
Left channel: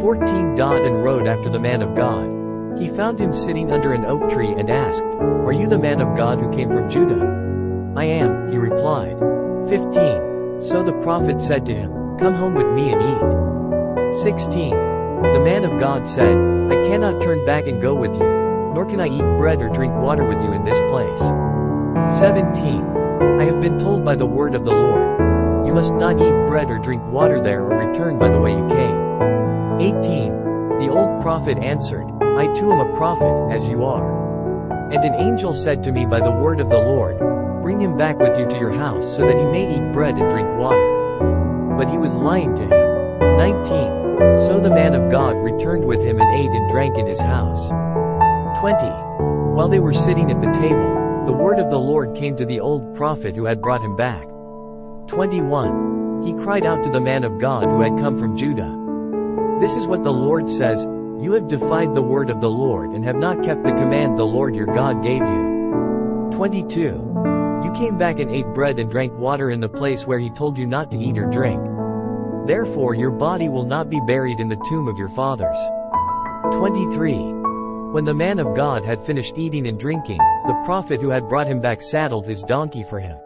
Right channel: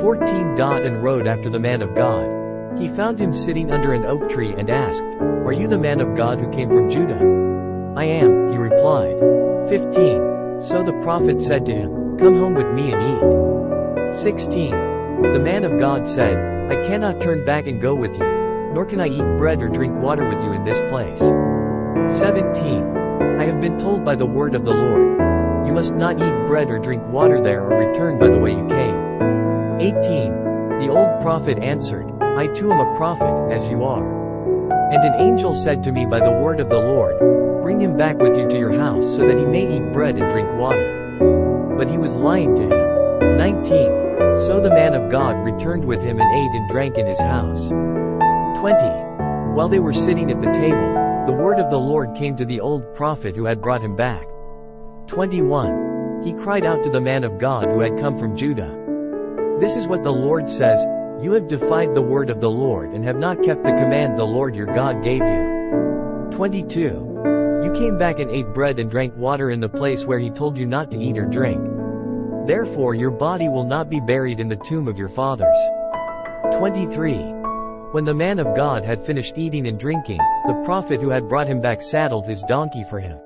14. And rode after the man of God. He found him sitting under an oak tree and asked, Are you the man of God who came from Judah? I am, he replied. 15. So the prophet said to him, Come home with me and eat. 16. The man of God said, I cannot turn back and go with you, nor can I eat bread or drink water with you in this place. 17. I have been told by the word of the Lord, You must not eat bread or drink water there or return by the way you came. 18. The old prophet answered, I too am a prophet, as you are. And an angel said to me by the word of the Lord, Bring him back with you to your house so that he may eat bread and drink water. But he was lying to him. 19. So the man of God returned with him and ate and drank in his house. 20. While they were sitting at the table, the word of the Lord came to the old prophet who had brought him back. 21. He cried out to the man of God who had come from Judah. This is what the Lord says, You have defied the word of the Lord and have not kept the command the Lord your God gave you. 22. You came back and ate bread and drank water in the place where he told you not to eat or drink. Therefore your body will not be buried in the tomb of your fathers. 23. When the man of God had finished eating and drinking, the prophet who had brought him back saddled his donkey for him.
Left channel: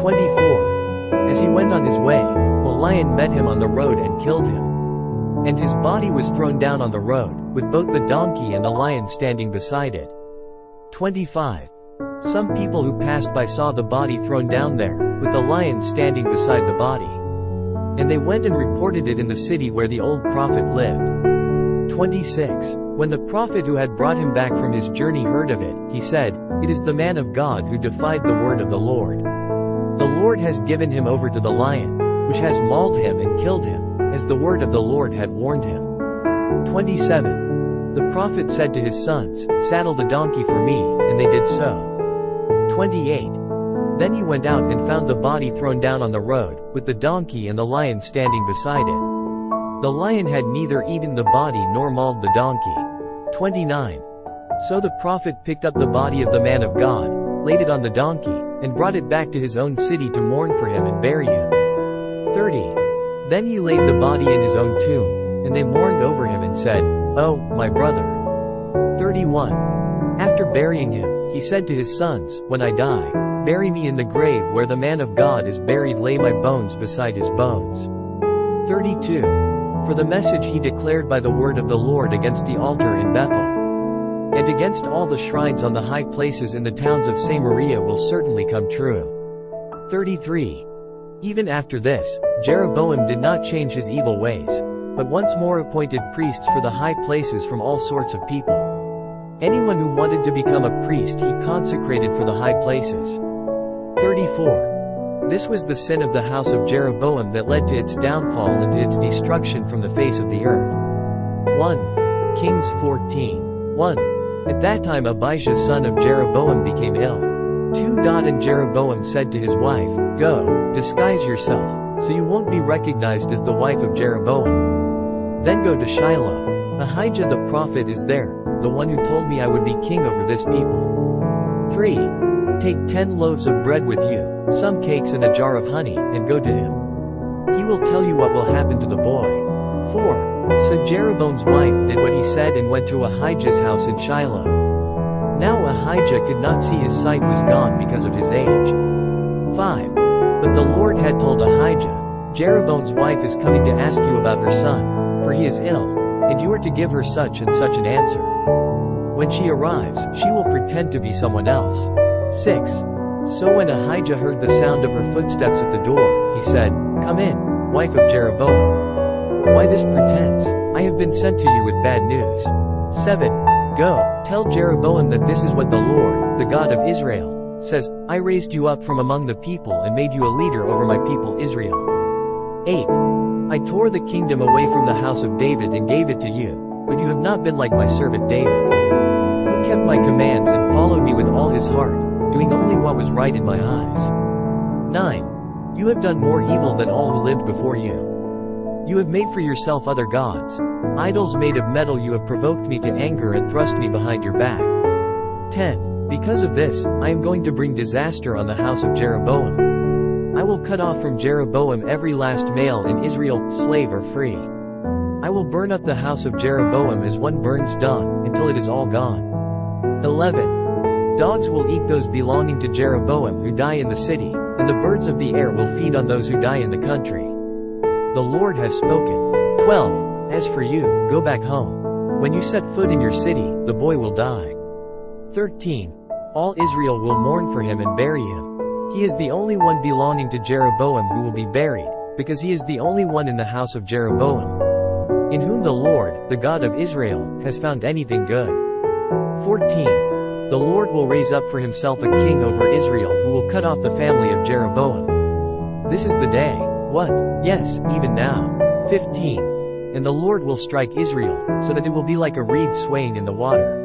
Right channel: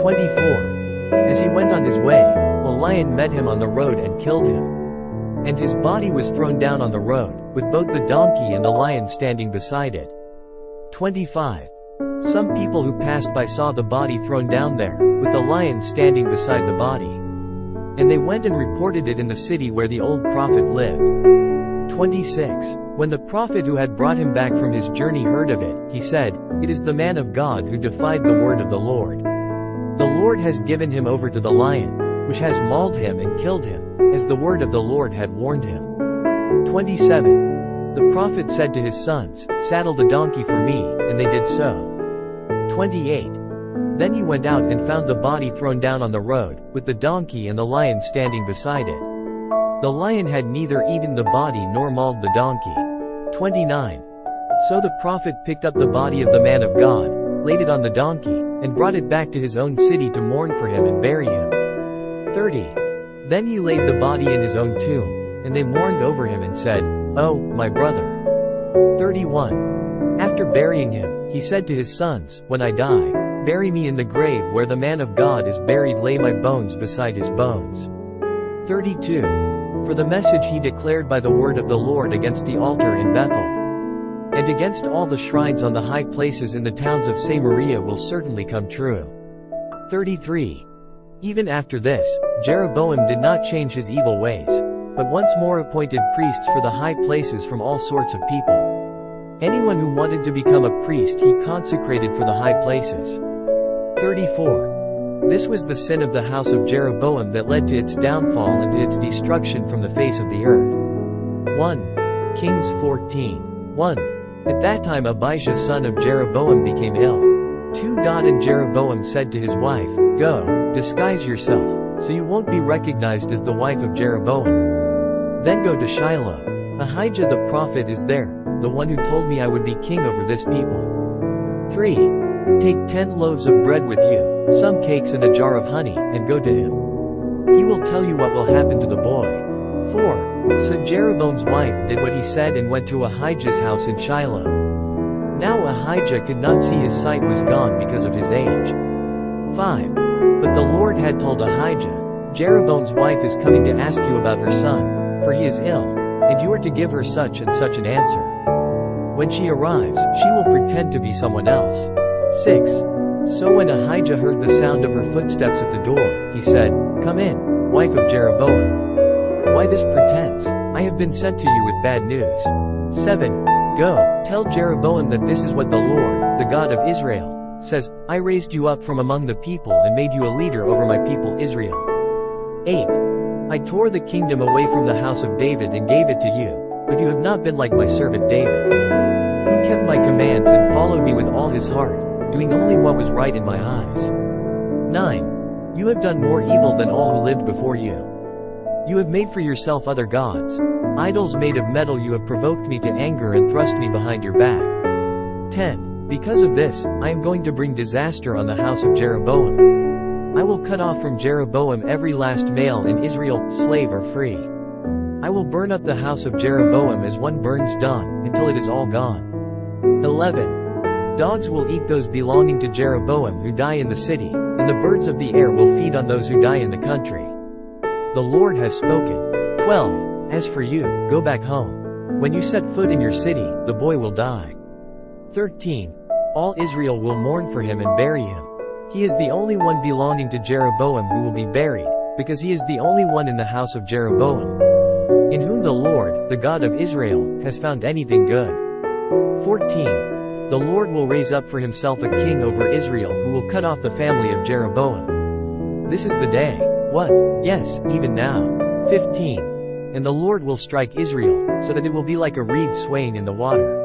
24. As he went on his way, a lion met him on the road and killed him. And his body was thrown down on the road, with both the donkey and the lion standing beside it. 25. Some people who passed by saw the body thrown down there, with the lion standing beside the body. And they went and reported it in the city where the old prophet lived. 26. When the prophet who had brought him back from his journey heard of it, he said, "It is the man of God who defied the word of the Lord. The Lord has given him over to the lion, which has mauled him and killed him, as the word of the Lord had warned him." 27. The prophet said to his sons, "Saddle the donkey for me," and they did so. 28. Then he went out and found the body thrown down on the road, with the donkey and the lion standing beside it. The lion had neither eaten the body nor mauled the donkey. 29. So the prophet picked up the body of the man of God, laid it on the donkey, and brought it back to his own city to mourn for him and bury him. 30. Then he laid the body in his own tomb, and they mourned over him and said, "Oh, my brother." 31. After burying him, he said to his sons, "When I die, bury me in the grave where the man of God is buried, lay my bones beside his bones." 32. For the message he declared by the word of the Lord against the altar in Bethel, and against all the shrines on the high places in the towns of Samaria will certainly come true. 33. Even after this, Jeroboam did not change his evil ways, but once more appointed priests for the high places from all sorts of people. Anyone who wanted to become a priest he consecrated for the high places. 34. This was the sin of the house of Jeroboam that led to its downfall and to its destruction from the face of the earth. 1 Kings 14:1. At that time Abijah son of Jeroboam became ill. 2. And Jeroboam said to his wife, "Go, disguise yourself, so you won't be recognized as the wife of Jeroboam. Then go to Shiloh. Ahijah the prophet is there, the one who told me I would be king over this people." 3. Take 10 loaves of bread with you, some cakes and a jar of honey, and go to him. He will tell you what will happen to the boy. 4. So Jeroboam's wife did what he said and went to Ahijah's house in Shiloh. Now Ahijah could not see, his sight was gone because of his age. 5. But the Lord had told Ahijah, "Jeroboam's wife is coming to ask you about her son, for he is ill, and you are to give her such and such an answer. When she arrives, she will pretend to be someone else." 6. So when Ahijah heard the sound of her footsteps at the door, he said, "Come in, wife of Jeroboam. Why this pretense? I have been sent to you with bad news." 7. Go, tell Jeroboam that this is what the Lord, the God of Israel, says, "I raised you up from among the people and made you a leader over my people Israel." 8. I tore the kingdom away from the house of David and gave it to you, but you have not been like my servant David, who kept my commands and followed me with all his heart, doing only what was right in my eyes. 9. You have done more evil than all who lived before you. You have made for yourself other gods, idols made of metal. You have provoked me to anger and thrust me behind your back. 10. Because of this, I am going to bring disaster on the house of Jeroboam. I will cut off from Jeroboam every last male in Israel, slave or free. I will burn up the house of Jeroboam as one burns dung, until it is all gone. 11. Dogs will eat those belonging to Jeroboam who die in the city, and the birds of the air will feed on those who die in the country. The Lord has spoken. 12. As for you, go back home. When you set foot in your city, the boy will die. 13. All Israel will mourn for him and bury him. He is the only one belonging to Jeroboam who will be buried, because he is the only one in the house of Jeroboam, in whom the Lord, the God of Israel, has found anything good. 14. The Lord will raise up for himself a king over Israel who will cut off the family of Jeroboam. This is the day. What? Yes, even now. 15. And the Lord will strike Israel, so that it will be like a reed swaying in the water.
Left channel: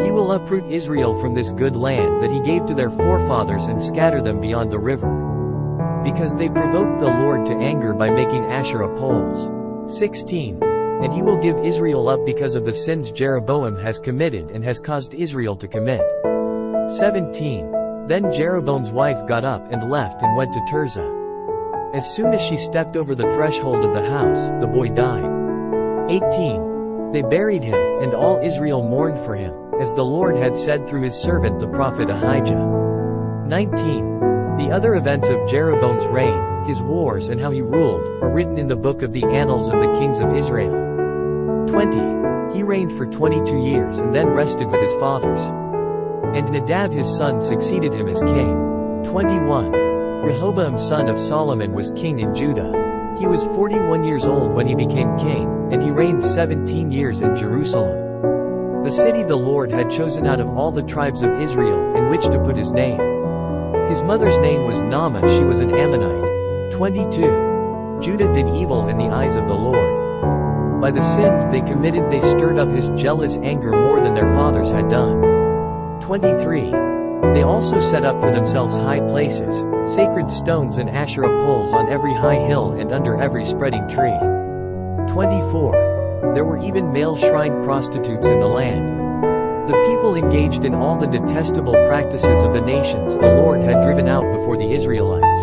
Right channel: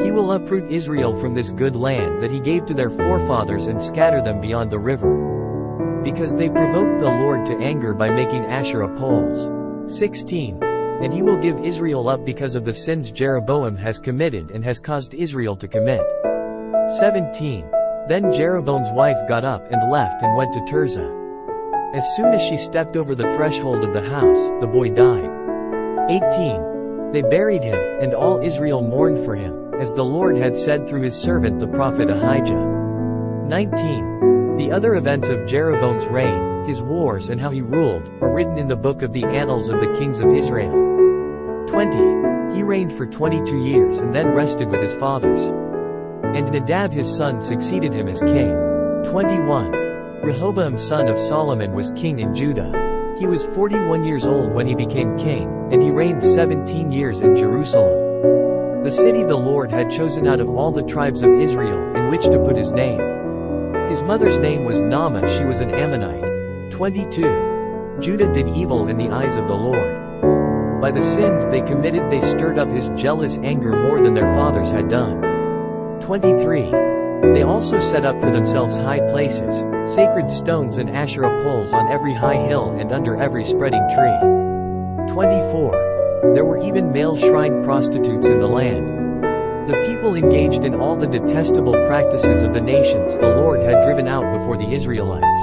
He will uproot Israel from this good land that he gave to their forefathers and scatter them beyond the river, because they provoked the Lord to anger by making Asherah poles. 16. and he will give Israel up because of the sins Jeroboam has committed and has caused Israel to commit. 17. Then Jeroboam's wife got up and left and went to Tirzah. As soon as she stepped over the threshold of the house, the boy died. 18. They buried him, and all Israel mourned for him, as the Lord had said through his servant the prophet Ahijah. 19. The other events of Jeroboam's reign, his wars and how he ruled, are written in the book of the annals of the kings of Israel. 20. He reigned for 22 years and then rested with his fathers. And Nadab his son succeeded him as king. 21. Rehoboam son of Solomon was king in Judah. He was 41 years old when he became king, and he reigned 17 years in Jerusalem, the city the Lord had chosen out of all the tribes of Israel in which to put his name. His mother's name was Naamah, she was an Ammonite. 22. Judah did evil in the eyes of the Lord. By the sins they committed they stirred up his jealous anger more than their fathers had done. 23. They also set up for themselves high places, sacred stones and Asherah poles on every high hill and under every spreading tree. 24. There were even male shrine prostitutes in the land. The people engaged in all the detestable practices of the nations the Lord had driven out before the Israelites.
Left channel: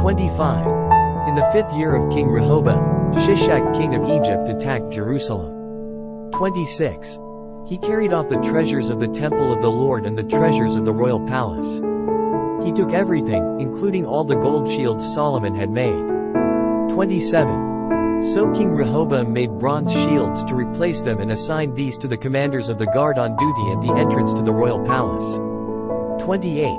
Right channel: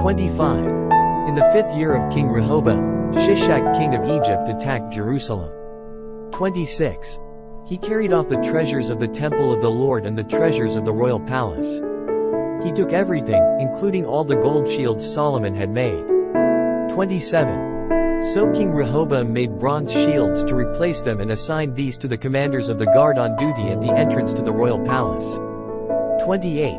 25. In the 5th year of King Rehoboam, Shishak king of Egypt attacked Jerusalem. 26. He carried off the treasures of the temple of the Lord and the treasures of the royal palace. He took everything, including all the gold shields Solomon had made. 27. So King Rehoboam made bronze shields to replace them and assigned these to the commanders of the guard on duty at the entrance to the royal palace. 28.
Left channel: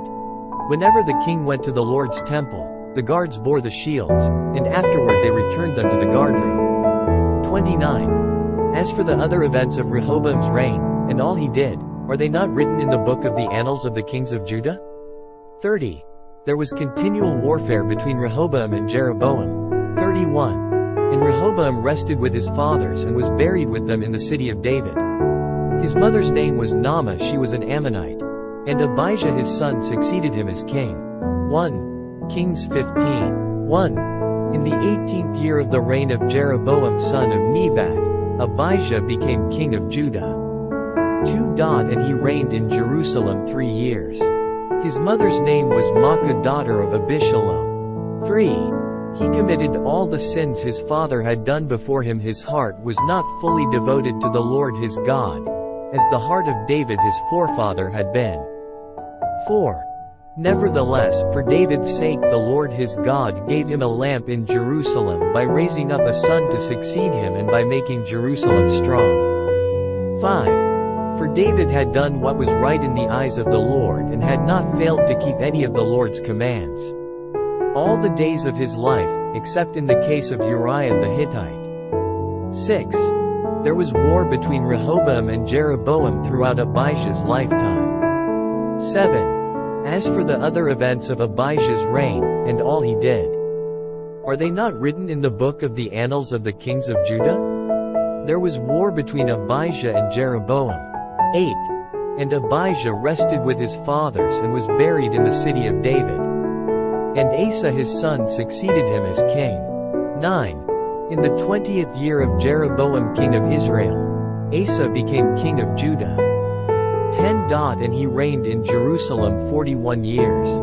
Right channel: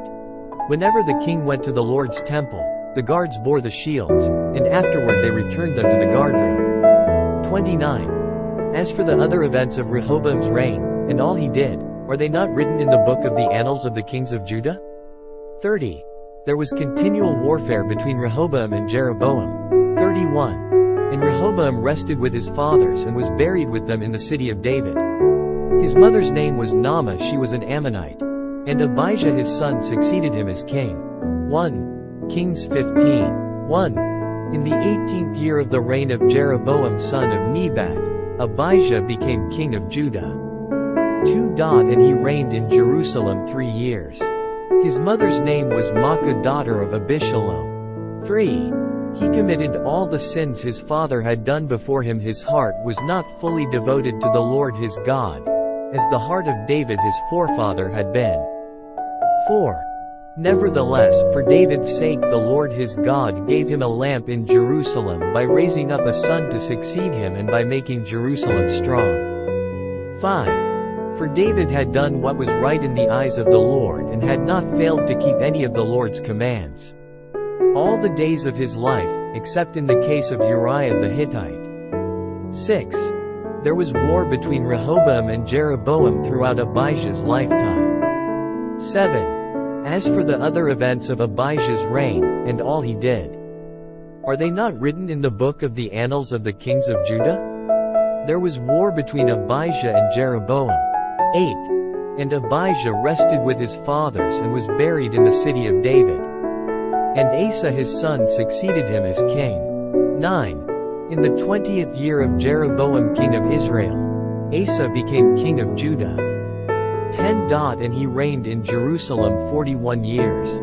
Whenever the king went to the Lord's temple, the guards bore the shields, and afterward they returned them to the guardroom. 29. As for the other events of Rehoboam's reign, and all he did, are they not written in the book of the annals of the kings of Judah? 30. There was continual warfare between Rehoboam and Jeroboam. 31. And Rehoboam rested with his fathers and was buried with them in the city of David. His mother's name was Naamah, she was an Ammonite. And Abijah his son succeeded him as king. 1 Kings 15. 1. In the 18th year of the reign of Jeroboam son of Nebat, Abijah became king of Judah. 2. And he reigned in Jerusalem 3 years. His mother's name was Maacah daughter of Abishalom. 3. He committed all the sins his father had done before him. His heart was not fully devoted to the Lord his God, as the heart of David his forefather had been. 4. Nevertheless, for David's sake the Lord his God gave him a lamp in Jerusalem by raising up a son to succeed him and by making Jerusalem strong. 5. For David had done what was right in the eyes of the Lord and had not failed to keep any of the Lord's commands all the days of his life, except in the case of Uriah the Hittite. 6. There was war between Rehoboam and Jeroboam throughout Abijah's lifetime. 7. As for the other events of Abijah's reign, and all he did, are they not written in the book of the annals of the kings of Judah? There was war between Abijah and Jeroboam. 8. And Abijah rested with his fathers and was buried in the city of David. And Asa his son succeeded him as king. 9. In the 20th year of Jeroboam king of Israel, Asa became king of Judah. 10. And he reigned in Jerusalem 41 years.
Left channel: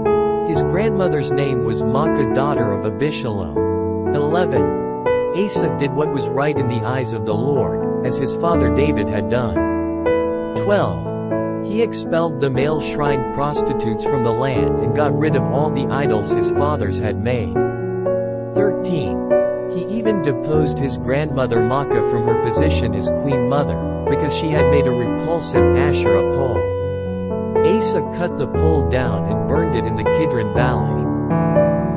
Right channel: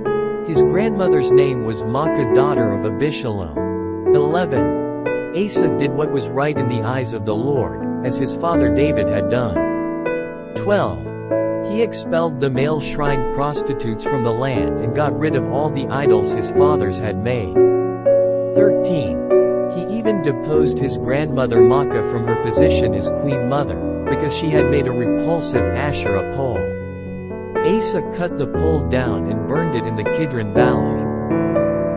His grandmother's name was Maacah daughter of Abishalom. 11. Asa did what was right in the eyes of the Lord, as his father David had done. 12. He expelled the male shrine prostitutes from the land and got rid of all the idols his fathers had made. 13. He even deposed his grandmother Maacah from her position as queen mother, because she had made a repulsive Asherah pole. Asa cut the pole down and burned it in the Kidron Valley.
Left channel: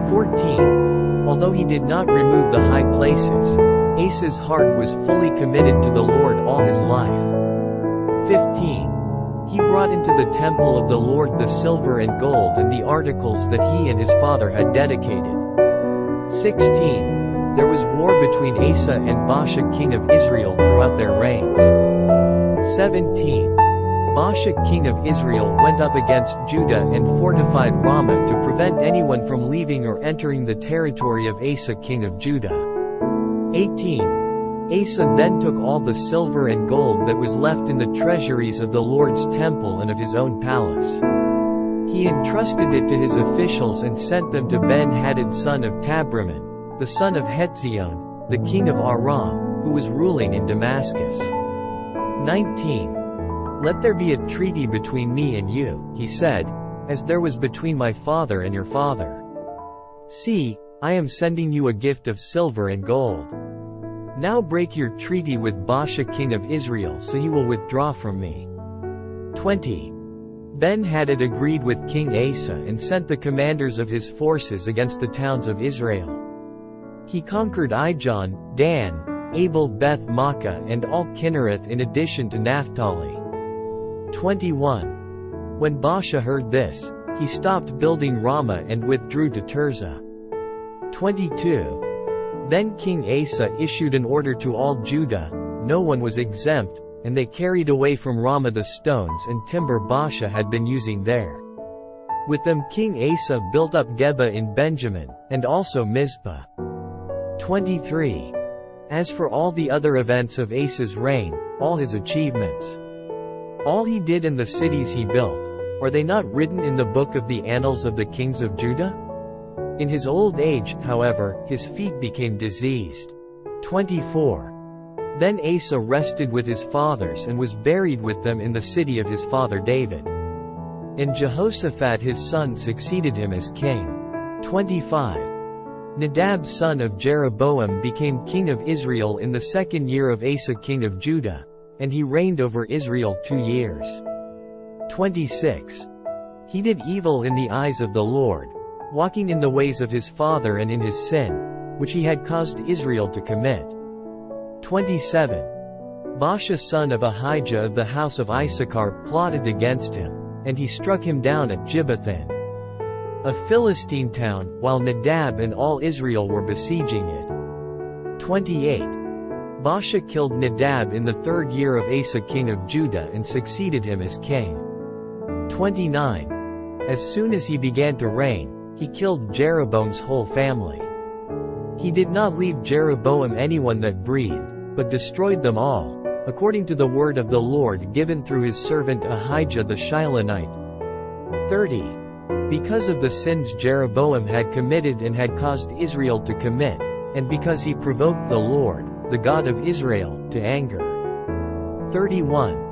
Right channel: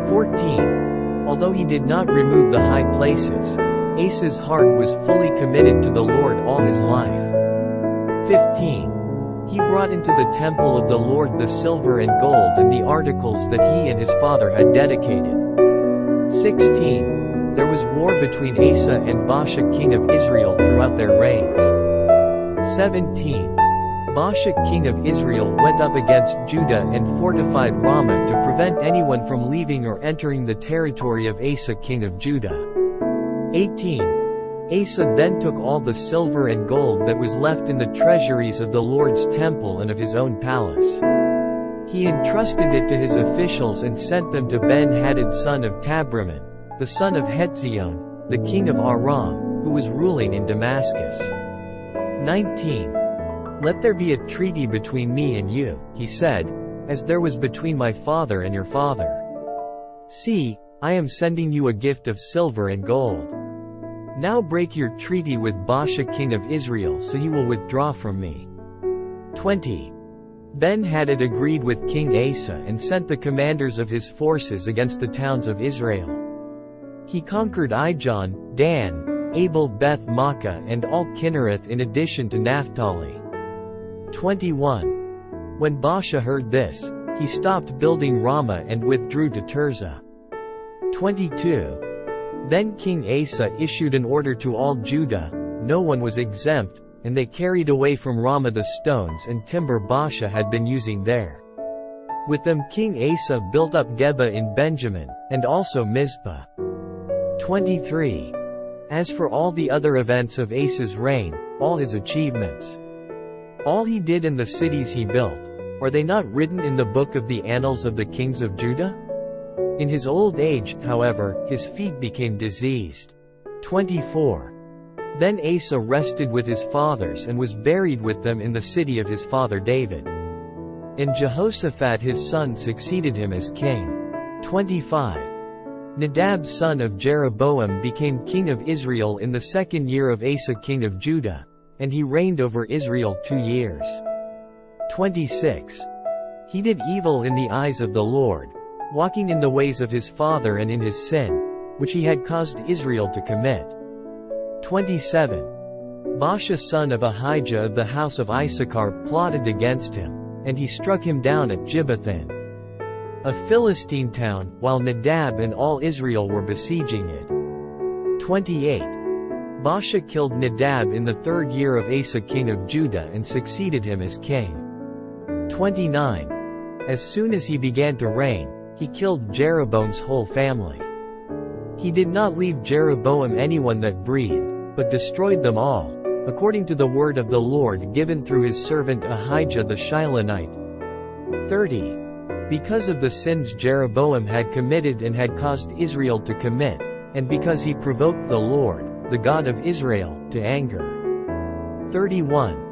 14. Although he did not remove the high places, Asa's heart was fully committed to the Lord all his life. 15. He brought into the temple of the Lord the silver and gold and the articles that he and his father had dedicated. 16. There was war between Asa and Baasha king of Israel throughout their reigns. 17. Baasha king of Israel went up against Judah and fortified Ramah to prevent anyone from leaving or entering the territory of Asa king of Judah. 18. Asa then took all the silver and gold that was left in the treasuries of the Lord's temple and of his own palace. He entrusted it to his officials and sent them to Ben-Hadad son of Tabrimmon, the son of Hetzion, the king of Aram, who was ruling in Damascus. 19. Let there be a treaty between me and you, he said, as there was between my father and your father. See, I am sending you a gift of silver and gold. Now break your treaty with Baasha king of Israel so he will withdraw from me. 20. Ben-Hadad agreed with King Asa and sent the commanders of his forces against the towns of Israel. He conquered Ijon, Dan, Abel Beth Makkah and all Kinnereth in addition to Naphtali. 21. When Baasha heard this, he stopped building Ramah and withdrew to Tirzah. 22. Then King Asa issued an order to all Judah, no one was exempt, and they carried away from Ramah the stones and timber Baasha had been using there. With them King Asa built up Geba in Benjamin, and also Mizpah. 23. As for all the other events of Asa's reign, all his achievements, all he did and the cities he built, are they not written in the book of the annals of the kings of Judah? In his old age, however, his feet became diseased. 24. Then Asa rested with his fathers and was buried with them in the city of his father David. And Jehoshaphat his son succeeded him as king. 25. Nadab son of Jeroboam became king of Israel in the 2nd year of Asa king of Judah, and he reigned over Israel 2 years. 26. He did evil in the eyes of the Lord, walking in the ways of his father and in his sin, which he had caused Israel to commit. 27. Baasha son of Ahijah of the house of Issachar plotted against him, and he struck him down at Gibbethon, a Philistine town, while Nadab and all Israel were besieging it. 28. Baasha killed Nadab in the 3rd year of Asa king of Judah and succeeded him as king. 29. As soon as he began to reign, he killed Jeroboam's whole family. He did not leave Jeroboam anyone that breathed, but destroyed them all, according to the word of the Lord given through his servant Ahijah the Shilonite. 30. Because of the sins Jeroboam had committed and had caused Israel to commit, and because he provoked the Lord, the God of Israel, to anger. 31.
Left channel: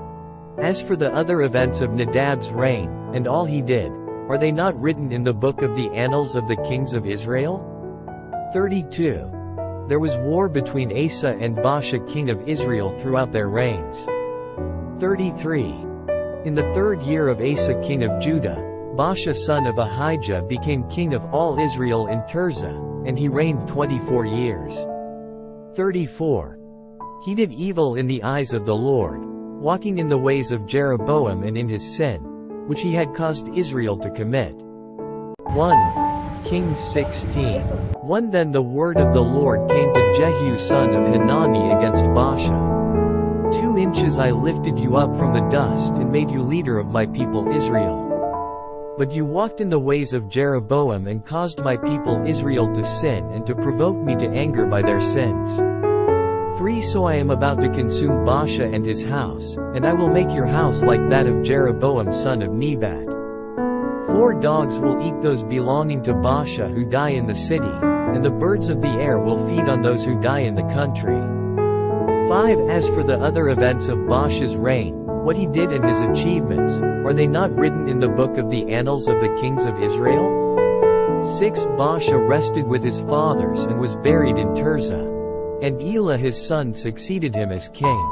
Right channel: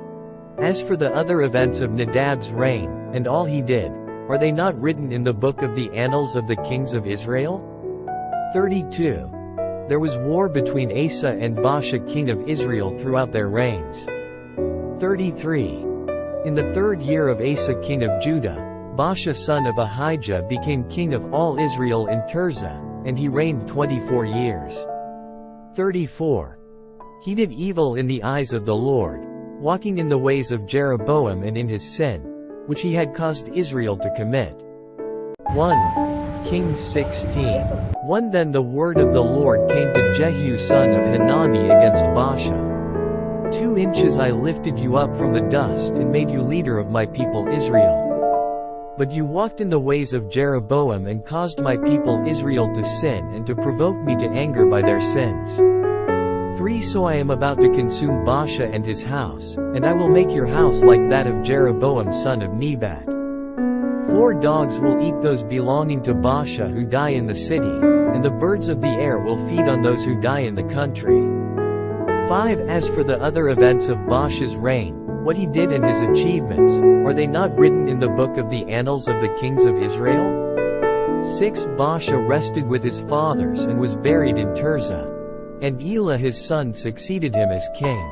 As for the other events of Nadab's reign, and all he did, are they not written in the book of the annals of the kings of Israel? 32. There was war between Asa and Baasha king of Israel throughout their reigns. 33. In the 3rd year of Asa king of Judah, Baasha son of Ahijah became king of all Israel in Tirzah, and he reigned 24 years. 34. He did evil in the eyes of the Lord, walking in the ways of Jeroboam and in his sin, which he had caused Israel to commit. 1 Kings 16. 1 Then the word of the Lord came to Jehu son of Hanani against Baasha. 2 inches I lifted you up from the dust and made you leader of my people Israel. But you walked in the ways of Jeroboam and caused my people Israel to sin and to provoke me to anger by their sins. 3 So I am about to consume Baasha and his house, and I will make your house like that of Jeroboam son of Nebat. 4 Dogs will eat those belonging to Baasha who die in the city, and the birds of the air will feed on those who die in the country. 5 As for the other events of Baasha's reign, what he did and his achievements, are they not written in the book of the annals of the kings of Israel? 6 Baasha rested with his fathers and was buried in Tirzah, and Elah his son succeeded him as king.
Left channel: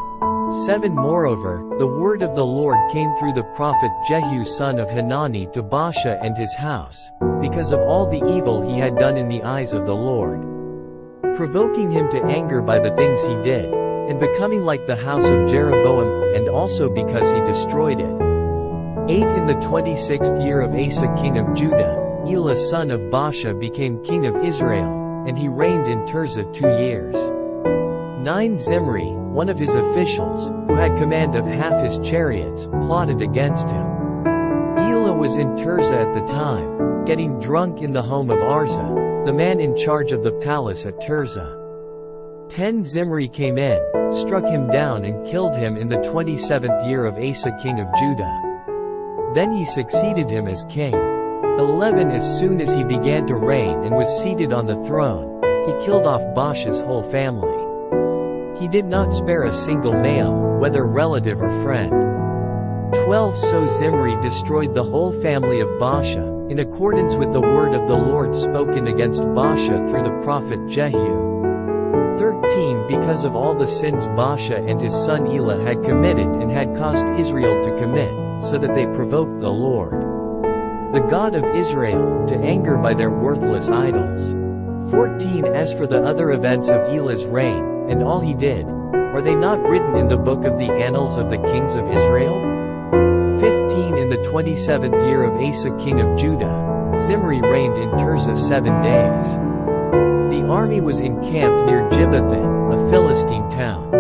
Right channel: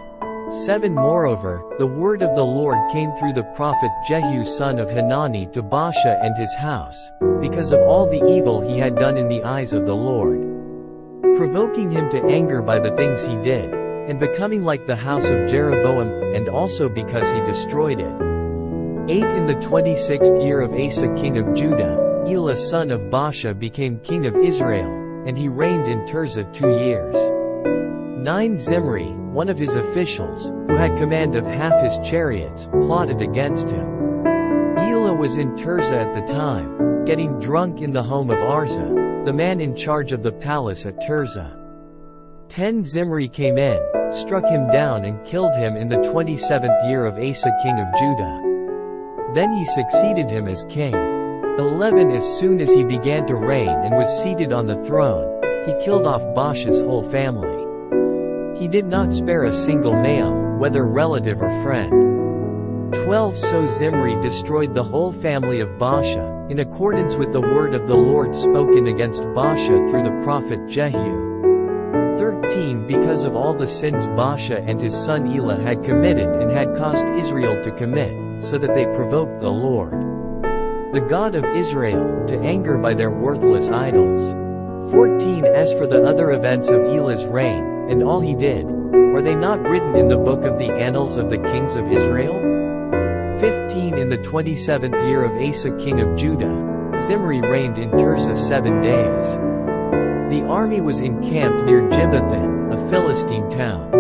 7 Moreover, the word of the Lord came through the prophet Jehu son of Hanani to Baasha and his house, because of all the evil he had done in the eyes of the Lord, provoking him to anger by the things he did, and becoming like the house of Jeroboam, and also because he destroyed it. 8 In the 26th year of Asa king of Judah, Elah son of Baasha became king of Israel, and he reigned in Tirzah 2 years. 9 Zimri, one of his officials, who had command of half his chariots, plotted against him. Elah was in Tirzah at the time, getting drunk in the home of Arza, the man in charge of the palace at Tirzah. 10 Zimri came in, struck him down and killed him in the 27th year of Asa king of Judah. Then he succeeded him as king. 11 As soon as he began to reign and was seated on the throne, he killed off Baasha's whole family. He did not spare a single male, whether relative or friend. 12 So Zimri destroyed the whole family of Baasha, in accordance with the word of the Lord spoken against Baasha through the prophet Jehu. 13 Because of all the sins Baasha and his son Elah had committed and had caused Israel to commit, so that they provoked the Lord, the God of Israel, to anger by their worthless idols. 14 As for the other events of Elah's reign, and all he did, are they not written in the book of the annals of the kings of Israel? 15 In the 27th year of Asa king of Judah, Zimri reigned in Tirzah 7 days. The army was encamped near Gibbethon, a Philistine town.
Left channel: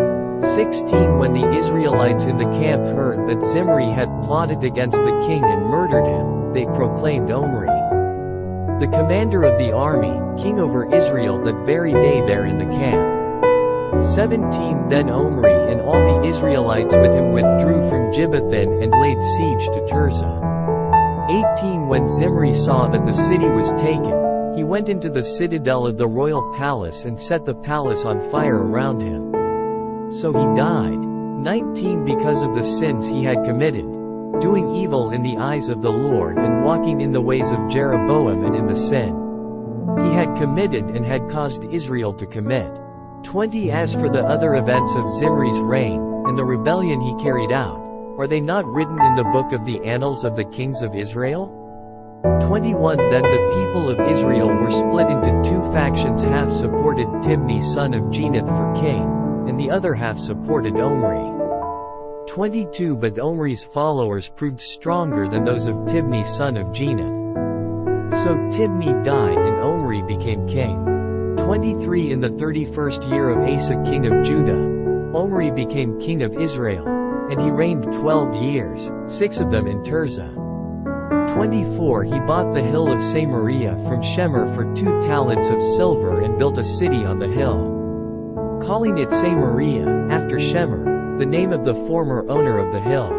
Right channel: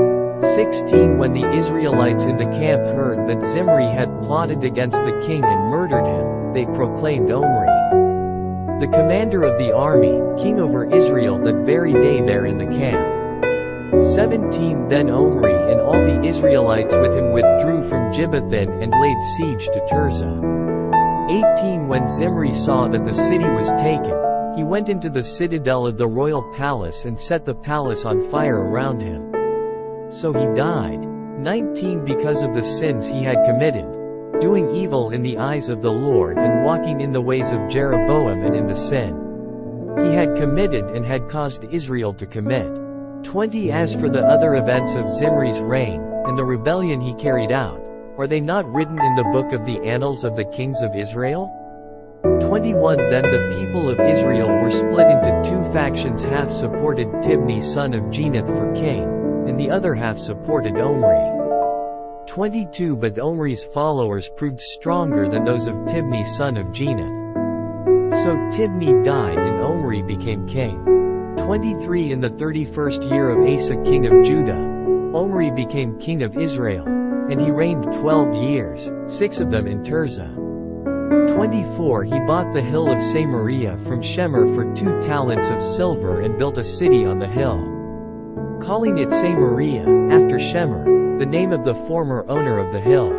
16 When the Israelites in the camp heard that Zimri had plotted against the king and murdered him, they proclaimed Omri, the commander of the army, king over Israel that very day there in the camp. 17 Then Omri and all the Israelites with him withdrew from Gibbethon and laid siege to Tirzah. 18 When Zimri saw that the city was taken, he went into the citadel of the royal palace and set the palace on fire around him. So he died. 19 Because of the sins he had committed, doing evil in the eyes of the Lord and walking in the ways of Jeroboam and in the sin he had committed and had caused Israel to commit. 20 As for the other events of Zimri's reign, and the rebellion he carried out, are they not written in the book of the annals of the kings of Israel? 21 Then the people of Israel were split into two factions, half supported Tibni son of Ginath for king, and the other half supported Omri. 22 But Omri's followers proved stronger than those of Tibni son of Ginath. So Tibni died and Omri became king. 23 In the 31st year of Asa king of Judah, Omri became king of Israel, and he reigned 12 years, 6 of them in Tirzah. 24 He bought the hill of Samaria from Shemer for 2 talents of silver and built a city on the hill, calling it Samaria, after Shemer, the name of the former owner of the hill.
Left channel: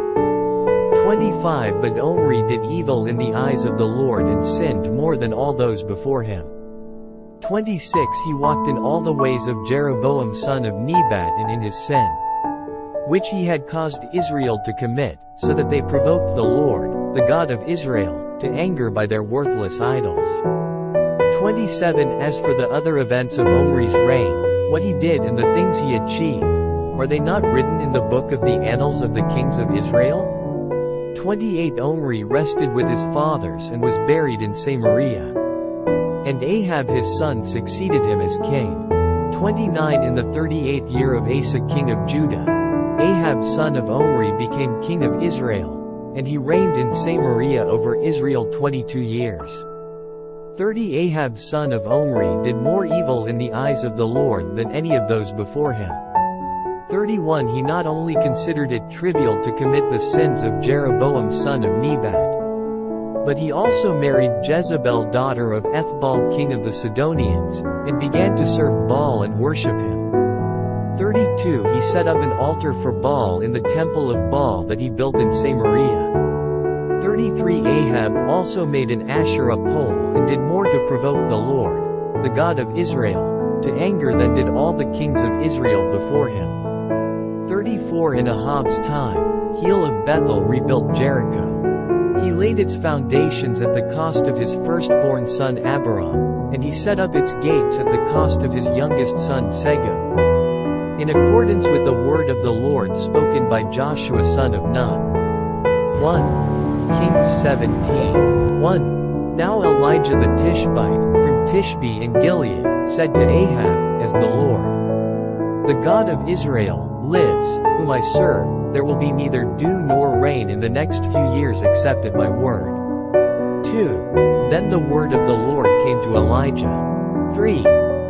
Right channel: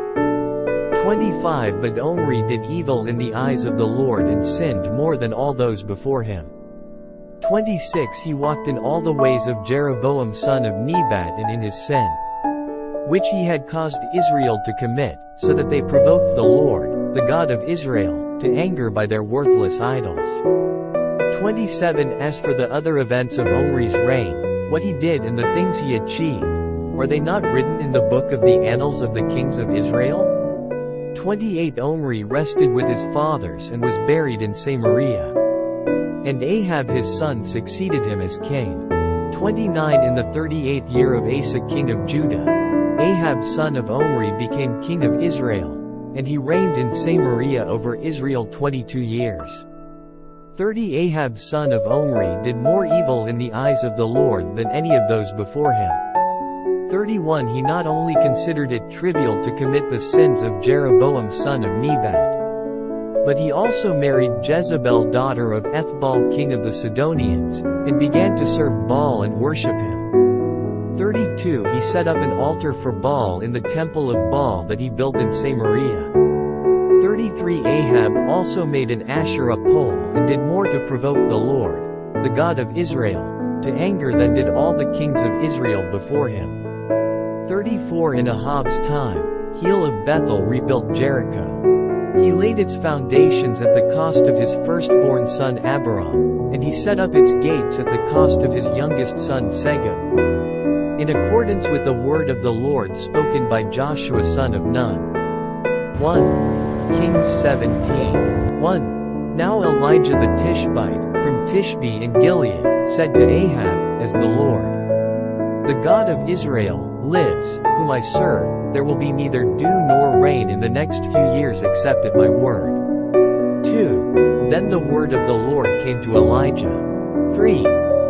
25 But Omri did evil in the eyes of the Lord and sinned more than all those before him. 26 He walked in all the ways of Jeroboam son of Nebat and in his sin, which he had caused Israel to commit, so that they provoked the Lord, the God of Israel, to anger by their worthless idols. 27 As for the other events of Omri's reign, what he did and the things he achieved, are they not written in the book of the annals of the kings of Israel? 28 Omri rested with his fathers and was buried in Samaria, and Ahab his son succeeded him as king. 29 In the 38th year of Asa king of Judah, Ahab son of Omri became king of Israel, and he reigned in Samaria over Israel 22 years. 30 Ahab son of Omri did more evil in the eyes of the Lord than any of those before him. 31 He not only considered it trivial to commit the sins of Jeroboam son of Nebat, but he also married Jezebel daughter of Ethbaal king of the Sidonians, and began to serve Baal and worship him. 32 He set up an altar for Baal in the temple of Baal that he built in Samaria. 33 Ahab also made an Asherah pole and did more to provoke the Lord, the God of Israel, to anger than did all the kings of Israel before him. 34 In Ahab's time, Hiel of Bethel rebuilt Jericho. He laid its foundations at the cost of his firstborn son Abiram, and he set up its gates at the cost of his youngest son Segub, in accordance with the word of the Lord spoken by Joshua son of Nun. 1 Kings 17. 1 Now Elijah the Tishbite, from Tishbe in Gilead, said to Ahab, As the Lord, the God of Israel, lives, whom I serve, there will be neither dew nor rain in the next few years except at my word. 2 Then the word of the Lord came to Elijah. 3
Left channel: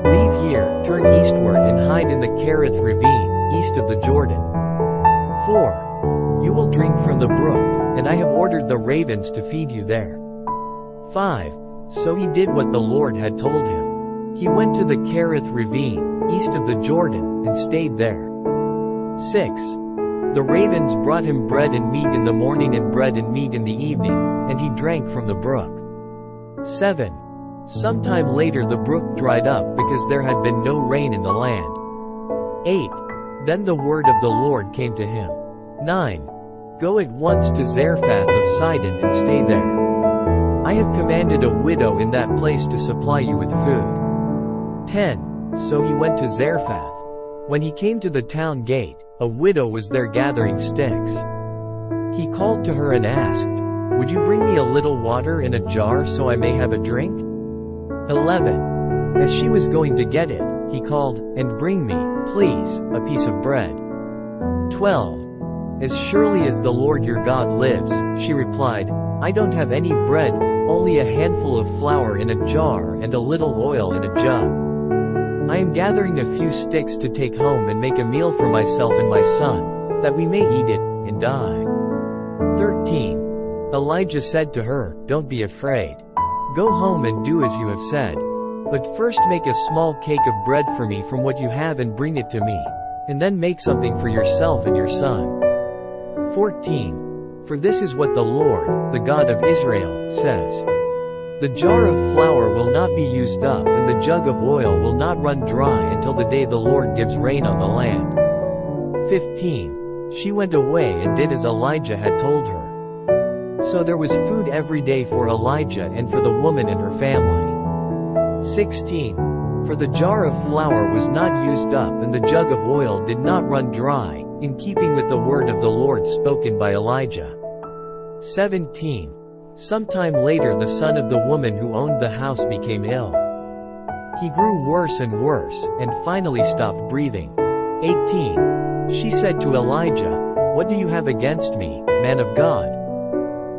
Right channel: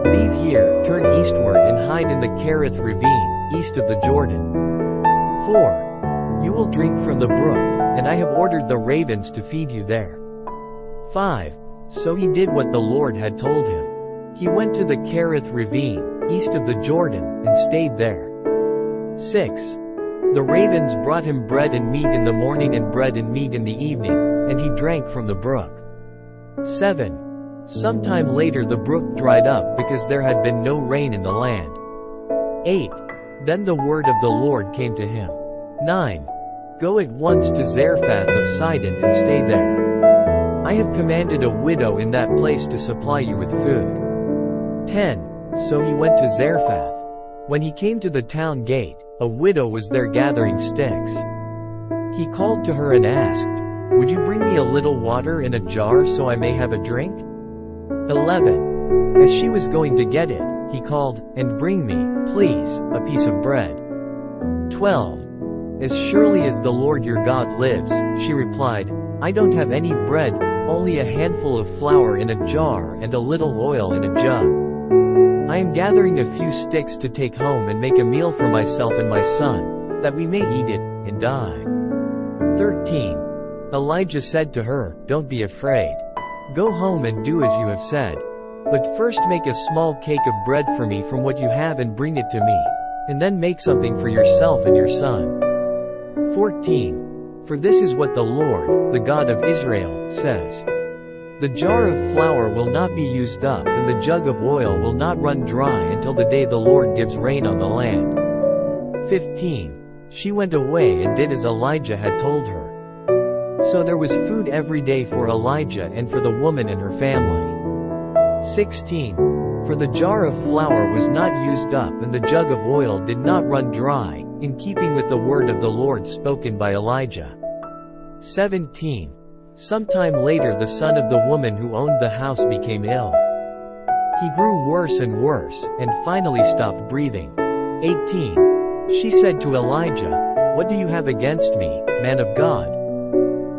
Leave here, turn eastward and hide in the Kerith ravine, east of the Jordan. 4 You will drink from the brook, and I have ordered the ravens to feed you there. 5 So he did what the Lord had told him. He went to the Kerith ravine, east of the Jordan, and stayed there. 6. The ravens brought him bread and meat in the morning and bread and meat in the evening, and he drank from the brook. 7. Sometime later the brook dried up because there had been no rain in the land. 8. Then the word of the Lord came to him. 9. Go at once to Zarephath of Sidon and stay there. I have commanded a widow in that place to supply you with food. 10. So he went to Zarephath. When he came to the town gate, a widow was there gathering sticks. He called to her and asked, Would you bring me a little water in a jar so I may have a drink? 11. As she was going to get it, he called, And bring me, please, a piece of bread. 12. As surely as the Lord your God lives, she replied, I don't have any bread, only a handful of flour in a jar and a little oil in a jug. I am gathering a few sticks to take home and make a meal for myself and my son, that we may eat it, and die. 13. Elijah said to her, Don't be afraid. Go home and do as you have said. But first make a small cake of bread for me from what you have and bring it to me, and then make something for yourself and your son. 14. For this is what the Lord, the God of Israel, says. The jar of flour will not be used up and the jug of oil will not run dry until the day the Lord gives rain on the land. 15. She went away and did as Elijah had told her. So there was food every day for Elijah and for the woman and her family. 16. For the jar of flour was not used up and the jug of oil did not run dry, in keeping with the word of the Lord spoken by Elijah. 17. Sometime later the son of the woman who owned the house became ill. He grew worse and worse, and finally stopped breathing. 18. She said to Elijah, What do you have against me, man of God?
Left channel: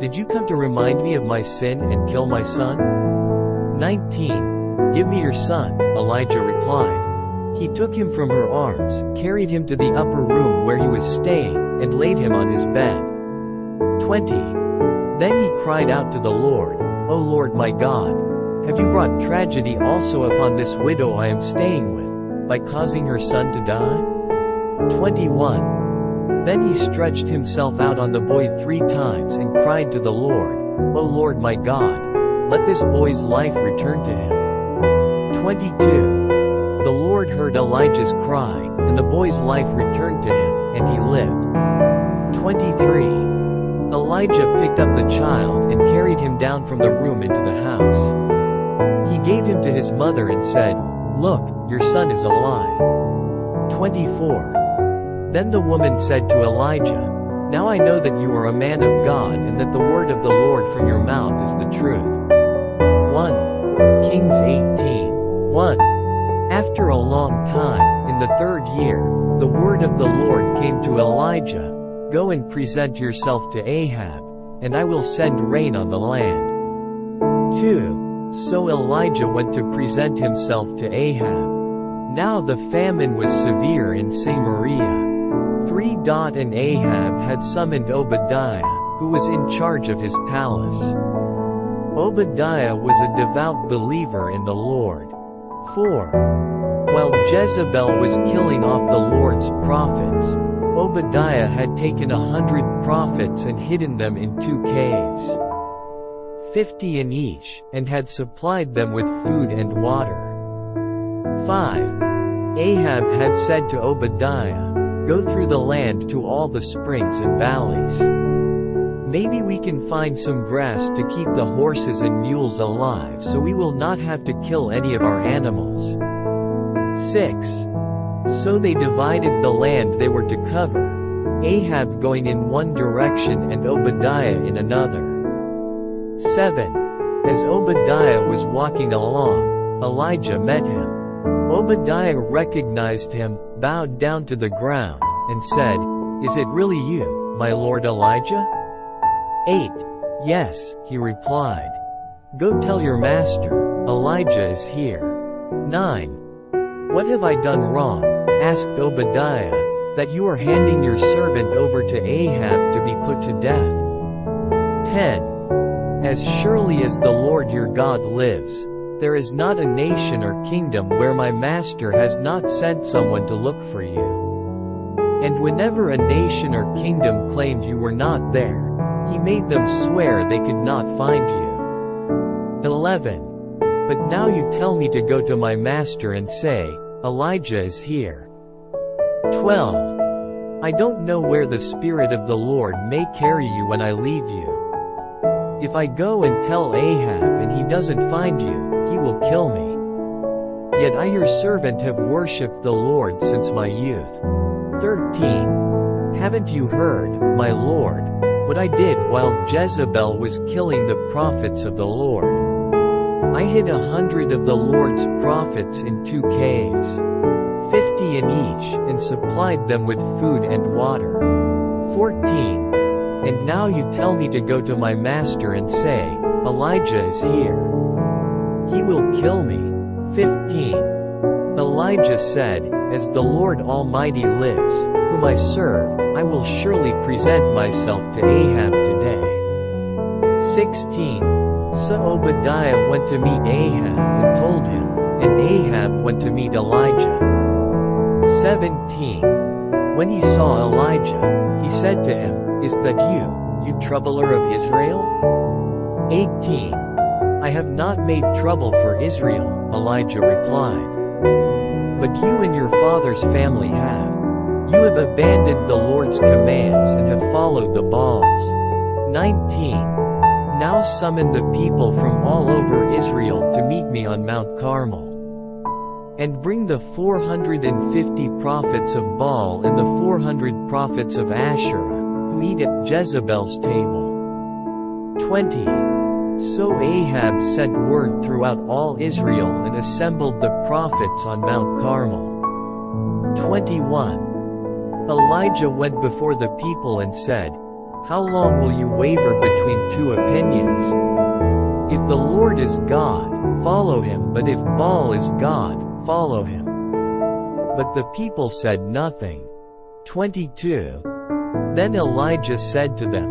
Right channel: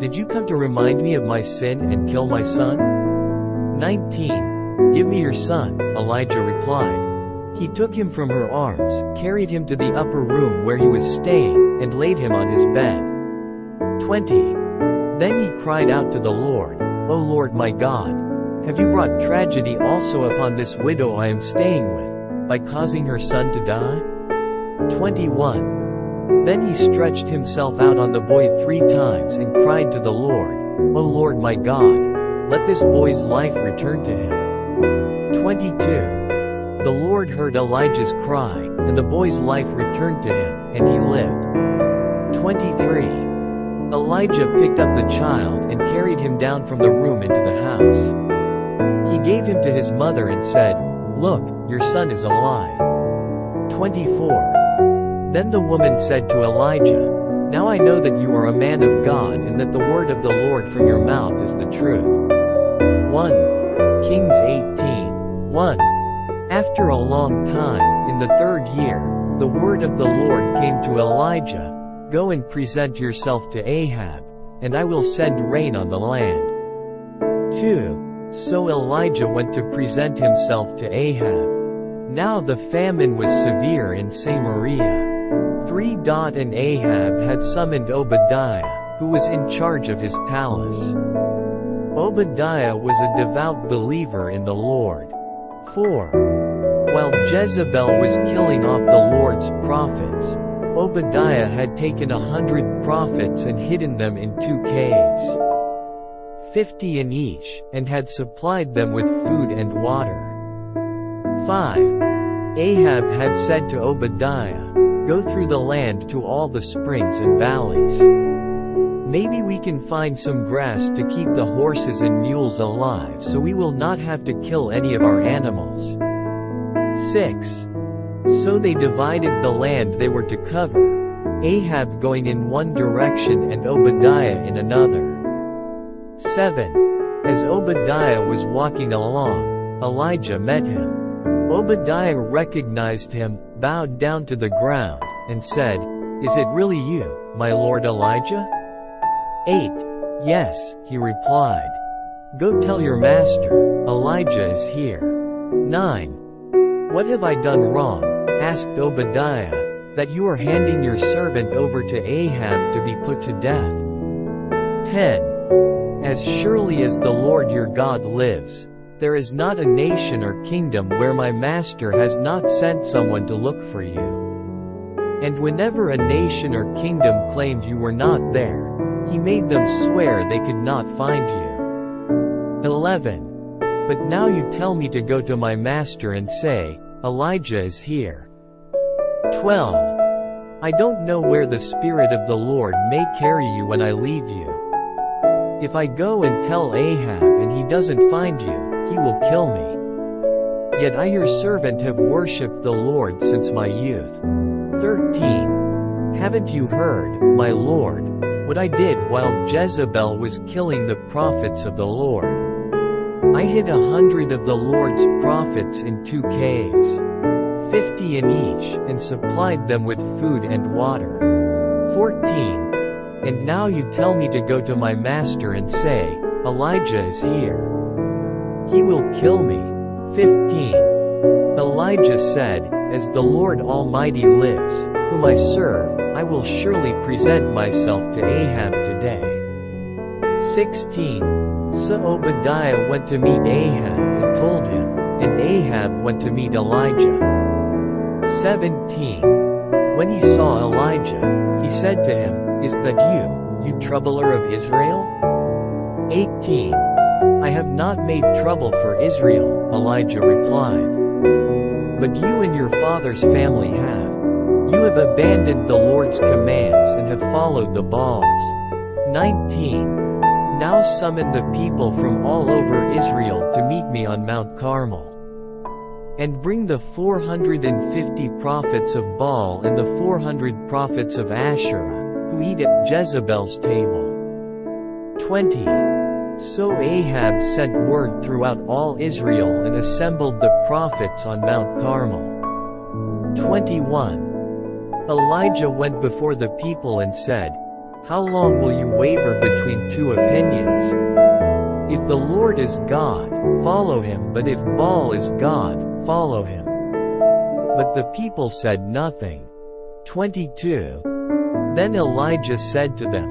Did you come to remind me of my sin and kill my son? 19. Give me your son, Elijah replied. He took him from her arms, carried him to the upper room where he was staying, and laid him on his bed. 20. Then he cried out to the Lord, O Lord my God, have you brought tragedy also upon this widow I am staying with, by causing her son to die? 21. Then he stretched himself out on the boy 3 times and cried to the Lord, O Lord my God, let this boy's life return to him. 22. The Lord heard Elijah's cry, and the boy's life returned to him, and he lived. 23. Elijah picked up the child and carried him down from the room into the house. He gave him to his mother and said, Look, your son is alive. 24. Then the woman said to Elijah, Now I know that you are a man of God and that the word of the Lord from your mouth is the truth. 1 Kings 18:1. After a long time, in the 3rd year, the word of the Lord came to Elijah, Go and present yourself to Ahab, and I will send rain on the land. 2. So Elijah went to present himself to Ahab. Now the famine was severe in Samaria. 3. And Ahab had summoned Obadiah, who was in charge of his palace. Obadiah was a devout believer in the Lord. 4. While Jezebel was killing off the Lord's prophets, Obadiah had taken 100 prophets and hidden them in 2 caves, 50 in each, and had supplied them with food and water. 5. Ahab had said to Obadiah, Go through the land to all the springs and valleys. Maybe we can find some grass to keep the horses and mules alive so we will not have to kill any of our animals. 6. So they divided the land they were to cover, Ahab going in one direction and Obadiah in another. 7. As Obadiah was walking along, Elijah met him. Obadiah recognized him, bowed down to the ground, and said, Is it really you, my lord Elijah? 8. Yes, he replied. Go tell your master, Elijah is here. 9. What have I done wrong, asked Obadiah, that you are handing your servant over to Ahab to be put to death? 10. As surely as the Lord your God lives, There is not a nation or kingdom where my master has not sent someone to look for you. And whenever a nation or kingdom claimed you were not there, he made them swear they could not find you. 11. But now you tell me to go to my master and say, Elijah is here. 12. I don't know where the Spirit of the Lord may carry you when I leave you. If I go and tell Ahab and he doesn't find you, he will kill me. Yet I your servant have worshipped the Lord since my youth. 13. Haven't you heard, my Lord, what I did while Jezebel was killing the prophets of the Lord? I hid 100 of the Lord's prophets in 2 caves, 50 in each, and supplied them with food and water. 14. And now you tell me to go to my master and say, Elijah is here. He will kill me. 15. Elijah said, As the Lord Almighty lives, whom I serve, I will surely present myself to Ahab today. 16. So Obadiah went to meet Ahab and told him, and Ahab went to meet Elijah. 17. When he saw Elijah, he said to him, Is that you troubler of Israel? 18. I have not made trouble for Israel, Elijah replied. But you and your father's family have. You have abandoned the Lord's commands and have followed the Baals. 19. Now summon the people from all over Israel to meet me on Mount Carmel. And bring the 450 prophets of Baal and the 400 prophets of Asherah, who eat at Jezebel's table. 20. So Ahab sent word throughout all Israel and assembled the prophets on Mount Carmel. 21. Elijah went before the people and said, How long will you waver between two opinions? If the Lord is God, follow him, but if Baal is God, follow him. But the people said nothing. 22. Then Elijah said to them,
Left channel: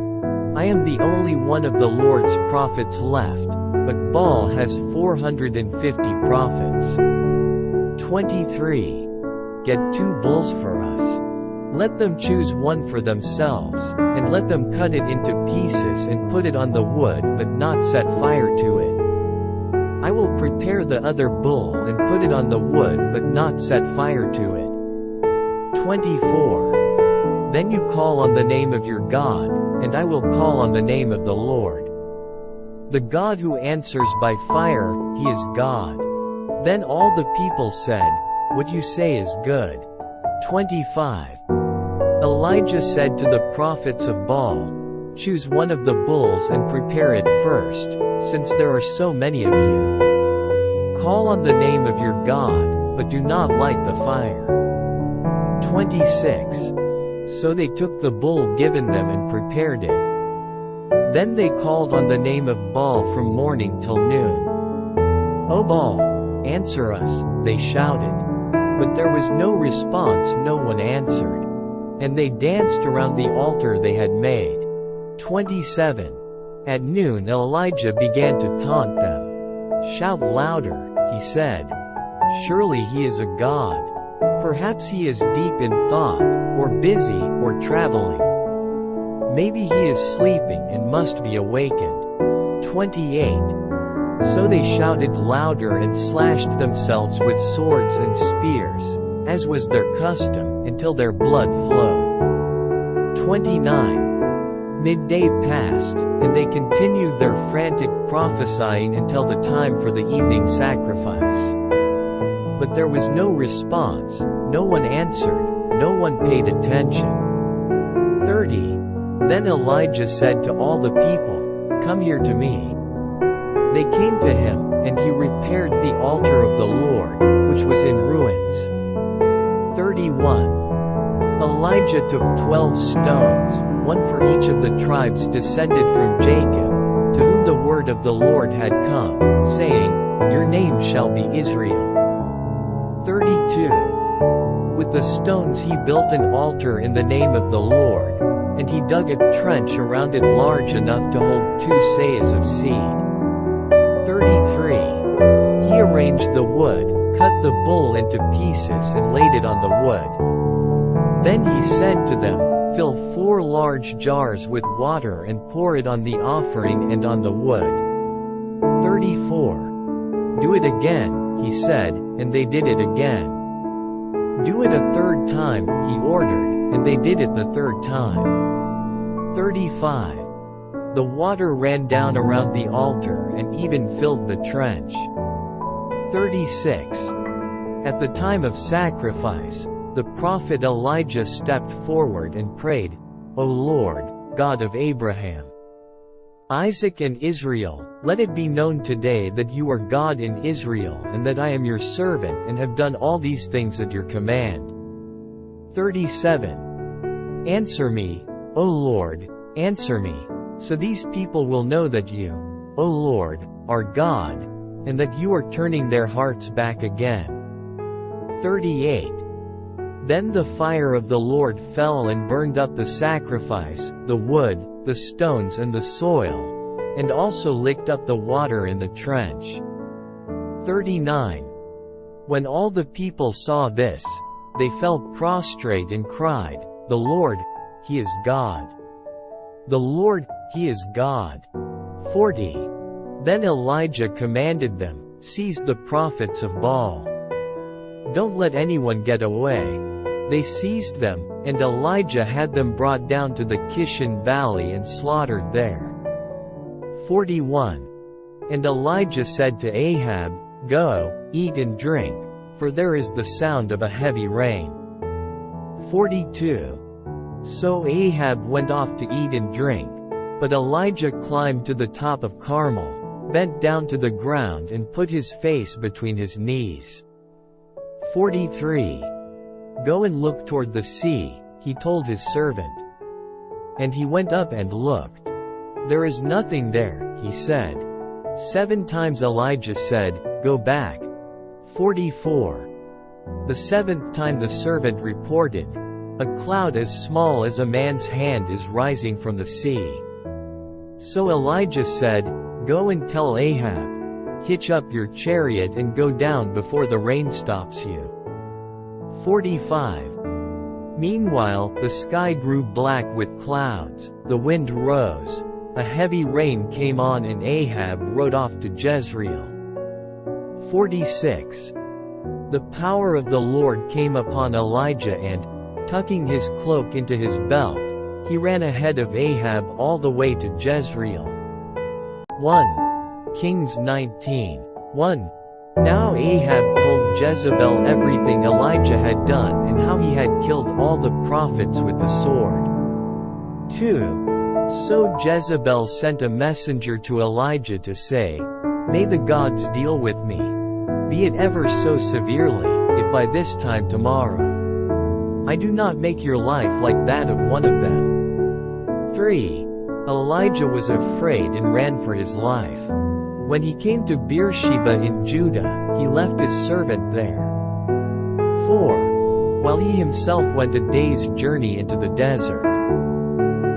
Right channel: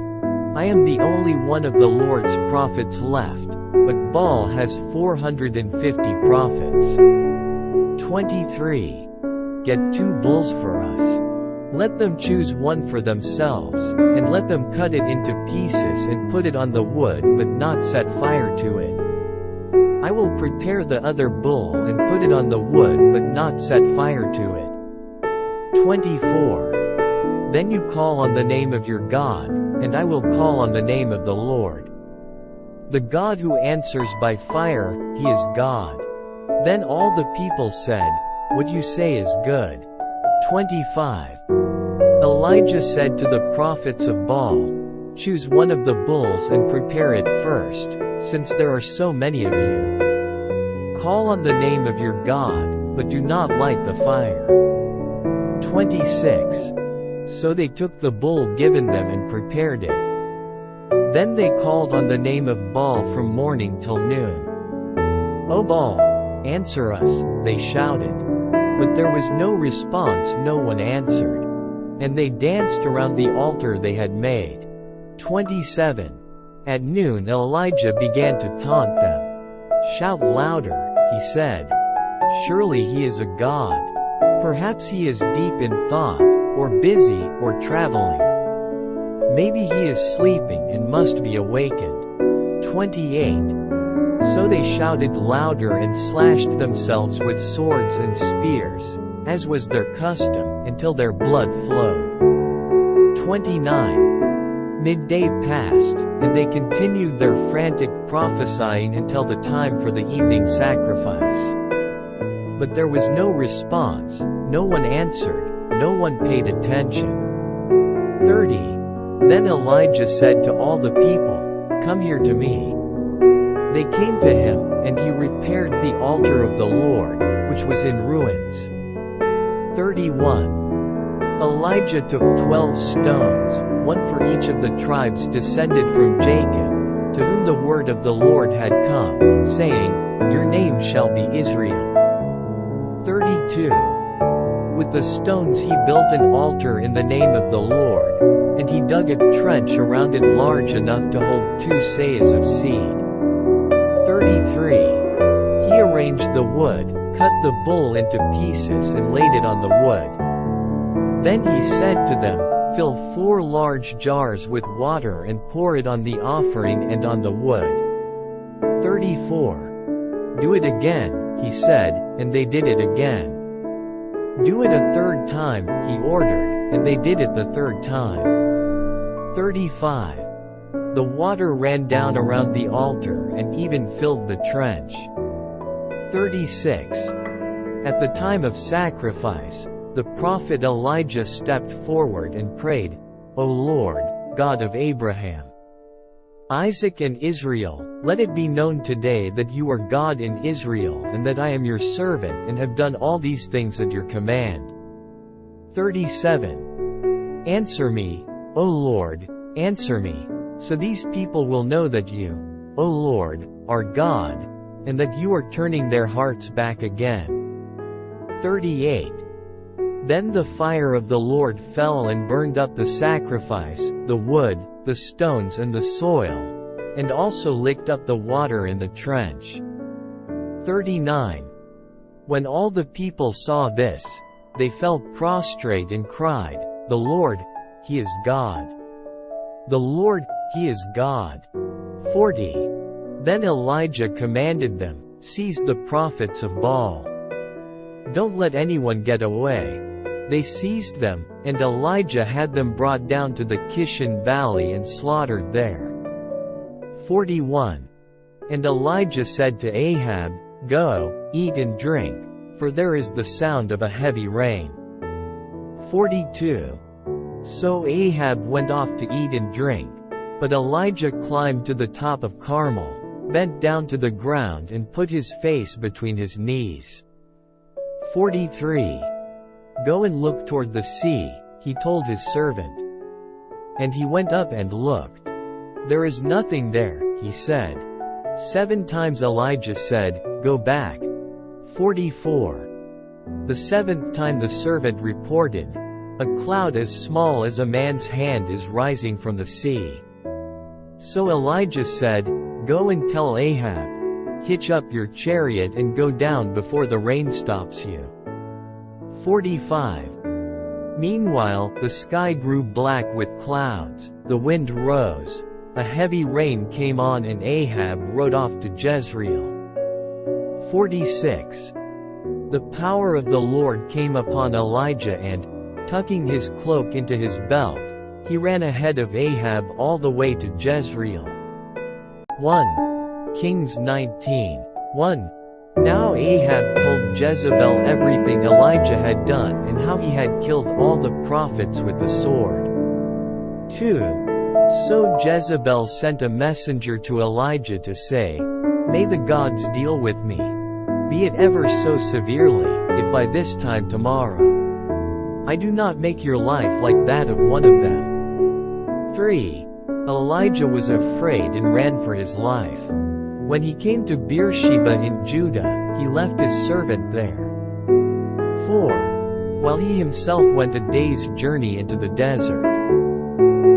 I am the only one of the Lord's prophets left, but Baal has 450 prophets. 23. Get 2 bulls for us. Let them choose one for themselves, and let them cut it into pieces and put it on the wood but not set fire to it. I will prepare the other bull and put it on the wood but not set fire to it. 24. Then you call on the name of your God, and I will call on the name of the Lord. The God who answers by fire, he is God. Then all the people said, What you say is good. 25. Elijah said to the prophets of Baal, Choose one of the bulls and prepare it first, since there are so many of you. Call on the name of your God, but do not light the fire. 26. So they took the bull given them and prepared it. Then they called on the name of Baal from morning till noon. O Baal, answer us, they shouted. But there was no response, no one answered. And they danced around the altar they had made. 27. At noon Elijah began to taunt them. Shout louder, he said. Surely he is a god. Perhaps he is deep in thought, or busy, or traveling. Maybe he is sleeping and must be awakened. 28. So they shouted louder and slashed themselves with swords and spears, as was their custom, until their blood flowed. 29. Midday passed, and they continued their frantic prophesying until the time for the evening sacrifice. But there was no response, no one answered, no one paid attention. 30. Then Elijah said to all the people, Come here to me. They came to him, and he repaired the altar of the Lord, which was in ruins. 31. Elijah took 12 stones, one for each of the tribes descended from Jacob, to whom the word of the Lord had come, saying, Your name shall be Israel. 32. With the stones he built an altar in the name of the Lord, and he dug a trench around it large enough to hold 2 seahs of seed. 33. arranged the wood, cut the bull into pieces and laid it on the wood. Then he said to them, "Fill 4 large jars with water and pour it on the offering and on the wood." 34. "Do it again," he said, and they did it again. "Do it a 3rd time," he ordered, and they did it the 3rd time. 35. The water ran down around the altar and even filled the trench. 36. At the time of sacrifice, the prophet Elijah stepped forward and prayed, "O Lord, God of Abraham, Isaac and Israel, let it be known today that you are God in Israel and that I am your servant and have done all these things at your command." 37. "Answer me, O Lord, answer me, so these people will know that you, O Lord, are God, and that you are turning their hearts back again." 38. Then the fire of the Lord fell and burned up the sacrifice, the wood, the stones and the soil, and also licked up the water in the trench. 39. When all the people saw this, they fell prostrate and cried, "The Lord, He is God! The Lord, He is God!" 40. Then Elijah commanded them, "Seize the prophets of Baal. Don't let anyone get away." They seized them, and Elijah had them brought down to the Kishon Valley and slaughtered there. 41. And Elijah said to Ahab, "Go, eat and drink, for there is the sound of a heavy rain." 42. So Ahab went off to eat and drink, but Elijah climbed to the top of Carmel, bent down to the ground and put his face between his knees. 43. "Go and look toward the sea," he told his servant. And he went up and looked. "There is nothing there," he said. 7 times Elijah said, "Go back." 44. The 7th time the servant reported, "A cloud as small as a man's hand is rising from the sea." So Elijah said, "Go and tell Ahab, hitch up your chariot and go down before the rain stops you." 45. Meanwhile, the sky grew black with clouds, the wind rose, a heavy rain came on and Ahab rode off to Jezreel. 46. The power of the Lord came upon Elijah and, tucking his cloak into his belt, he ran ahead of Ahab all the way to Jezreel. 1.Kings 19:1. Now Ahab told Jezebel everything Elijah had done and how he had killed all the prophets with the sword. 2. So Jezebel sent a messenger to Elijah to say, "May the gods deal with me, be it ever so severely, if by this time tomorrow I do not make your life like that of one of them." 3. Elijah was afraid and ran for his life. When he came to Beersheba in Judah, he left his servant there. 4. While he himself went a day's journey into the desert,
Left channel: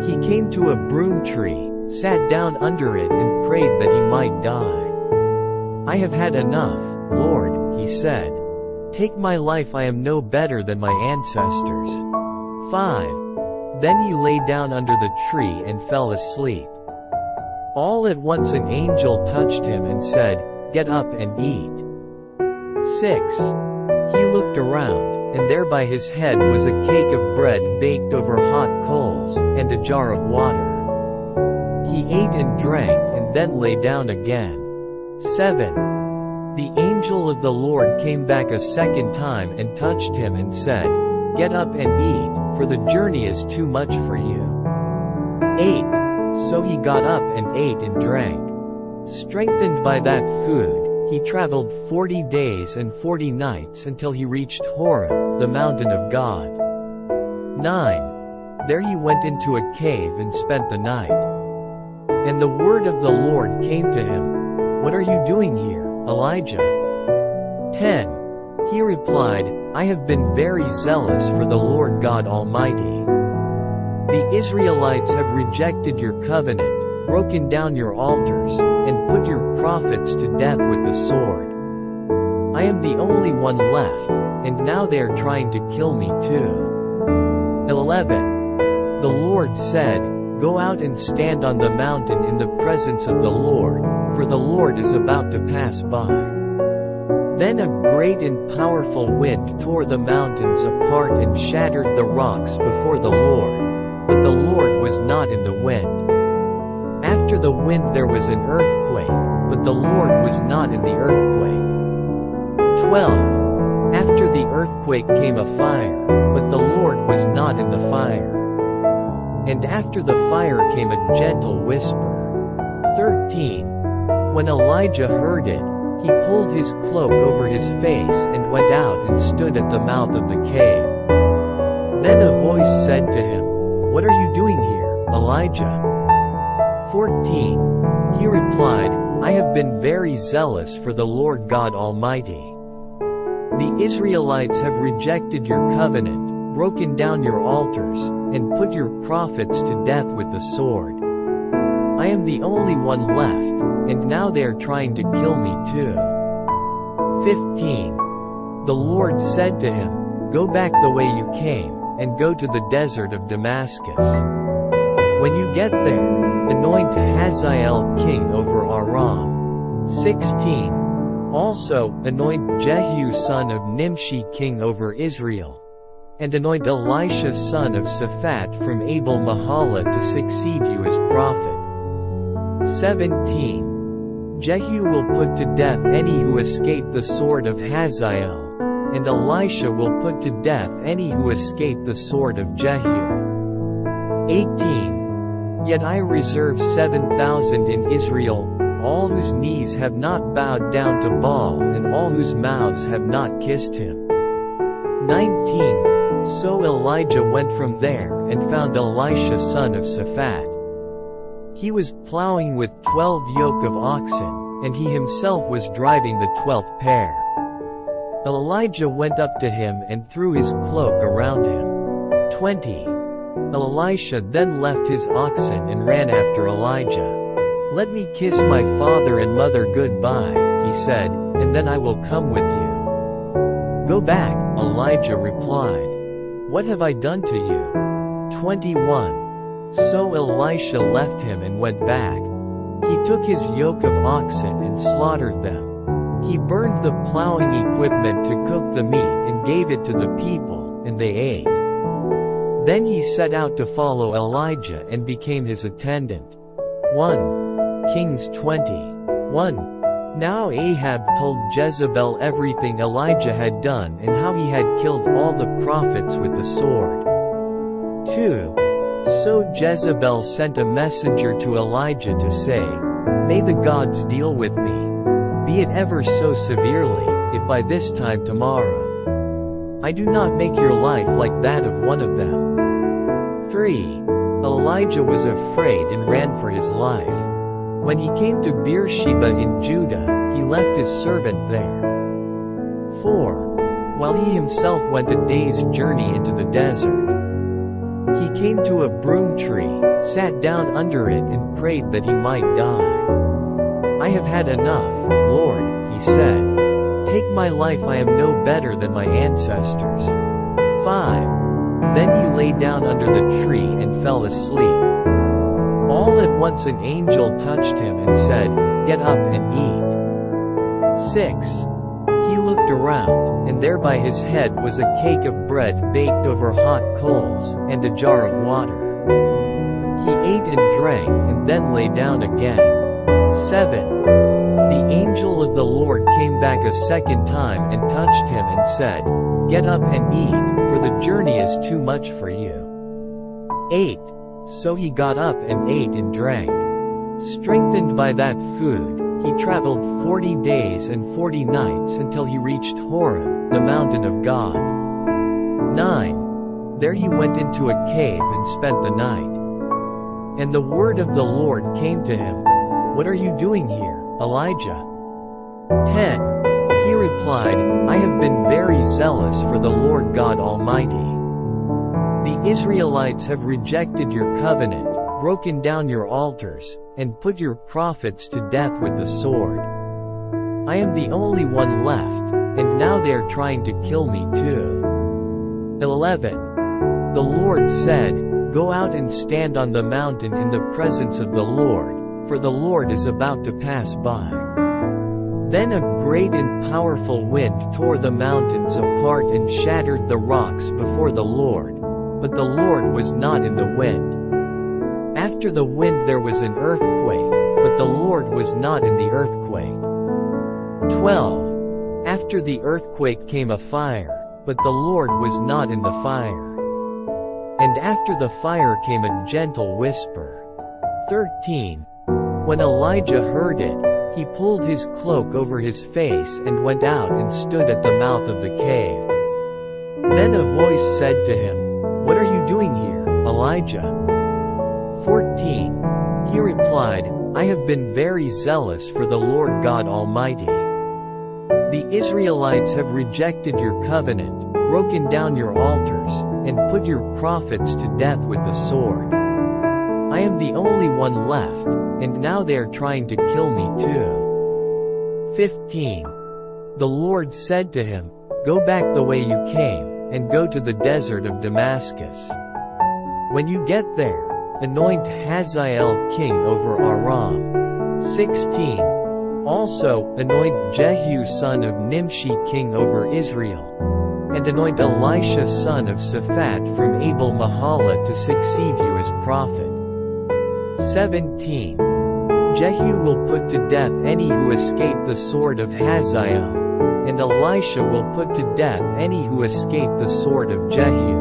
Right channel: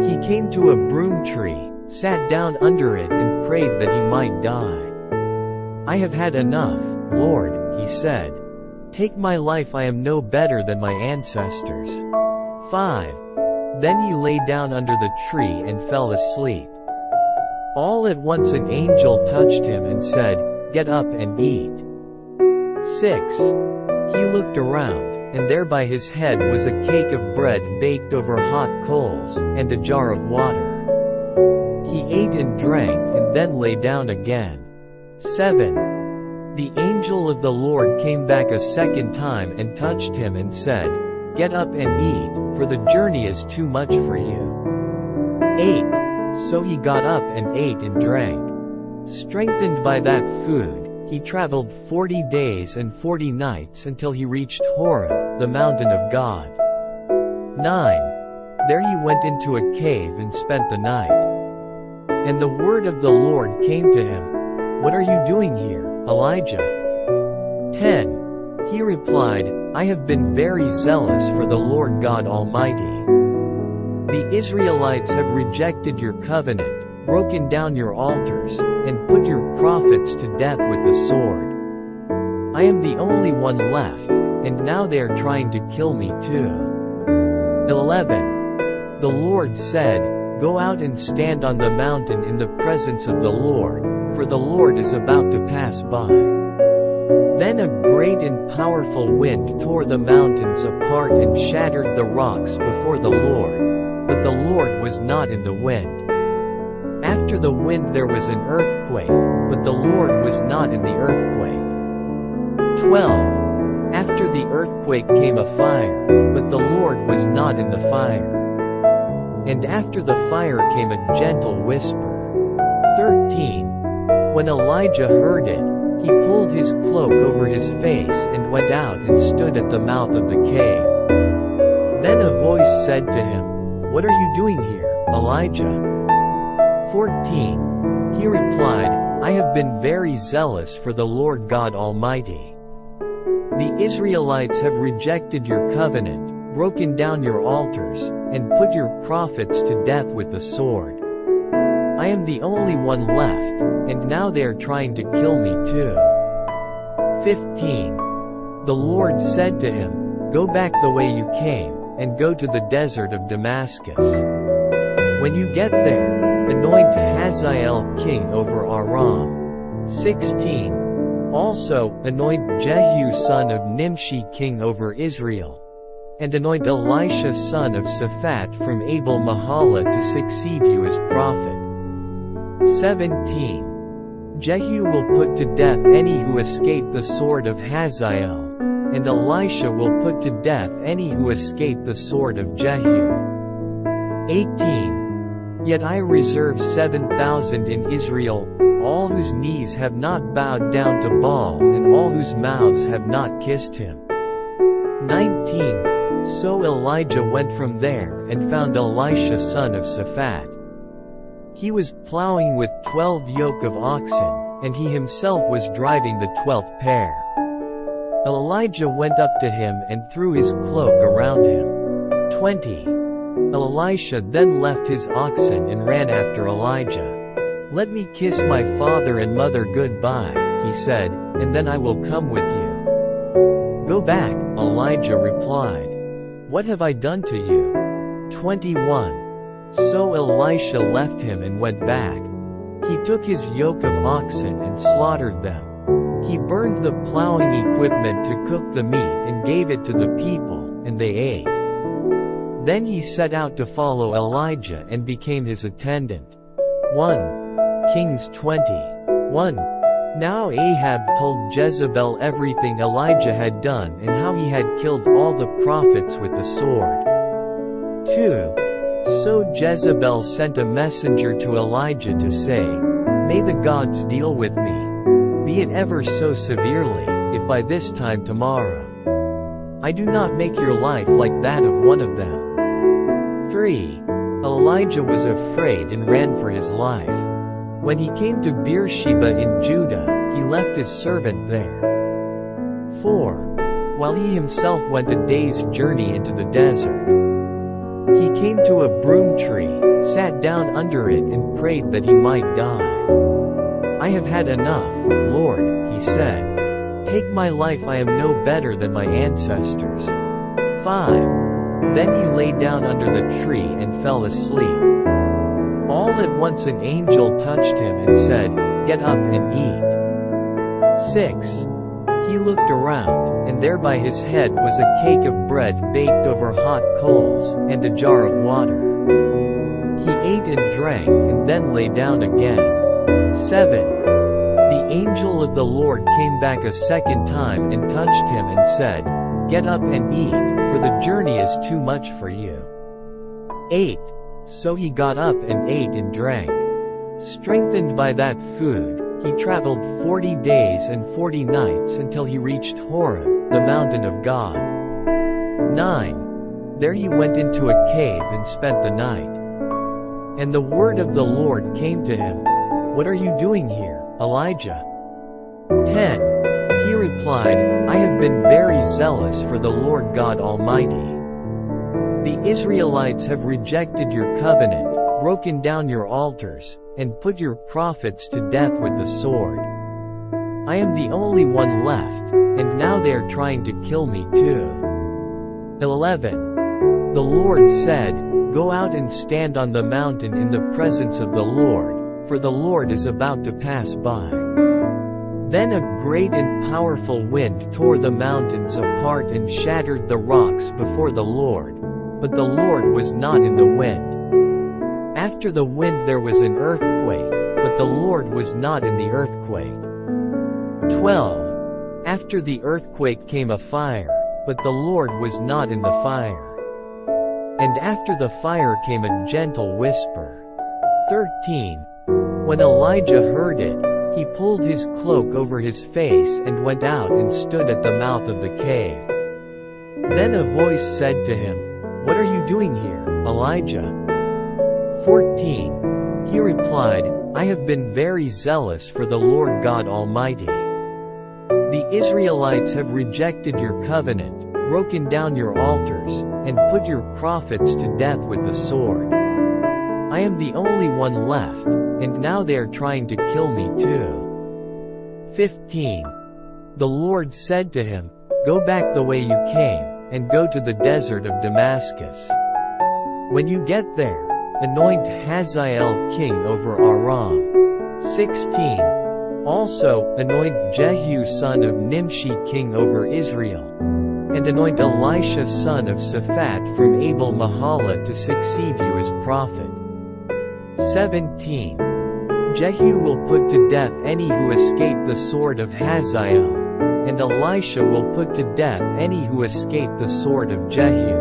he came to a broom tree, sat down under it and prayed that he might die. "I have had enough, Lord," he said. "Take my life, I am no better than my ancestors." 5. Then he lay down under the tree and fell asleep. All at once an angel touched him and said, "Get up and eat." 6. He looked around, and there by his head was a cake of bread baked over hot coals, and a jar of water. He ate and drank and then lay down again. 7. The angel of the Lord came back a 2nd time and touched him and said, "Get up and eat, for the journey is too much for you." 8. So he got up and ate and drank. Strengthened by that food, he traveled 40 days and 40 nights until he reached Horeb, the mountain of God. 9. There he went into a cave and spent the night. And the word of the Lord came to him, "What are you doing here, Elijah?" 10. He replied, "I have been very zealous for the Lord God Almighty. The Israelites have rejected your covenant, broken down your altars, and put your prophets to death with the sword. I am the only one left, and now they are trying to kill me too. 11. The Lord said, Go out and stand on the mountain in the presence of the Lord, for the Lord is about to pass by. Then a great and powerful wind tore the mountains apart and shattered the rocks before the Lord, but the Lord was not in the wind. After the wind there was an earthquake, but the Lord was not in the earthquake. 12. After the earthquake came a fire, but the Lord was not in the fire. And after the fire came a gentle whisper. 13. When Elijah heard it, he pulled his cloak over his face and went out and stood at the mouth of the cave. Then a voice said to him, What are you doing here, Elijah? 14. He replied, I have been very zealous for the Lord God Almighty. The Israelites have rejected your covenant, broken down your altars, and put your prophets to death with the sword. I am the only one left, and now they are trying to kill me too. 15. The Lord said to him, Go back the way you came, and go to the desert of Damascus. When you get there, anoint Hazael king over Aram. 16. Also, anoint Jehu son of Nimshi king over Israel. And anoint Elisha son of Shaphat from Abel-Mahalah to succeed you as prophet. 17. Jehu will put to death any who escape the sword of Hazael, and Elisha will put to death any who escape the sword of Jehu. 18. Yet I reserve 7,000 in Israel, all whose knees have not bowed down to Baal and all whose mouths have not kissed him. 19. So Elijah went from there and found Elisha son of Shaphat. He was plowing with 12 yoke of oxen, and he himself was driving the 12th pair. Elijah went up to him and threw his cloak around him. 20. Elisha then left his oxen and ran after Elijah. Let me kiss my father and mother goodbye, he said, and then I will come with you. Go back, Elijah replied. What have I done to you? 21. So Elisha left him and went back. He took his yoke of oxen and slaughtered them. He burned the plowing equipment to cook the meat and gave it to the people, and they ate. Then he set out to follow Elijah and became his attendant. 1 Kings 20:1. Now Ahab told Jezebel everything Elijah had done and how he had killed all the prophets with the sword. 2. So Jezebel sent a messenger to Elijah to say, May the gods deal with me, be it ever so severely, if by this time tomorrow I do not make your life like that of one of them. 3. Elijah was afraid and ran for his life. When he came to Beersheba in Judah, he left his servant there. 4. While he himself went a day's journey into the desert, he came to a broom tree, sat down under it and prayed that he might die. I have had enough, Lord, he said. Take my life, I am no better than my ancestors. 5. Then he lay down under the tree and fell asleep. All at once an angel touched him and said, Get up and eat. 6. He looked around, and there by his head was a cake of bread baked over hot coals, and a jar of water. He ate and drank and then lay down again. 7. The angel of the Lord came back a second time and touched him and said, Get up and eat, for the journey is too much for you. 8. So he got up and ate and drank. Strengthened by that food, he traveled 40 days and 40 nights until he reached Horeb, the mountain of God. 9. There he went into a cave and spent the night. And the word of the Lord came to him, What are you doing here, Elijah? 10. He replied, I have been very zealous for the Lord God Almighty. The Israelites have rejected your covenant, broken down your altars, and put your prophets to death with the sword. I am the only one left, and now they are trying to kill me too. 11. The Lord said, Go out and stand on the mountain in the presence of the Lord, for the Lord is about to pass by. Then a great and powerful wind tore the mountains apart and shattered the rocks before the Lord, but the Lord was not in the wind. After the wind there was an earthquake, but the Lord was not in the earthquake. 12. After the earthquake came a fire, but the Lord was not in the fire. And after the fire came a gentle whisper. 13. When Elijah heard it, he pulled his cloak over his face and went out and stood at the mouth of the cave. Then a voice said to him, What are you doing here, Elijah? 14. He replied, I have been very zealous for the Lord God Almighty. The Israelites have rejected your covenant, broken down your altars, and put your prophets to death with the sword. I am the only one left, and now they are trying to kill me too. 15. The Lord said to him, Go back the way you came, and go to the desert of Damascus. When you get there, anoint Hazael king over Aram. 16. Also, anoint Jehu son of Nimshi king over Israel. And anoint Elisha son of Shaphat from Abel Mahala to succeed you as prophet. 17. Jehu will put to death any who escape the sword of Hazael, and Elisha will put to death any who escape the sword of Jehu.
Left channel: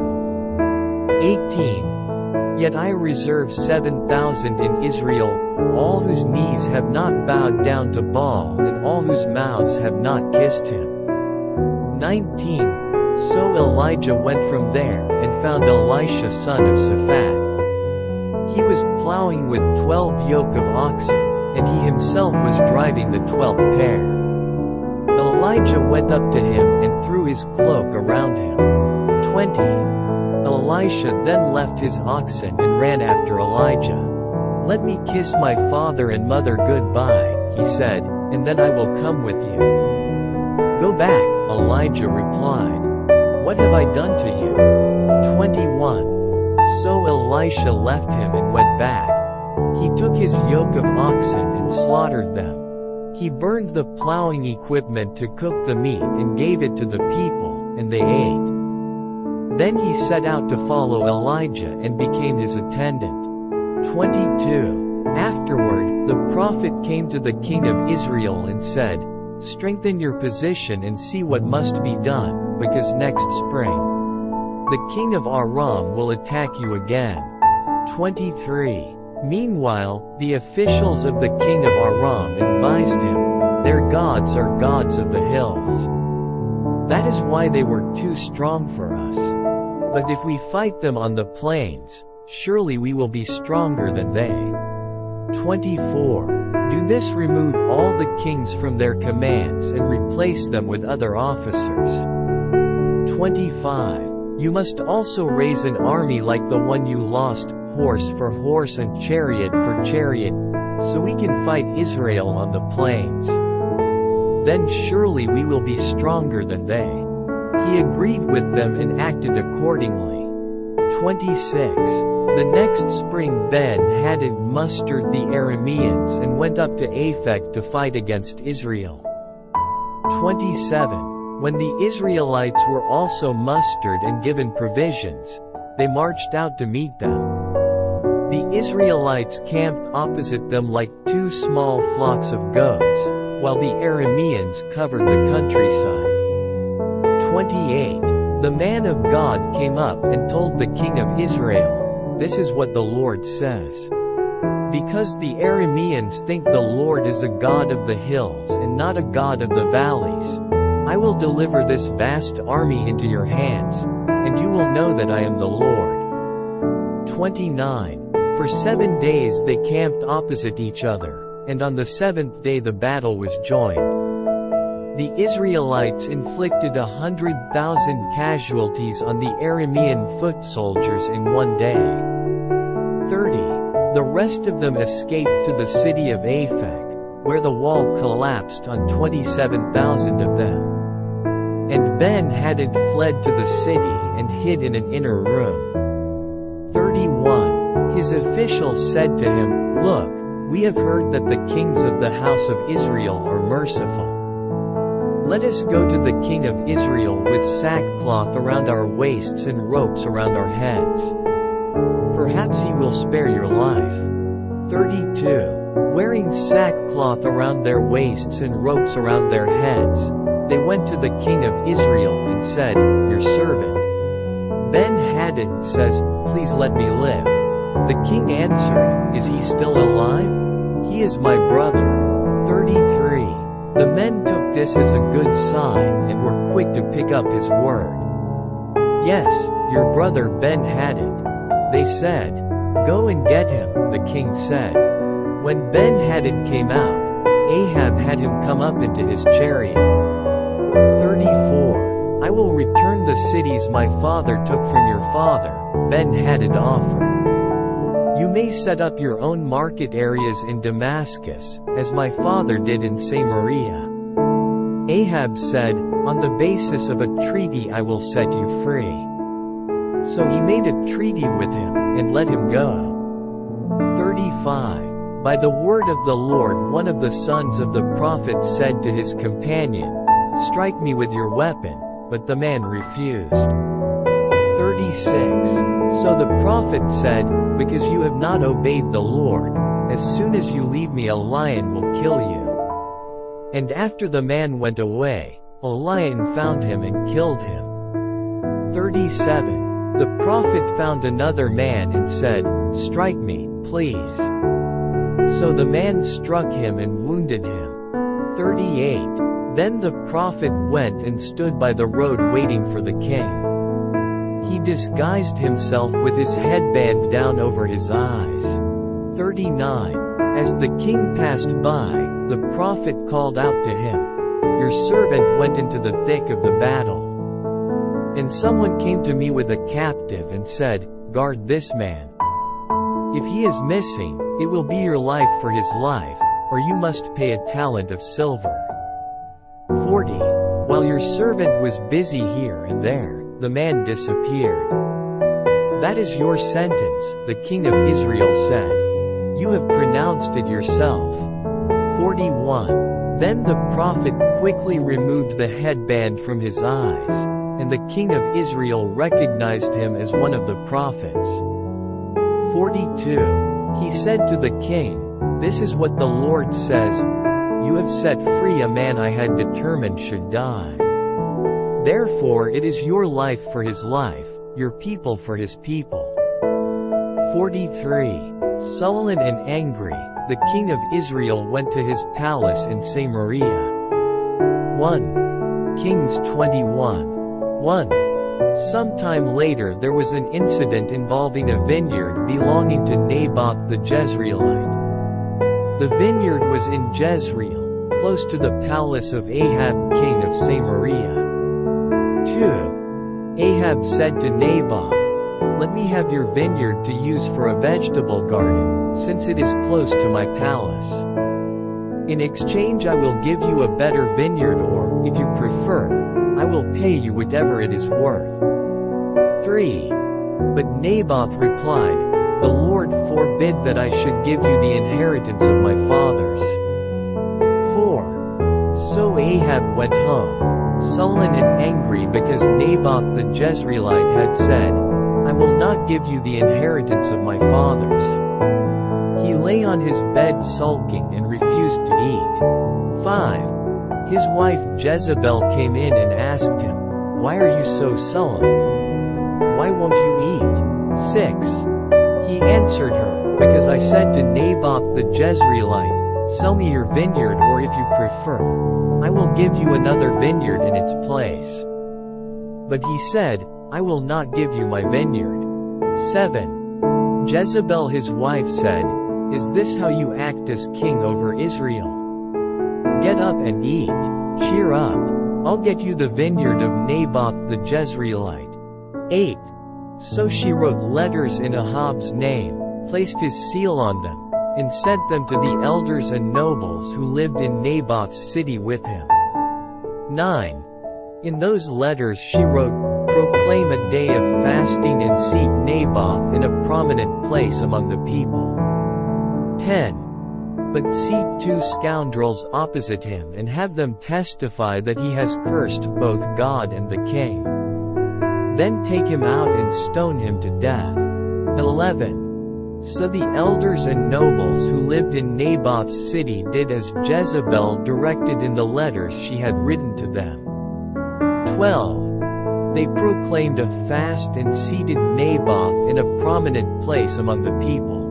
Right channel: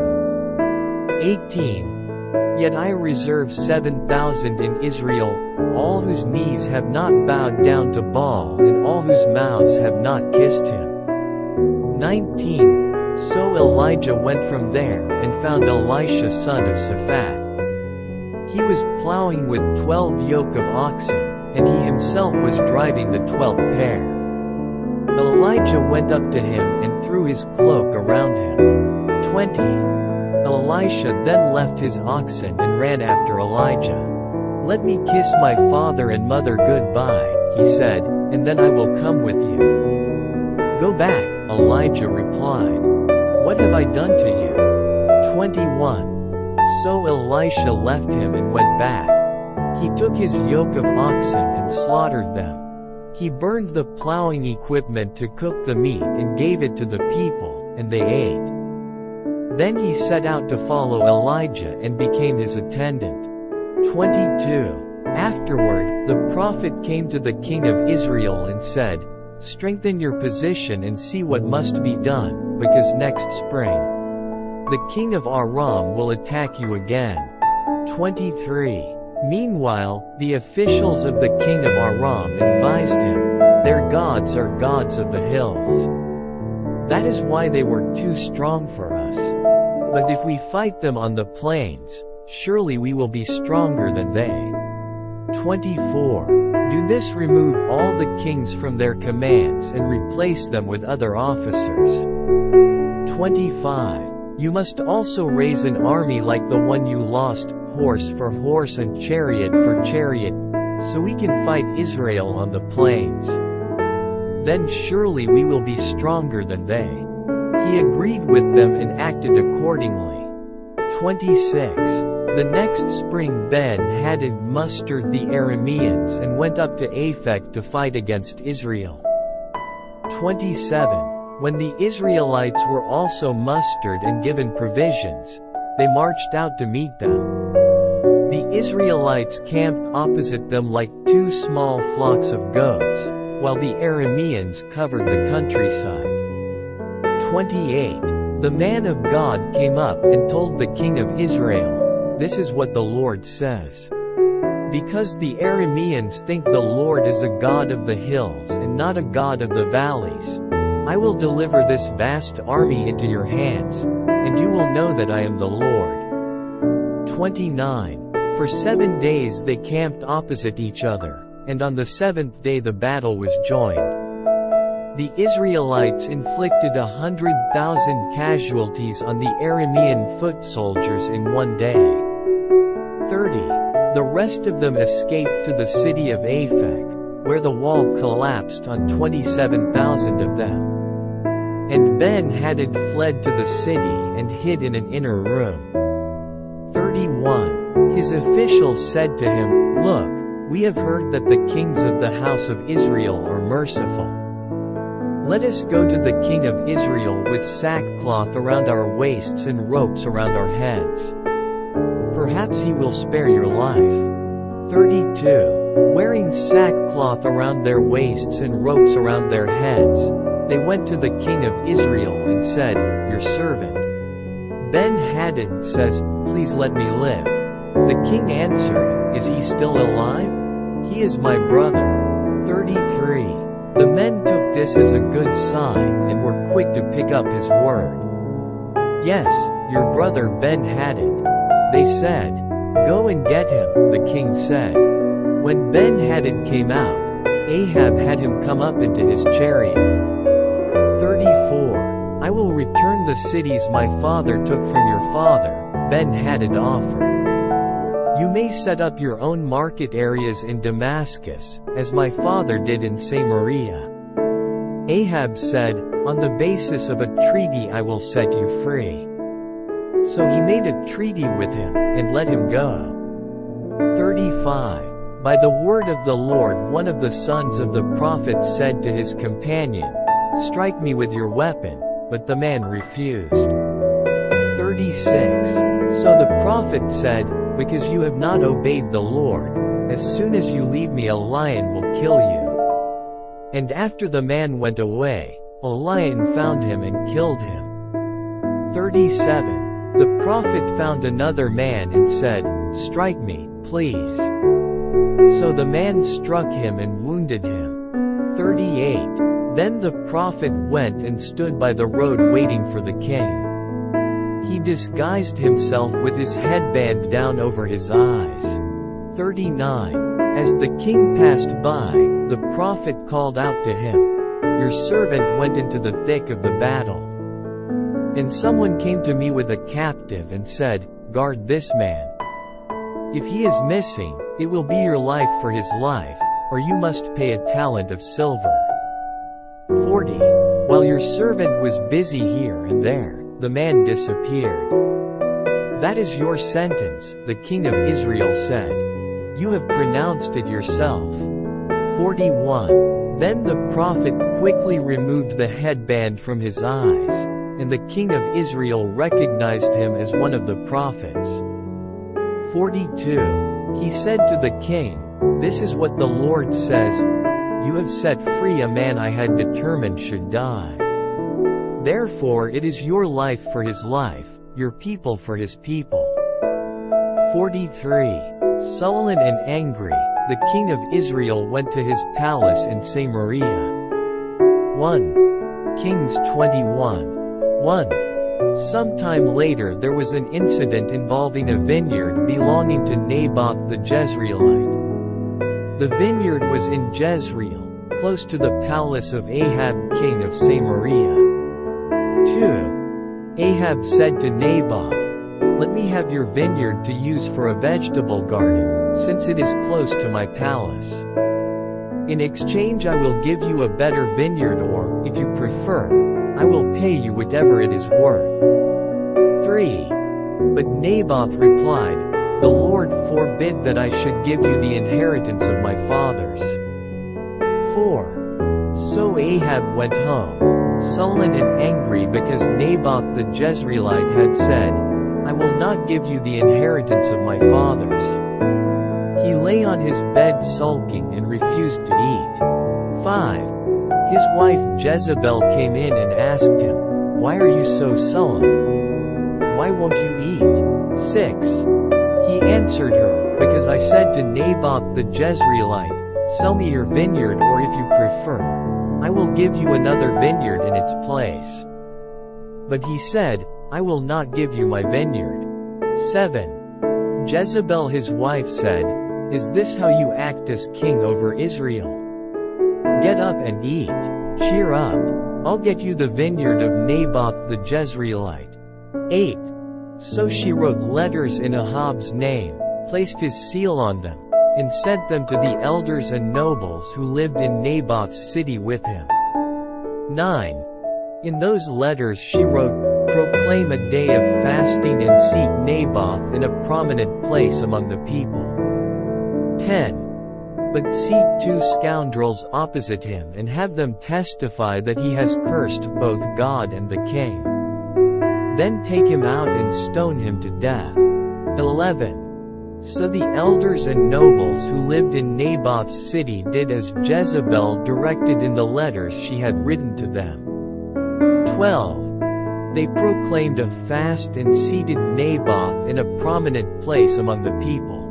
18. Yet I reserve 7,000 in Israel, all whose knees have not bowed down to Baal and all whose mouths have not kissed him. 19. So Elijah went from there and found Elisha son of Shaphat. He was plowing with 12 yoke of oxen, and he himself was driving the 12th pair. Elijah went up to him and threw his cloak around him. 20. Elisha then left his oxen and ran after Elijah. Let me kiss my father and mother goodbye, he said, and then I will come with you. Go back, Elijah replied. What have I done to you? 21. So Elisha left him and went back. He took his yoke of oxen and slaughtered them. He burned the plowing equipment to cook the meat and gave it to the people, and they ate. Then he set out to follow Elijah and became his attendant. 22. Afterward, the prophet came to the king of Israel and said, Strengthen your position and see what must be done, because next spring, the king of Aram will attack you again. 23. Meanwhile, the officials of the king of Aram advised him, Their gods are gods of the hills. That is why they were too strong for us. But if we fight them on the plains, surely we will be stronger than they. 24. Do this: remove all the kings from their commands and replace them with other officers. 25. You must also raise an army like the one you lost, horse for horse and chariot for chariot, so we can fight Israel on the plains. Then surely we will be stronger than they. He agreed with them and acted accordingly. 26. The next spring Ben-Hadad mustered the Arameans and went up to Aphek to fight against Israel. 27. When the Israelites were also mustered and given provisions, they marched out to meet them. The Israelites camped opposite them like two small flocks of goats, while the Arameans covered the countryside. 28. The man of God came up and told the king of Israel, This is what the Lord says. Because the Arameans think the Lord is a God of the hills and not a God of the valleys, I will deliver this vast army into your hands, and you will know that I am the Lord. 29. For 7 days they camped opposite each other, and on the 7th day the battle was joined. The Israelites inflicted 100,000 casualties on the Aramean foot soldiers in one day. 30. The rest of them escaped to the city of Aphek, where the wall collapsed on 27,000 of them. And Ben-Hadad fled to the city and hid in an inner room. 31. His officials said to him, "Look, we have heard that the kings of the house of Israel are merciful. Let us go to the king of Israel with sackcloth around our waists and ropes around our heads. Perhaps he will spare your life." 32. Wearing sackcloth around their waists and ropes around their heads, they went to the king of Israel and said, "Your servant Ben-Hadad says, 'Please let me live.'" The king answered, "Is he still alive? He is my brother." 33. The men took this as a good sign and were quick to pick up his word. "Yes, your brother Ben-Hadad," they said. "Go and get him," the king said. When Ben-Hadad came out, Ahab had him come up into his chariot. 34. "I will return the cities my father took from your father," Ben-Hadad offered. "You may set up your own market areas in Damascus, as my father did in Samaria." Ahab said, "On the basis of a treaty I will set you free." So he made a treaty with him, and let him go. 35. By the word of the Lord one of the sons of the prophet said to his companion, "Strike me with your weapon," but the man refused. 36. So the prophet said, "Because you have not obeyed the Lord, as soon as you leave me a lion will kill you." And after the man went away, a lion found him and killed him. 37. The prophet found another man and said, "Strike me, please." So the man struck him and wounded him. 38. Then the prophet went and stood by the road waiting for the king. He disguised himself with his headband down over his eyes. 39. As the king passed by, the prophet called out to him, "Your servant went into the thick of the battle. And someone came to me with a captive and said, 'Guard this man. If he is missing, it will be your life for his life, or you must pay a talent of silver.' 40. While your servant was busy here and there, the man disappeared. 'That is your sentence,' the king of Israel said. 'You have pronounced it yourself.' 41. Then the prophet quickly removed the headband from his eyes, and the king of Israel recognized him as one of the prophets. 42. He said to the king, "This is what the Lord says, you have set free a man I had determined should die. Therefore it is your life for his life, your people for his people." 43. Sullen and angry, the king of Israel went to his palace in Samaria. 1.Kings 21. 1. Sometime later there was an incident involving a vineyard belonging to Naboth the Jezreelite. The vineyard was in Jezreel, close to the palace of Ahab king of Samaria. 2. Ahab said to Naboth, "Let me have your vineyard to use for a vegetable garden, since it is close to my palace. In exchange I will give you a better vineyard or, if you prefer, I will pay you whatever it is worth." 3. But Naboth replied, "The Lord forbid that I should give you the inheritance of my fathers." 4. So Ahab went home, sullen and angry because Naboth the Jezreelite had said, "I will not give you the inheritance of my fathers." He lay on his bed sulking and refused to eat. 5. His wife Jezebel came in and asked him, "Why are you so sullen? Why won't you eat?" 6. He answered her, "Because I said to Naboth the Jezreelite, 'Sell me your vineyard or if you prefer, I will give you another vineyard in its place.' But he said, 'I will not give you my vineyard.' 7. Jezebel his wife said, "Is this how you act as king over Israel? Get up and eat. Cheer up. I'll get you the vineyard of Naboth the Jezreelite." 8. So she wrote letters in Ahab's name, placed his seal on them, and sent them to the elders and nobles who lived in Naboth's city with him. 9. In those letters she wrote, "Proclaim a day of fasting and seat Naboth in a prominent place among the people." 10. But seat 2 scoundrels opposite him and have them testify that he has cursed both God and the king. Then take him out and stone him to death. 11. So the elders and nobles who lived in Naboth's city did as Jezebel directed in the letters she had written to them. 12. They proclaimed a fast and seated Naboth in a prominent place among the people.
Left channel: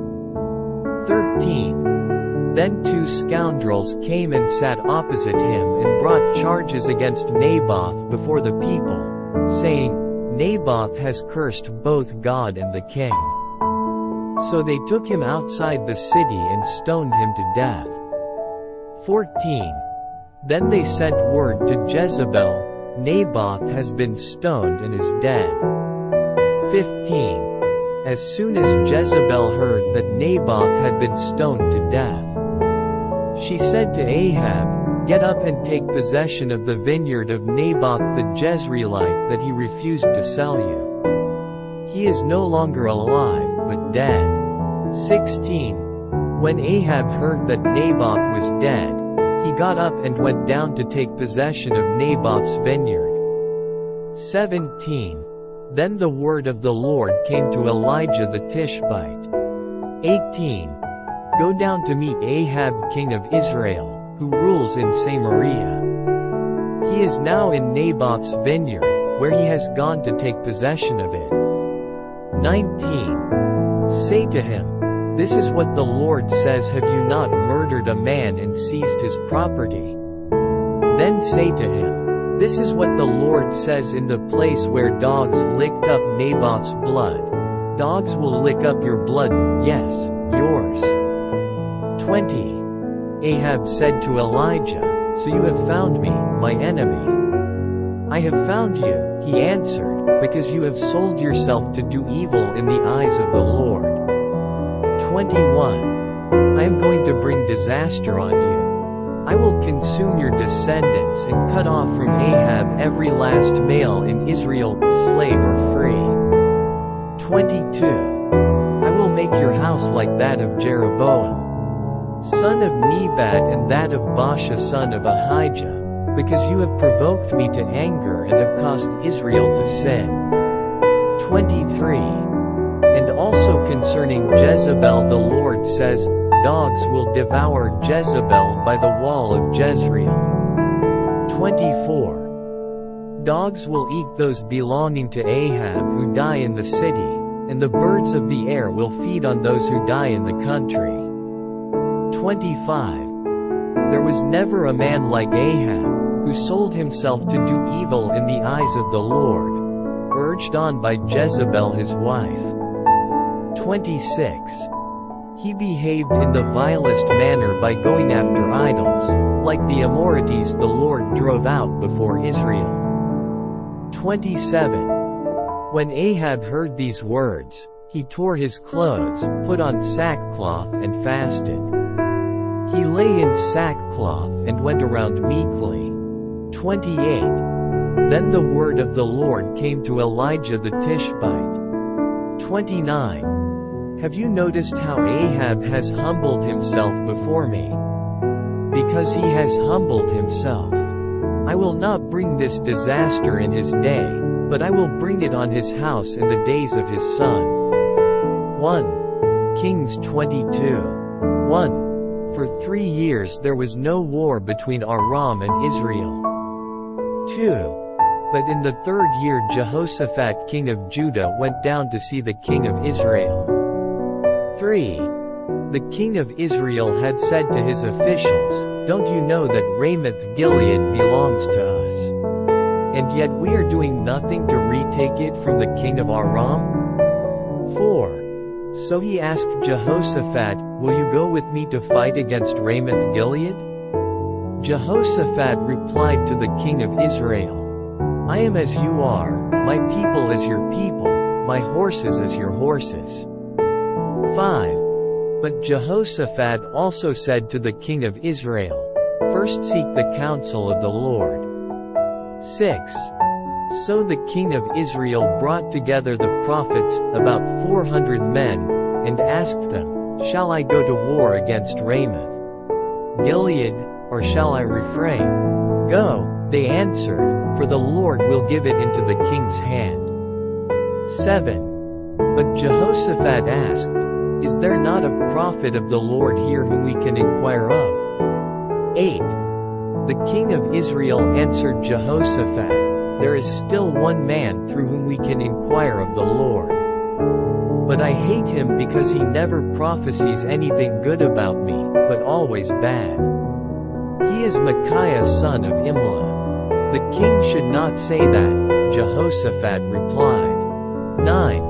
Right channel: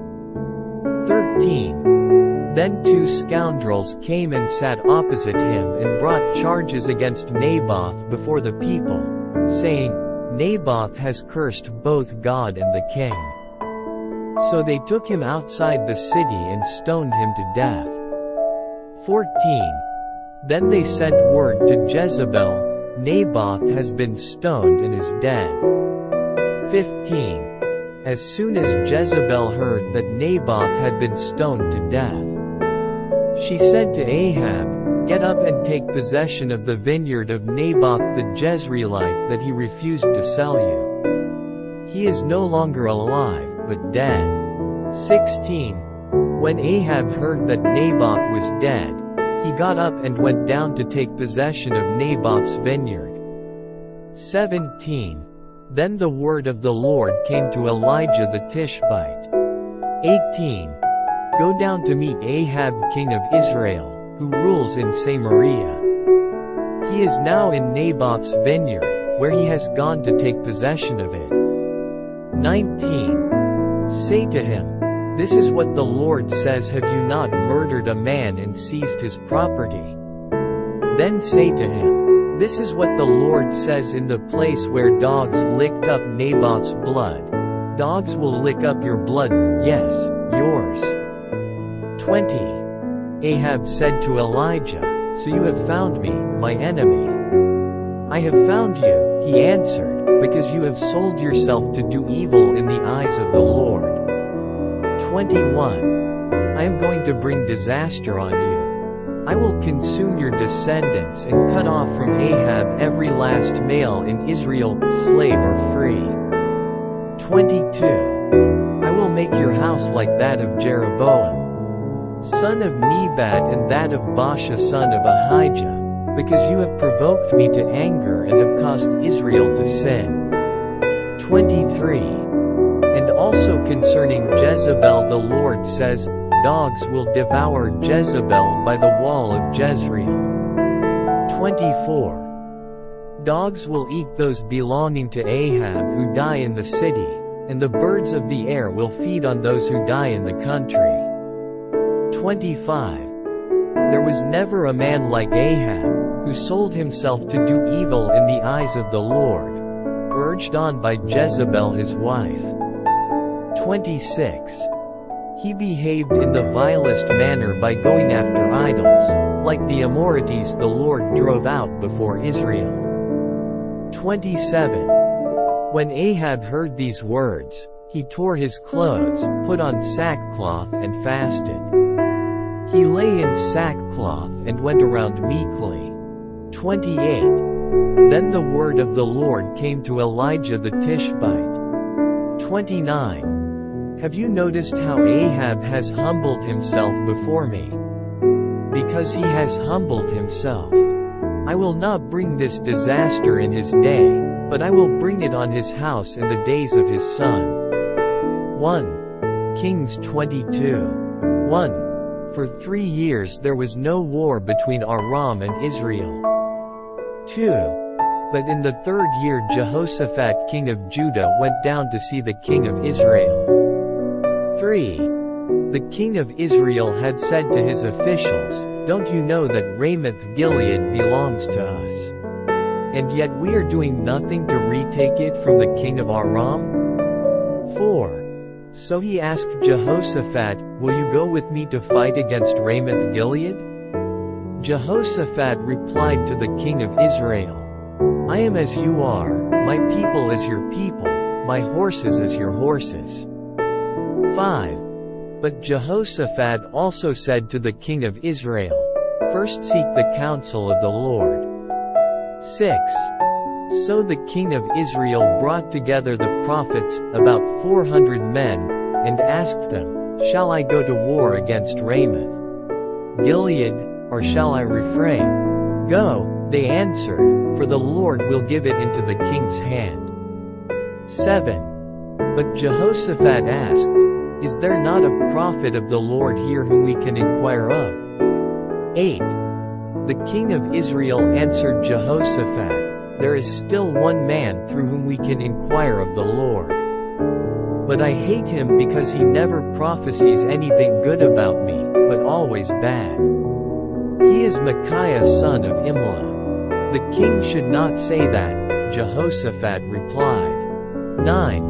13. Then 2 scoundrels came and sat opposite him and brought charges against Naboth before the people, saying, "Naboth has cursed both God and the king." So they took him outside the city and stoned him to death. 14. Then they sent word to Jezebel, "Naboth has been stoned and is dead." 15. As soon as Jezebel heard that Naboth had been stoned to death, she said to Ahab, "Get up and take possession of the vineyard of Naboth the Jezreelite that he refused to sell you. He is no longer alive, but dead." 16. When Ahab heard that Naboth was dead, he got up and went down to take possession of Naboth's vineyard. 17. Then the word of the Lord came to Elijah the Tishbite. 18. Go down to meet Ahab king of Israel, who rules in Samaria. He is now in Naboth's vineyard, where he has gone to take possession of it. 19. Say to him, "This is what the Lord says, have you not murdered a man and seized his property?" Then say to him, "This is what the Lord says, in the place where dogs licked up Naboth's blood, dogs will lick up your blood, yes, yours." 20. Ahab said to Elijah, "So you have found me, my enemy." "I have found you," he answered, "because you have sold yourself to do evil in the eyes of the Lord." 21. I am going to bring disaster on you. I will consume your descendants and cut off from Ahab every last male in Israel, slave or free. 22. I will make your house like that of Jeroboam, son of Nebat, and that of Baasha son of Ahijah, because you have provoked me to anger and have caused Israel to sin. 23. And also concerning Jezebel the Lord says, "Dogs will devour Jezebel by the wall of Jezreel." 24. Dogs will eat those belonging to Ahab who die in the city, and the birds of the air will feed on those who die in the country. 25. There was never a man like Ahab, who sold himself to do evil in the eyes of the Lord, urged on by Jezebel his wife. 26. He behaved in the vilest manner by going after idols, like the Amorites the Lord drove out before Israel. 27. When Ahab heard these words, he tore his clothes, put on sackcloth and fasted. He lay in sackcloth and went around meekly. 28. Then the word of the Lord came to Elijah the Tishbite. 29. Have you noticed how Ahab has humbled himself before me? Because he has humbled himself, I will not bring this disaster in his day, but I will bring it on his house in the days of his son. 1.Kings 22. 1. For 3 years there was no war between Aram and Israel. 2. But in the 3rd year Jehoshaphat king of Judah went down to see the king of Israel. 3. The king of Israel had said to his officials, "Don't you know that Ramoth-Gilead belongs to us? And yet we are doing nothing to retake it from the king of Aram?" 4. So he asked Jehoshaphat, "Will you go with me to fight against Ramoth-Gilead?" Jehoshaphat replied to the king of Israel, "I am as you are, my people as your people, my horses as your horses." 5. But Jehoshaphat also said to the king of Israel, "First seek the counsel of the Lord." 6. So the king of Israel brought together the prophets, about 400 men, and asked them, "Shall I go to war against Ramoth Gilead, or shall I refrain?" "Go," they answered, "for the Lord will give it into the king's hand." 7. But Jehoshaphat asked, "Is there not a prophet of the Lord here whom we can inquire of?" 8. The king of Israel answered Jehoshaphat, "There is still one man through whom we can inquire of the Lord. But I hate him because he never prophesies anything good about me, but always bad. He is Micaiah son of Imlah." "The king should not say that," Jehoshaphat replied. 9.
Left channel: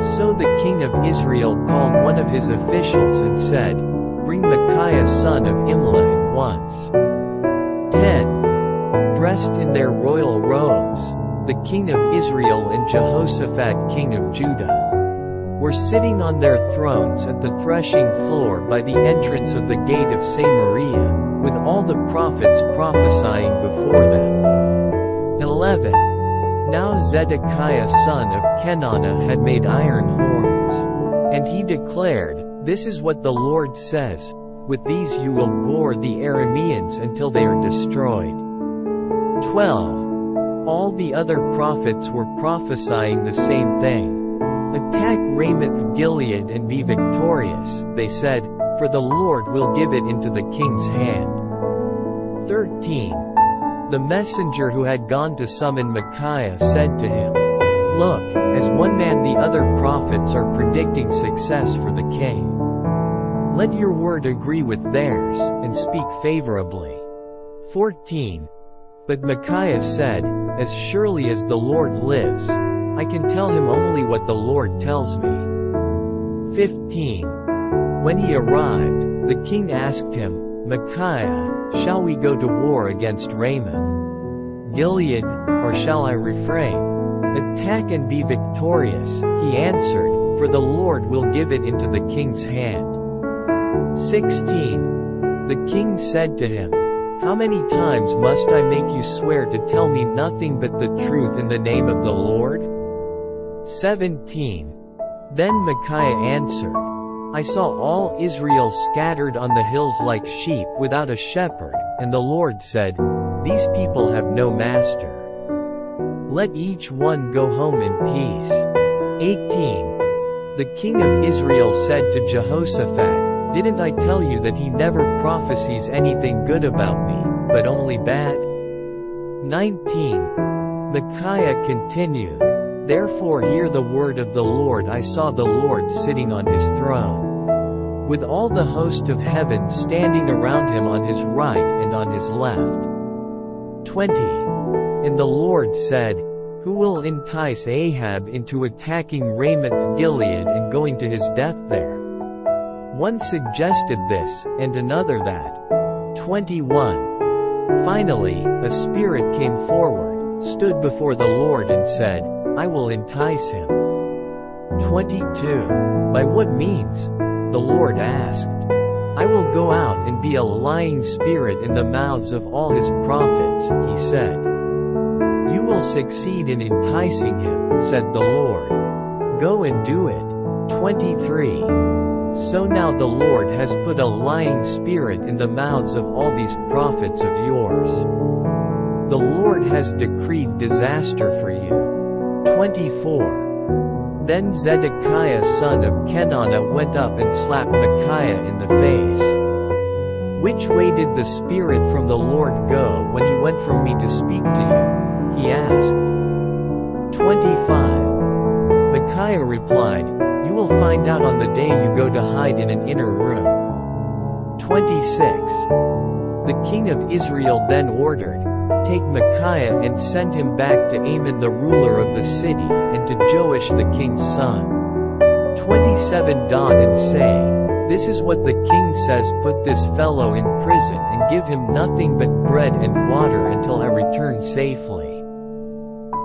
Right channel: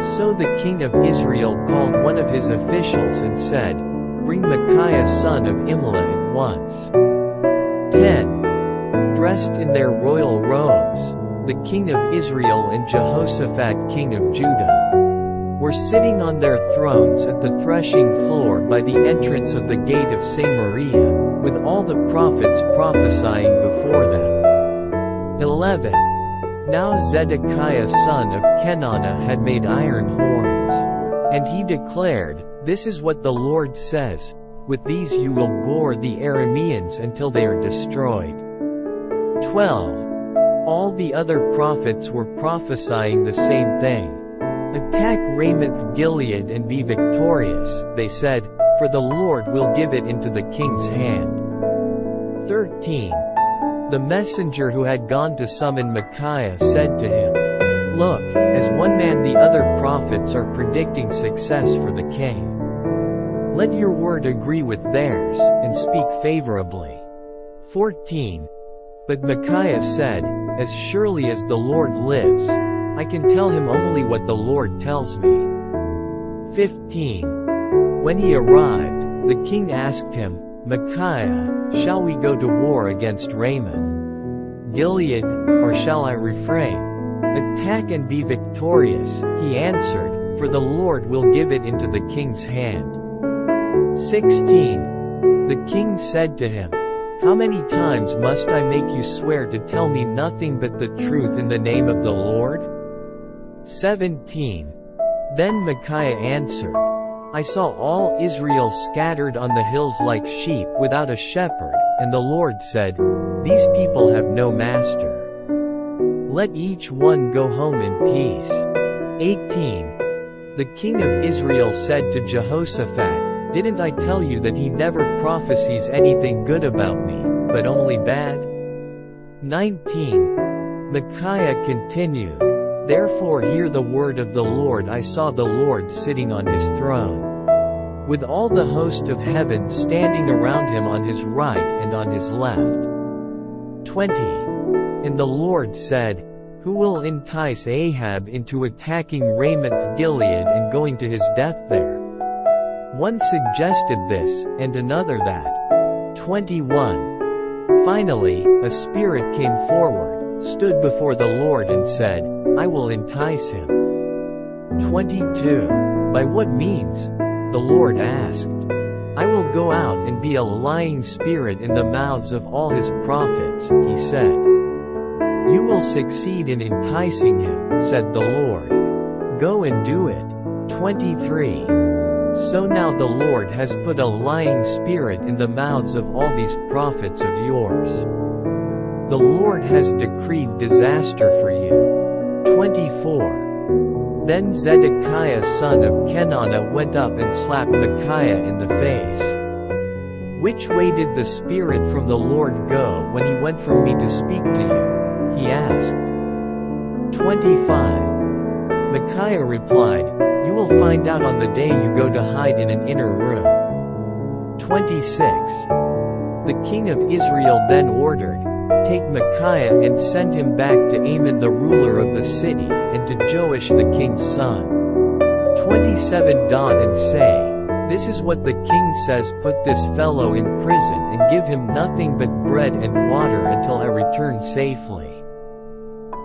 So the king of Israel called one of his officials and said, "Bring Micaiah son of Imlah at once." 10. Dressed in their royal robes, the king of Israel and Jehoshaphat king of Judah were sitting on their thrones at the threshing floor by the entrance of the gate of Samaria, with all the prophets prophesying before them. 11. Now Zedekiah son of Kenana had made iron horns. And he declared, "This is what the Lord says, with these you will gore the Arameans until they are destroyed." 12. All the other prophets were prophesying the same thing. "Attack Ramoth Gilead and be victorious," they said, "for the Lord will give it into the king's hand." 13. The messenger who had gone to summon Micaiah said to him, "Look, as one man the other prophets are predicting success for the king. Let your word agree with theirs, and speak favorably." 14. But Micaiah said, "As surely as the Lord lives, I can tell him only what the Lord tells me." 15. When he arrived, the king asked him, "Micaiah, shall we go to war against Ramoth Gilead, or shall I refrain?" "Attack and be victorious," he answered, "for the Lord will give it into the king's hand." 16. The king said to him, "How many times must I make you swear to tell me nothing but the truth in the name of the Lord?" 17. Then Micaiah answered, "I saw all Israel scattered on the hills like sheep without a shepherd, and the Lord said, 'These people have no master. Let each one go home in peace.'" 18. The king of Israel said to Jehoshaphat, "Didn't I tell you that he never prophesies anything good about me, but only bad?" 19. Micaiah continued, "Therefore hear the word of the Lord. I saw the Lord sitting on his throne, with all the host of heaven standing around him on his right and on his left." 20. And the Lord said, "Who will entice Ahab into attacking Ramoth Gilead and going to his death there?" One suggested this, and another that. 21. Finally, a spirit came forward, stood before the Lord and said, "I will entice him." 22. By what means? The Lord asked. "I will go out and be a lying spirit in the mouths of all his prophets," he said. "You will succeed in enticing him," said the Lord. "Go and do it." 23. So now the Lord has put a lying spirit in the mouths of all these prophets of yours. The Lord has decreed disaster for you. 24. Then Zedekiah son of Kenana went up and slapped Micaiah in the face. "Which way did the Spirit from the Lord go when he went from me to speak to you?" he asked. 25. Micaiah replied, "You will find out on the day you go to hide in an inner room." 26. The king of Israel then ordered, "Take Micaiah and send him back to Amon the ruler of the city, and to Joash the king's son." 27. And say, "This is what the king says, put this fellow in prison and give him nothing but bread and water until I return safely."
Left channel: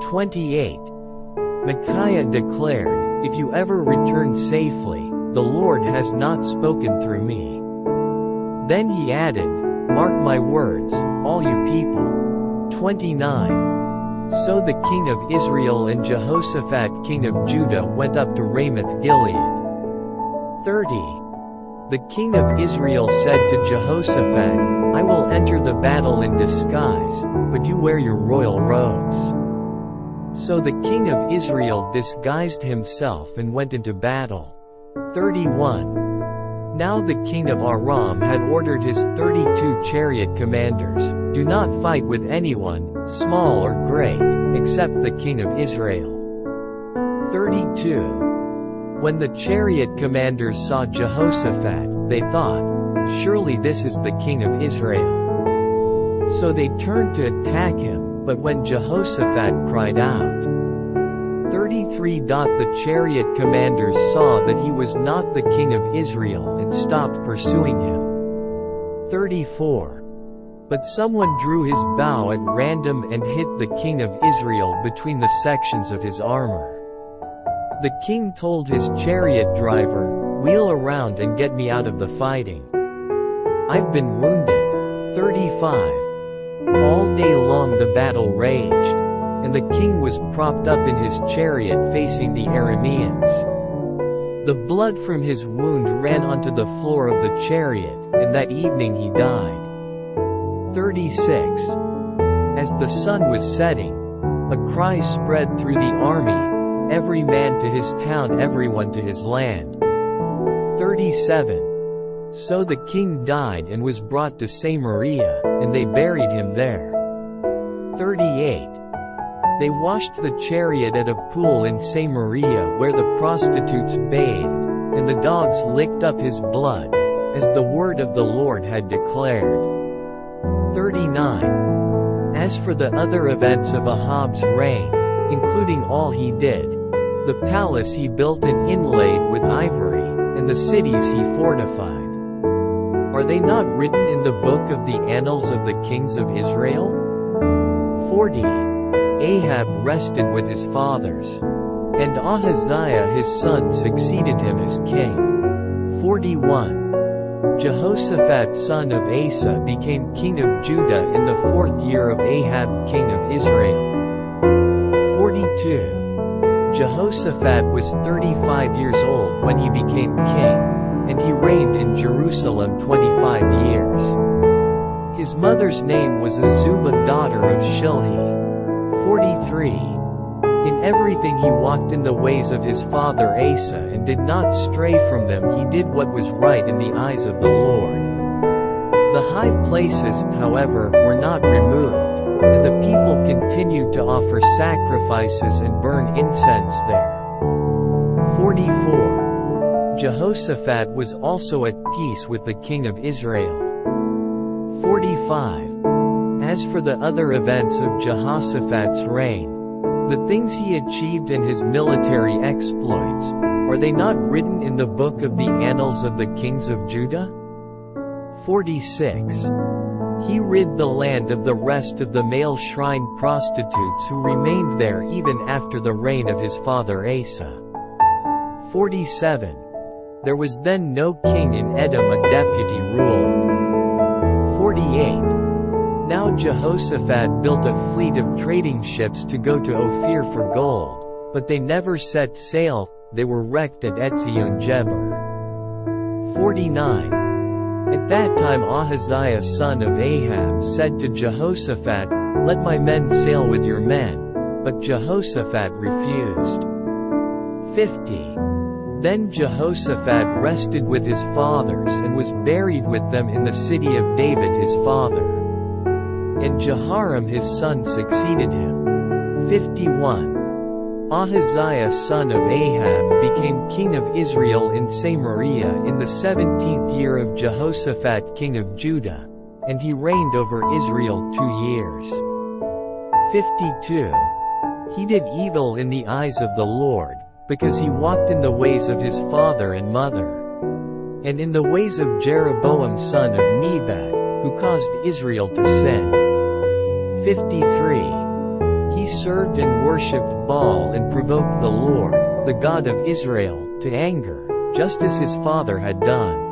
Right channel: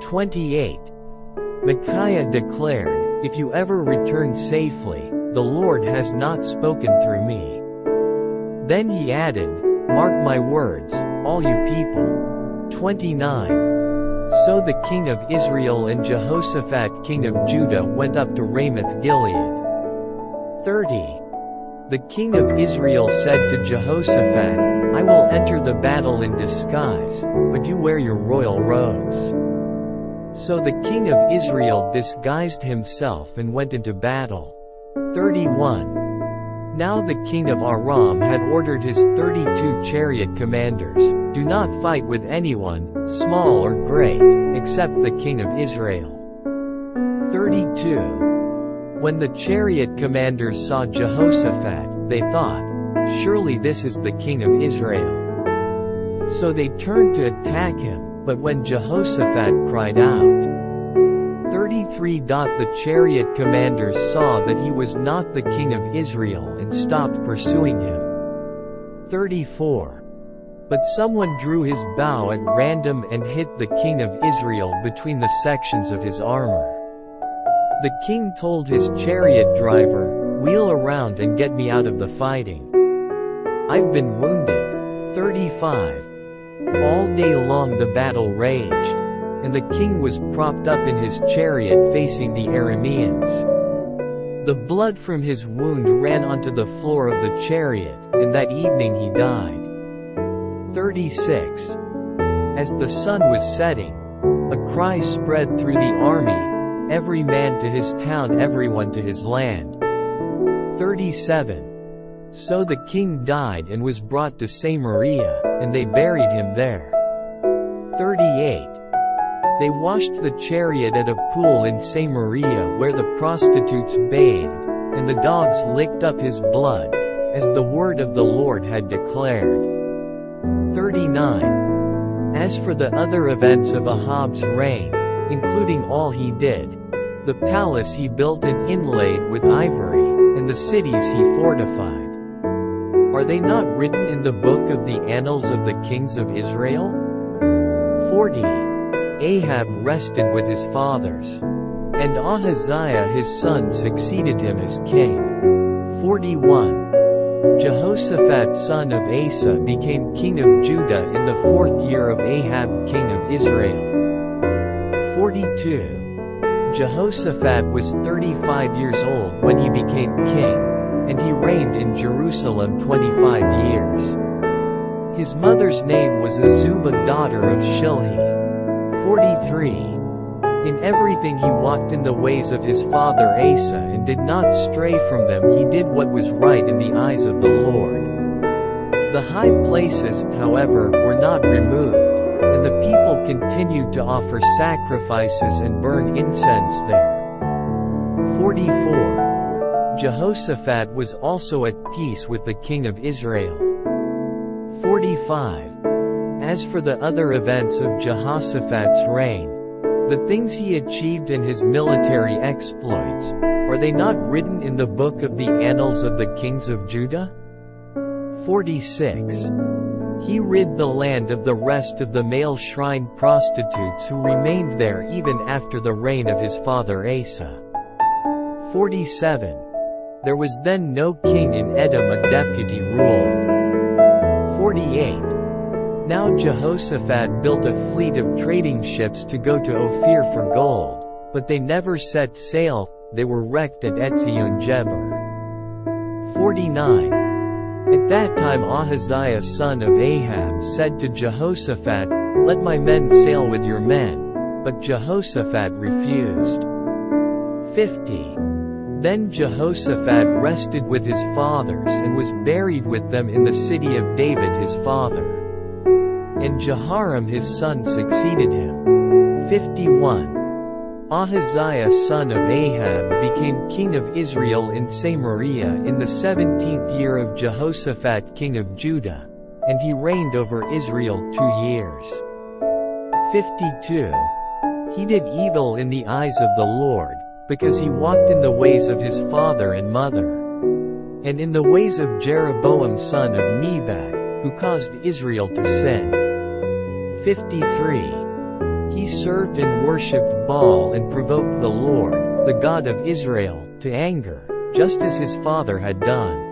28. Micaiah declared, "If you ever return safely, the Lord has not spoken through me." Then he added, "Mark my words, all you people." 29. So the king of Israel and Jehoshaphat king of Judah went up to Ramoth-Gilead. 30. The king of Israel said to Jehoshaphat, "I will enter the battle in disguise, but you wear your royal robes." So the king of Israel disguised himself and went into battle. 31. Now the king of Aram had ordered his 32 chariot commanders, "Do not fight with anyone, small or great, except the king of Israel." 32. When the chariot commanders saw Jehoshaphat, they thought, "Surely this is the king of Israel." So they turned to attack him, but when Jehoshaphat cried out, 33. The chariot commanders saw that he was not the king of Israel and stopped pursuing him. 34. But someone drew his bow at random and hit the king of Israel between the sections of his armor. The king told his chariot driver, "Wheel around and get me out of the fighting. I've been wounded." 35. All day long the battle raged, and the king was propped up in his chariot facing the Arameans. The blood from his wound ran onto the floor of the chariot, and that evening he died. 36. As the sun was setting, a cry spread through the army, "Every man to his town, everyone to his land." 37. So the king died and was brought to Samaria, and they buried him there. 38. They washed the chariot at a pool in Samaria where the prostitutes bathed, and the dogs licked up his blood, as the word of the Lord had declared. 39. As for the other events of Ahab's reign, including all he did, the palace he built and inlaid with ivory, and the cities he fortified, are they not written in the book of the annals of the kings of Israel? 40. Ahab rested with his fathers, and Ahaziah his son succeeded him as king. 41. Jehoshaphat son of Asa became king of Judah in the 4th year of Ahab king of Israel. 42. Jehoshaphat was 35 years old when he became king, and he reigned in Jerusalem 25 years. His mother's name was Azubah daughter of Shilhi. 43. In everything he walked in the ways of his father Asa and did not stray from them. He did what was right in the eyes of the Lord. The high places, however, were not removed, and the people continued to offer sacrifices and burn incense there. 44. Jehoshaphat was also at peace with the king of Israel. 45. As for the other events of Jehoshaphat's reign, the things he achieved and his military exploits, are they not written in the book of the annals of the kings of Judah? 46. He rid the land of the rest of the male shrine prostitutes who remained there even after the reign of his father Asa. 47. There was then no king in Edom, a deputy ruled. 48. Now Jehoshaphat built a fleet of trading ships to go to Ophir for gold, but they never set sail, they were wrecked at Etzion-Geber. 49. At that time Ahaziah son of Ahab said to Jehoshaphat, "Let my men sail with your men," but Jehoshaphat refused. 50. Then Jehoshaphat rested with his fathers and was buried with them in the city of David his father. And Jehoram his son succeeded him. 51. Ahaziah son of Ahab became king of Israel in Samaria in the 17th year of Jehoshaphat king of Judah, and he reigned over Israel 2 years. 52. He did evil in the eyes of the Lord, because he walked in the ways of his father and mother, and in the ways of Jeroboam son of Nebat, who caused Israel to sin. 53. He served and worshipped Baal and provoked the Lord, the God of Israel, to anger, just as his father had done.